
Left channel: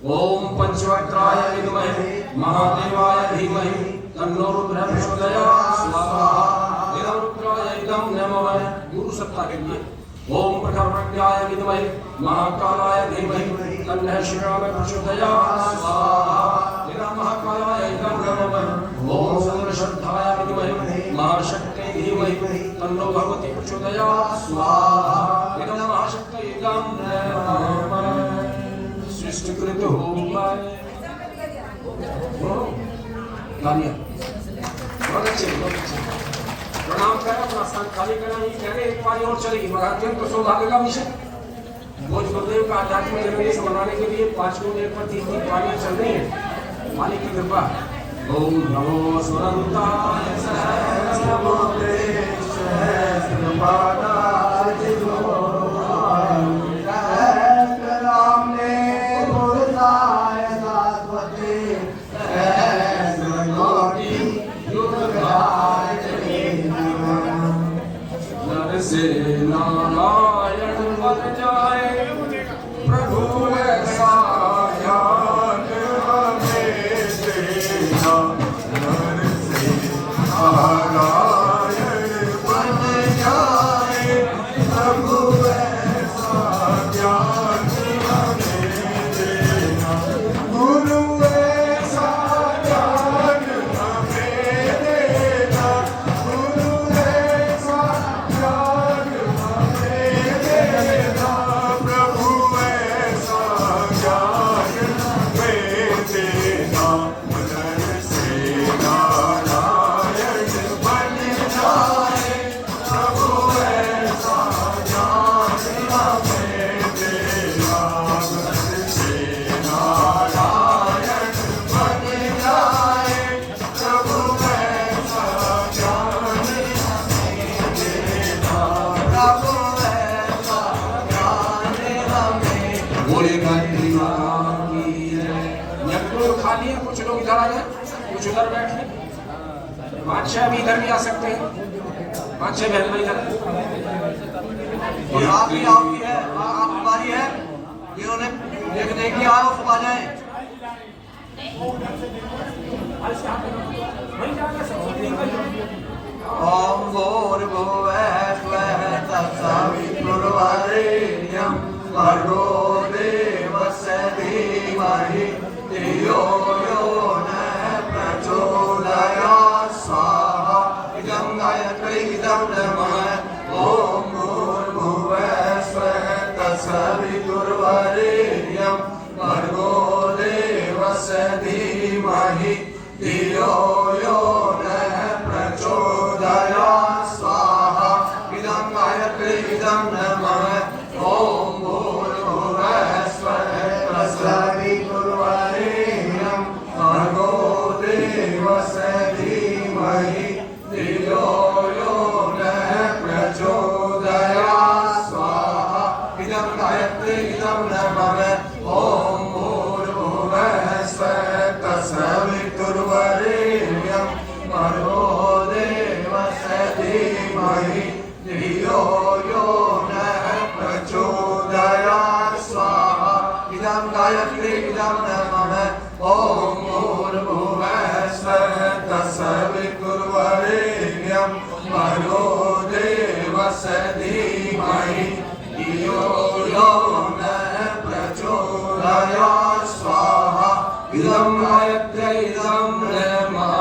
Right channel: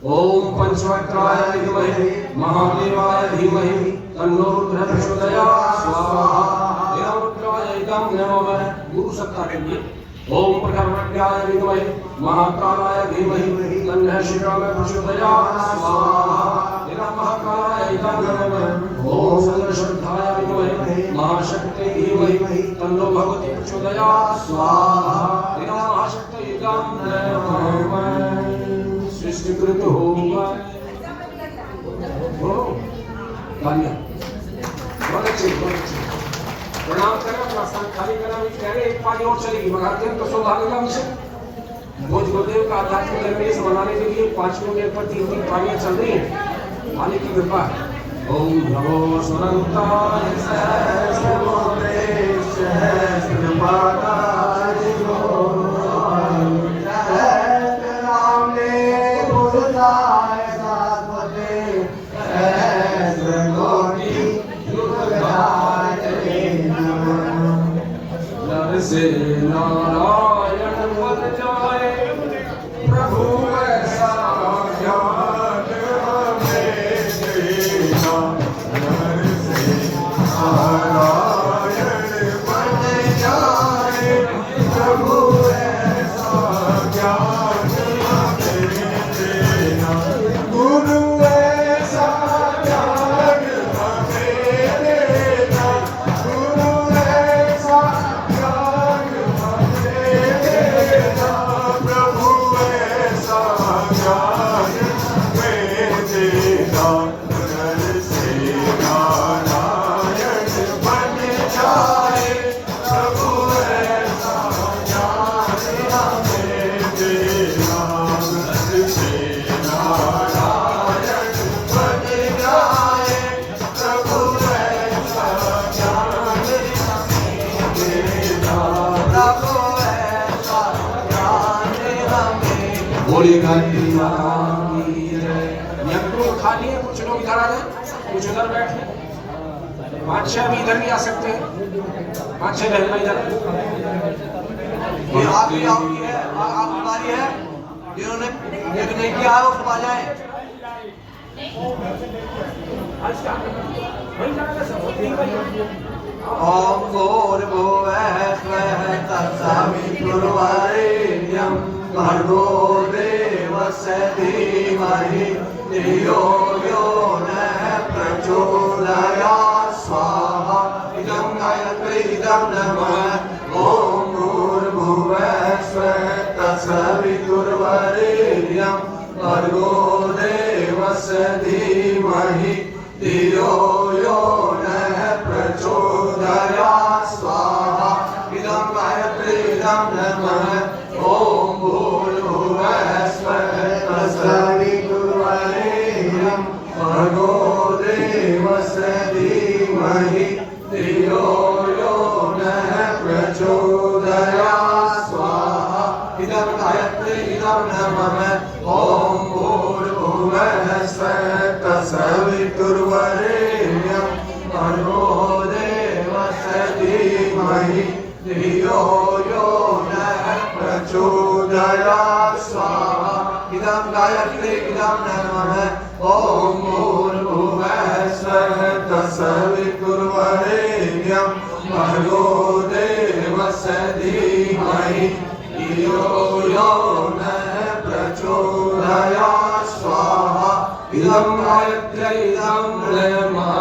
ओम पंचवक्त्राय विद्महे महादेवाय धीमहि तन्नो रुद्रः प्रचोदयात् स्वाहा इदं रुद्राय इदं नमः। गुरु सत्ता के लिए ओम प्रखरवज्ञाय विद्महे महाकालाय धीमहि तन्नः शिवाय प्रचोदयात् स्वाहा इदं महाकालाय इदं नमः। ओम सर्वश्रद्धाय विद्महे महाशक्ति धीमहि तन्नो भगवती प्रचोदयात् स्वाहा इदं महाशक्ति इदं नमः। सृष्टिकृत हो बहुत अच्छे प्रणाम करें। अपना स्थान खाली करना नहीं कह रहे। एक पारी और चलेगी मगर अत्यंत सौभाग्य का विषय भोज गुरुदेव का आध्यात्मिक जन्मदिन मनाने के लिए 5 मिनट पर 3 पारियां चल रही हैं। मालिक की कृपा है। ओम नमो सुरंताय सहस्रलोकेश सहस्रपादाय से नारायण बन जाए प्रभु ऐसा ज्ञान हमें देना। नर से नारायण बन जाए प्रभु ऐसा ज्ञान हमें देना। गुरु ऐसा ज्ञान हमें देना। गुरु ऐसा खा लिए कुछ लोग इधर आ जाए, कुछ उधर बैठे। 5-6 भी इधर भी आ सकते हैं। 5-6 बहन इधर आपकी है, आपकी बारी है। जिन्होंने नेकी आ रहा सब आ जाए। ओम भूर्भुवः स्वः तत्सवितुर्वरेण्यं भर्गो देवस्य धीमहि धियो यो नः प्रचोदयात् स्वाहा इदं गायत्री इदं नमः। ओम भूर्भुवः स्वः तत्सवितुर्वरेण्यं भर्गो देवस्य धीमहि धियो यो नः प्रचोदयात् स्वाहा इदं गायत्री इदं नमः। ओम भूर्भुवः स्वः तत्सवितुर्वरेण्यं सवितुर्वरेण्यं भर्गो देवस्य धीमहि धियो यो नः प्रचोदयात् स्वाहा इदं गायत्री इदं नमः ॐ भूर्भुवः स्वः तत्सवितुर्वरेण्यं भर्गो देवस्य धीमहि धियो यो नः प्रचोदयात् स्वाहा इदं गायत्री इदं नमः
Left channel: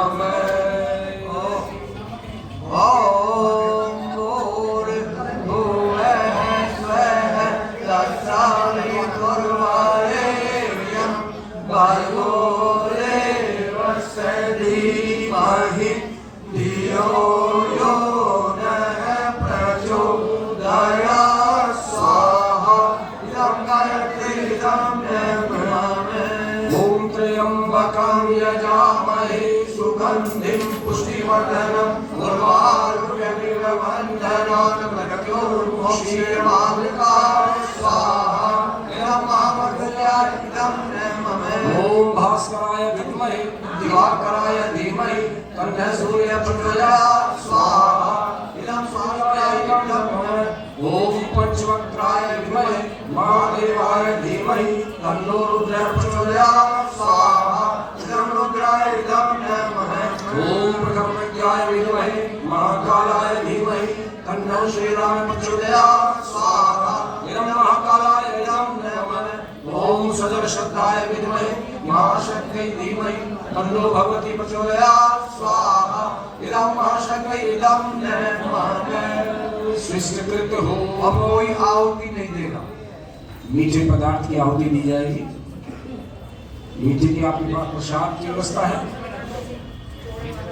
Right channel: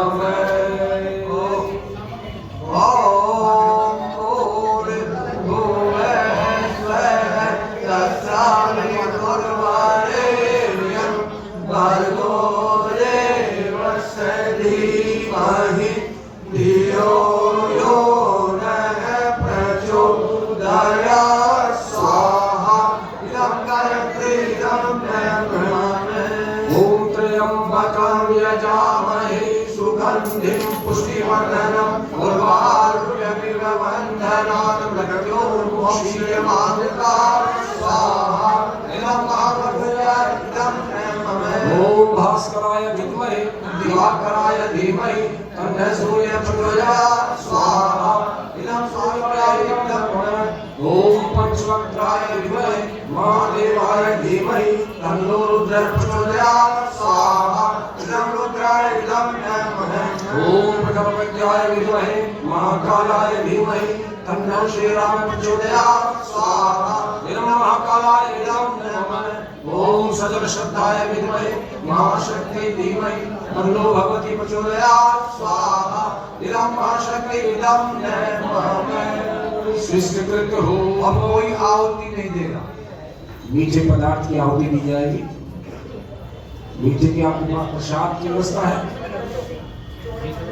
यजामहे सुगन्धिं पुष्टिवर्धनम् उर्वारुकमिव बन्धनात् मृत्योर्मुक्षीयमामृतात् स्वाहा इदं महाप्रभुयाय इदं नमः ॐ भास्कराय विद्महे दिवाकराय धीमहि तन्नः सूर्यः प्रचोदयात् स्वाहा इदं सूर्याय इदं नमः ॐ पंचवक्त्राय विद्महे महादेवाय धीमहि तन्नो रुद्रः प्रचोदयात् स्वाहा इदं रुद्राय इदं नमः ॐ प्रथमविद्याय विद्महे महाकालाय धीमहि तन्नो श्रीरामः प्रचोदयात् स्वाहा इदं महाकालाय इदं नमः ॐ सजलश्रद्धाय विद्महे महाशक्त्यै धीमहि तन्नो भगवती प्रचोदयात् स्वाहा इदं महाशक्त्यै इदं नमः स्वीकृत हो। अब कोई आहुति नहीं देगा, मीठे पदार्थ की आहुति दी जाएगी। मीठे की आपके पास प्रसाद की व्यवस्था है,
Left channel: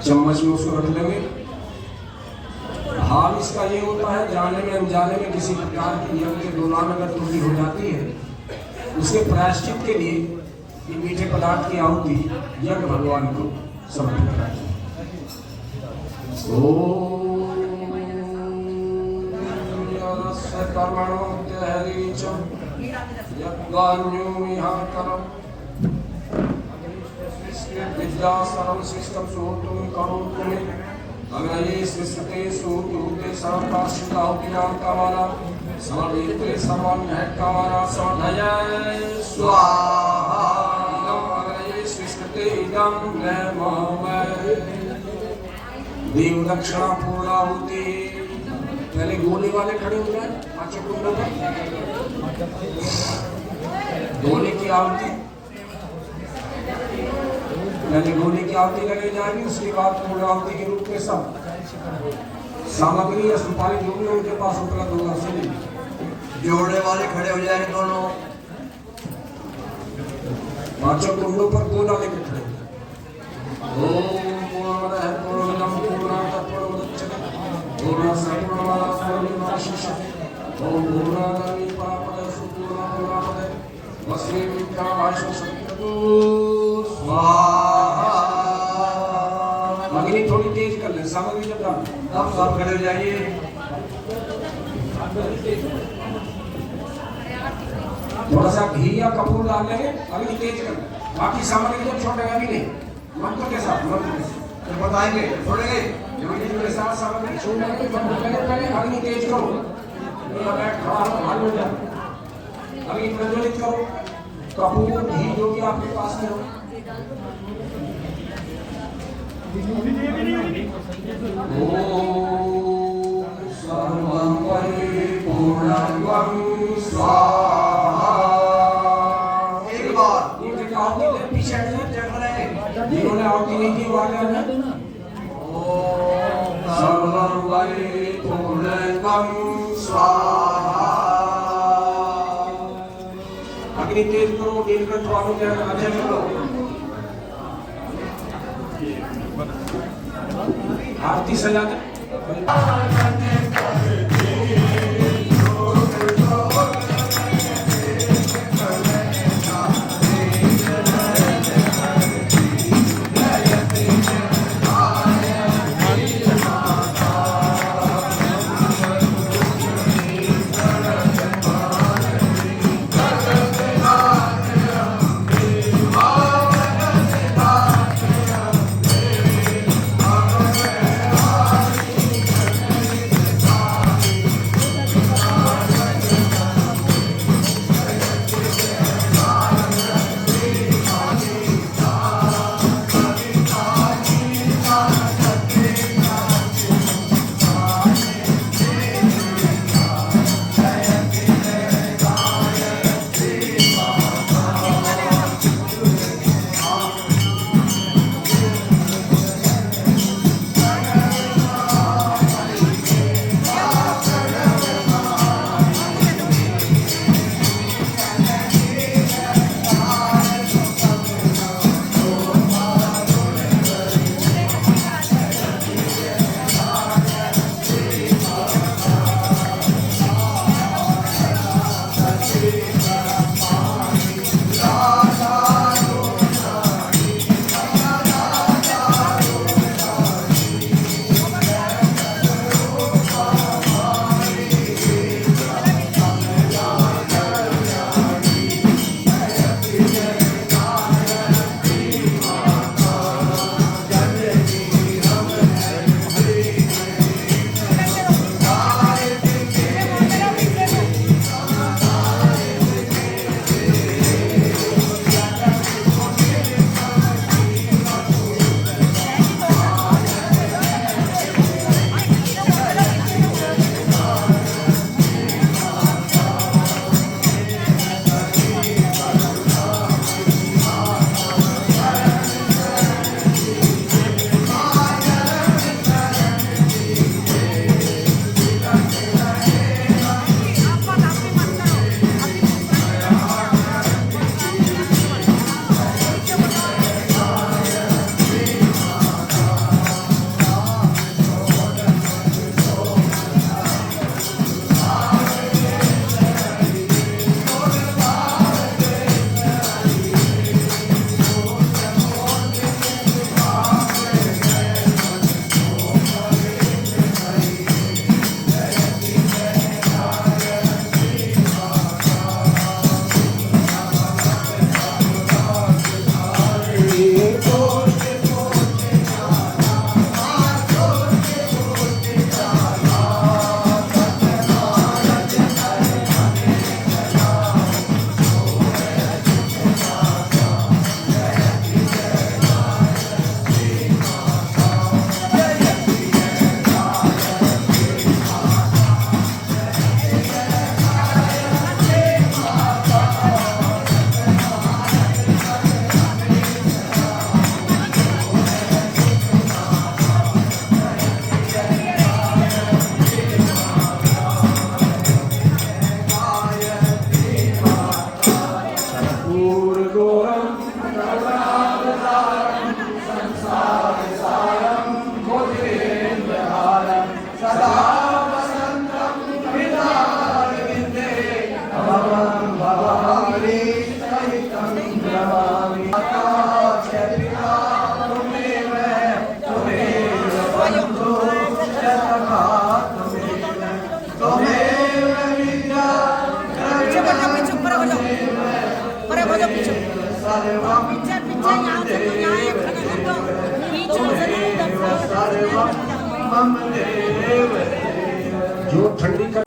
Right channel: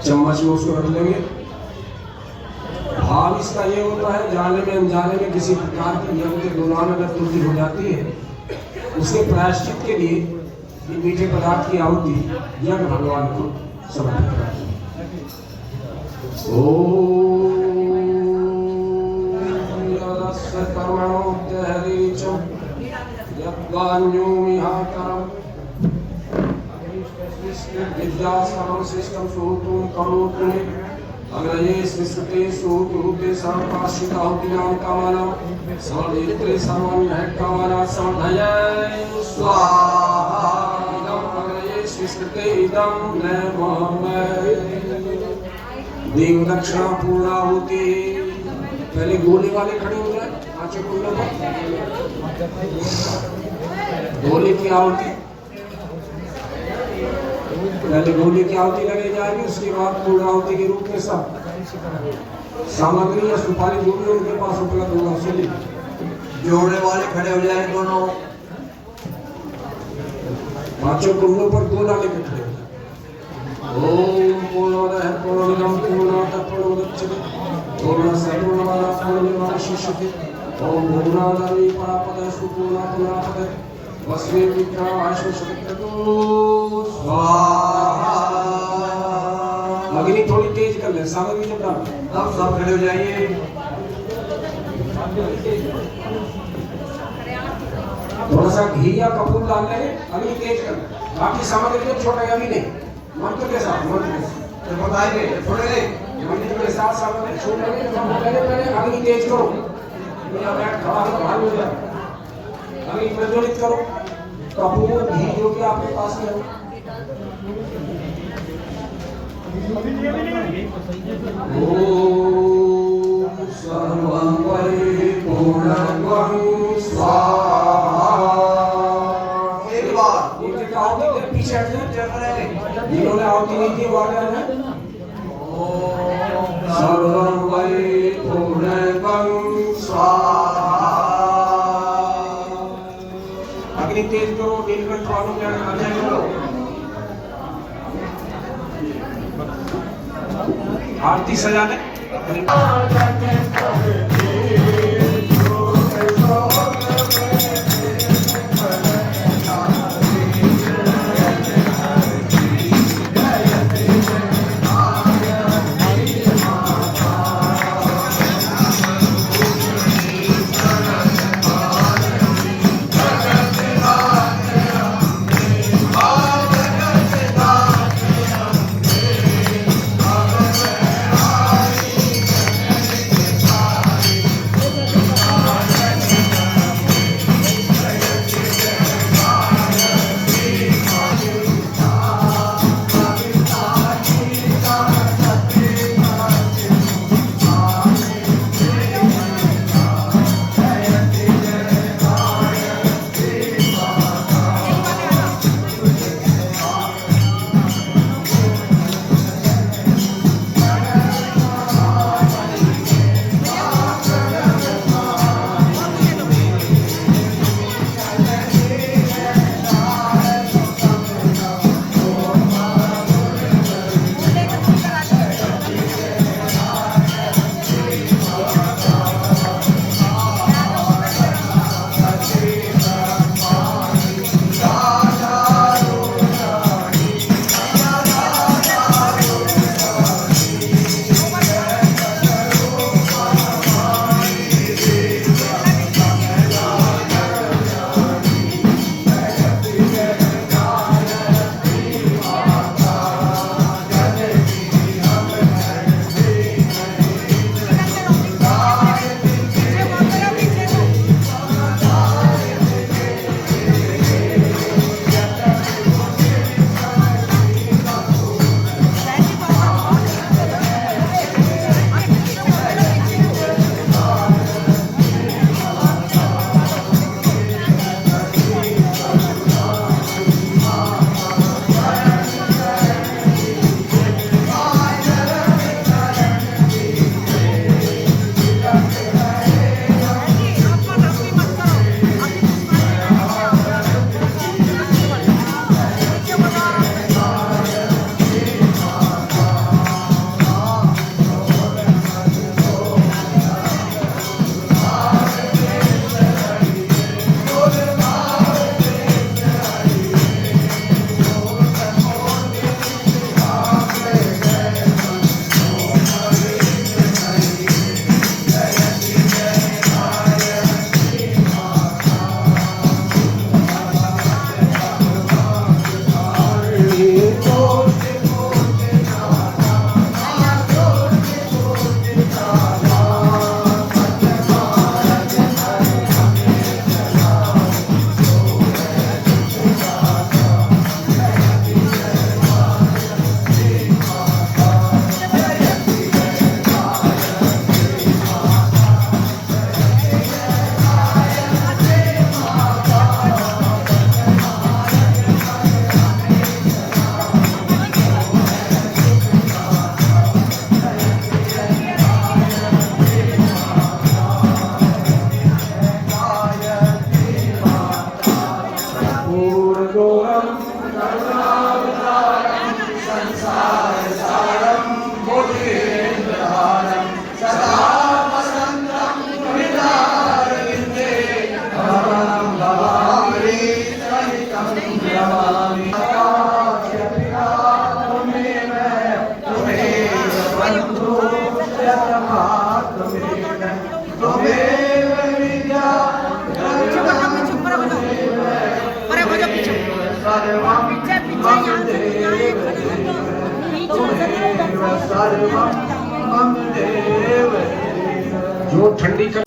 चम्मच में उसको रख लेंगे। भाव इसका ये होता है, जाने में अनजाने में किसी प्रकार की नियम के दौरान अगर त्रुटि हो जाती है, उसके प्रायश्चित के लिए ये मीठे पदार्थ की आहुति यज्ञ भगवान को समर्पित करते हैं। कर्मणो त्यहरीचम यद्वान्योमिहाकरम विद्या सर्वश्रेष्ठं सुहृतं करोतु अग्रये स्विष्टे सुहृते सर्वपाश्रिताहुतिनां कामानां समर्दित्रे सर्वं कामानां समर्धये स्वाहा इदं अग्रये स्विष्टे इदं नमः देव दक्षिणा पूर्णाहुति। पहले गोली वाले खड़े हो जाए, पांचों कुंडों पर गोली की आहुति, पहले गोली की आहुति लगाई जाएगी, उसके बाद पूर्ण आहुति के रूप में सब सामग्री या सुपारी जो भी उनके पास उपलब्ध होगा उसे जोड़ने वाले खड़े हो जाए दोनों, पांचों कुंडों पर गोला लेकर खड़े हो जाए। ओम पूर्णमदः पूर्णमिदं पूर्णात् पूर्णमुदच्यते पूर्णस्य पूर्णमादाय पूर्णमेवावशिष्यते ओम पूर्णादाय परापदः सुपूर्णपूर्णापदः वस्वे विद्यावाश्वशतक्रतु स्वाहा। अग्नि थोड़ी तेज कर ले, सामग्री जब डाल आप सब खड़े हो जाइए। थोड़ा सा घी या कपूर डाल लेंगे, अग्नि तेज कर ले, बाकी सामग्री जब छोड़ेगा भी नहीं। मंत्र के साथ बताएंगे थोड़े के साथ सामग्री छोड़ लेंगे, अग्नि तेज करो, अग्नि प्रज्वलित करो, कपूर घी जो भी आपके पास में हो। ओम सर्वं परिपूर्णं स्वाहा। एक बार नीचे का आहुति दे, पीछे हट जाए, जिन्होंने आहुति नहीं दी वाले हैं। ओम सर्वं परिपूर्णं स्वाहा। अग्नि तेज करो, नीलकंठ वालों के आगे करो। आरती सजा दे। ठंडी कर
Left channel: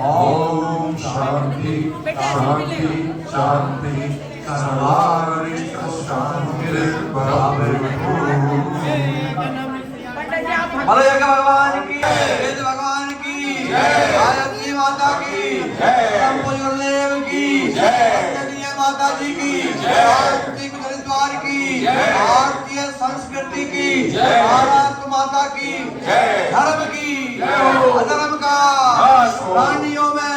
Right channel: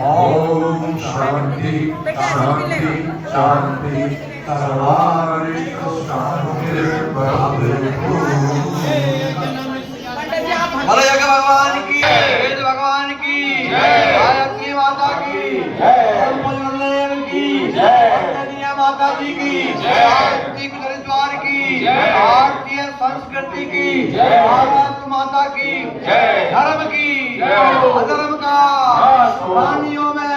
ओम शांति शांति शांति सर्वारि भगवान की वेद भगवान की गायत्री माता की ब्रह्मदेव की जय माता जी की गायत्री गुरुद्वार की भारतीय संस्कृति की भारत माता की धर्म की अधर्म का प्राणियों में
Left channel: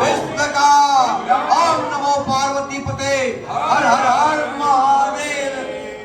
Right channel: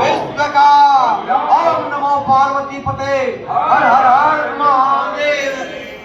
विश्व का ओम नमो पार्वती पते हर हर हर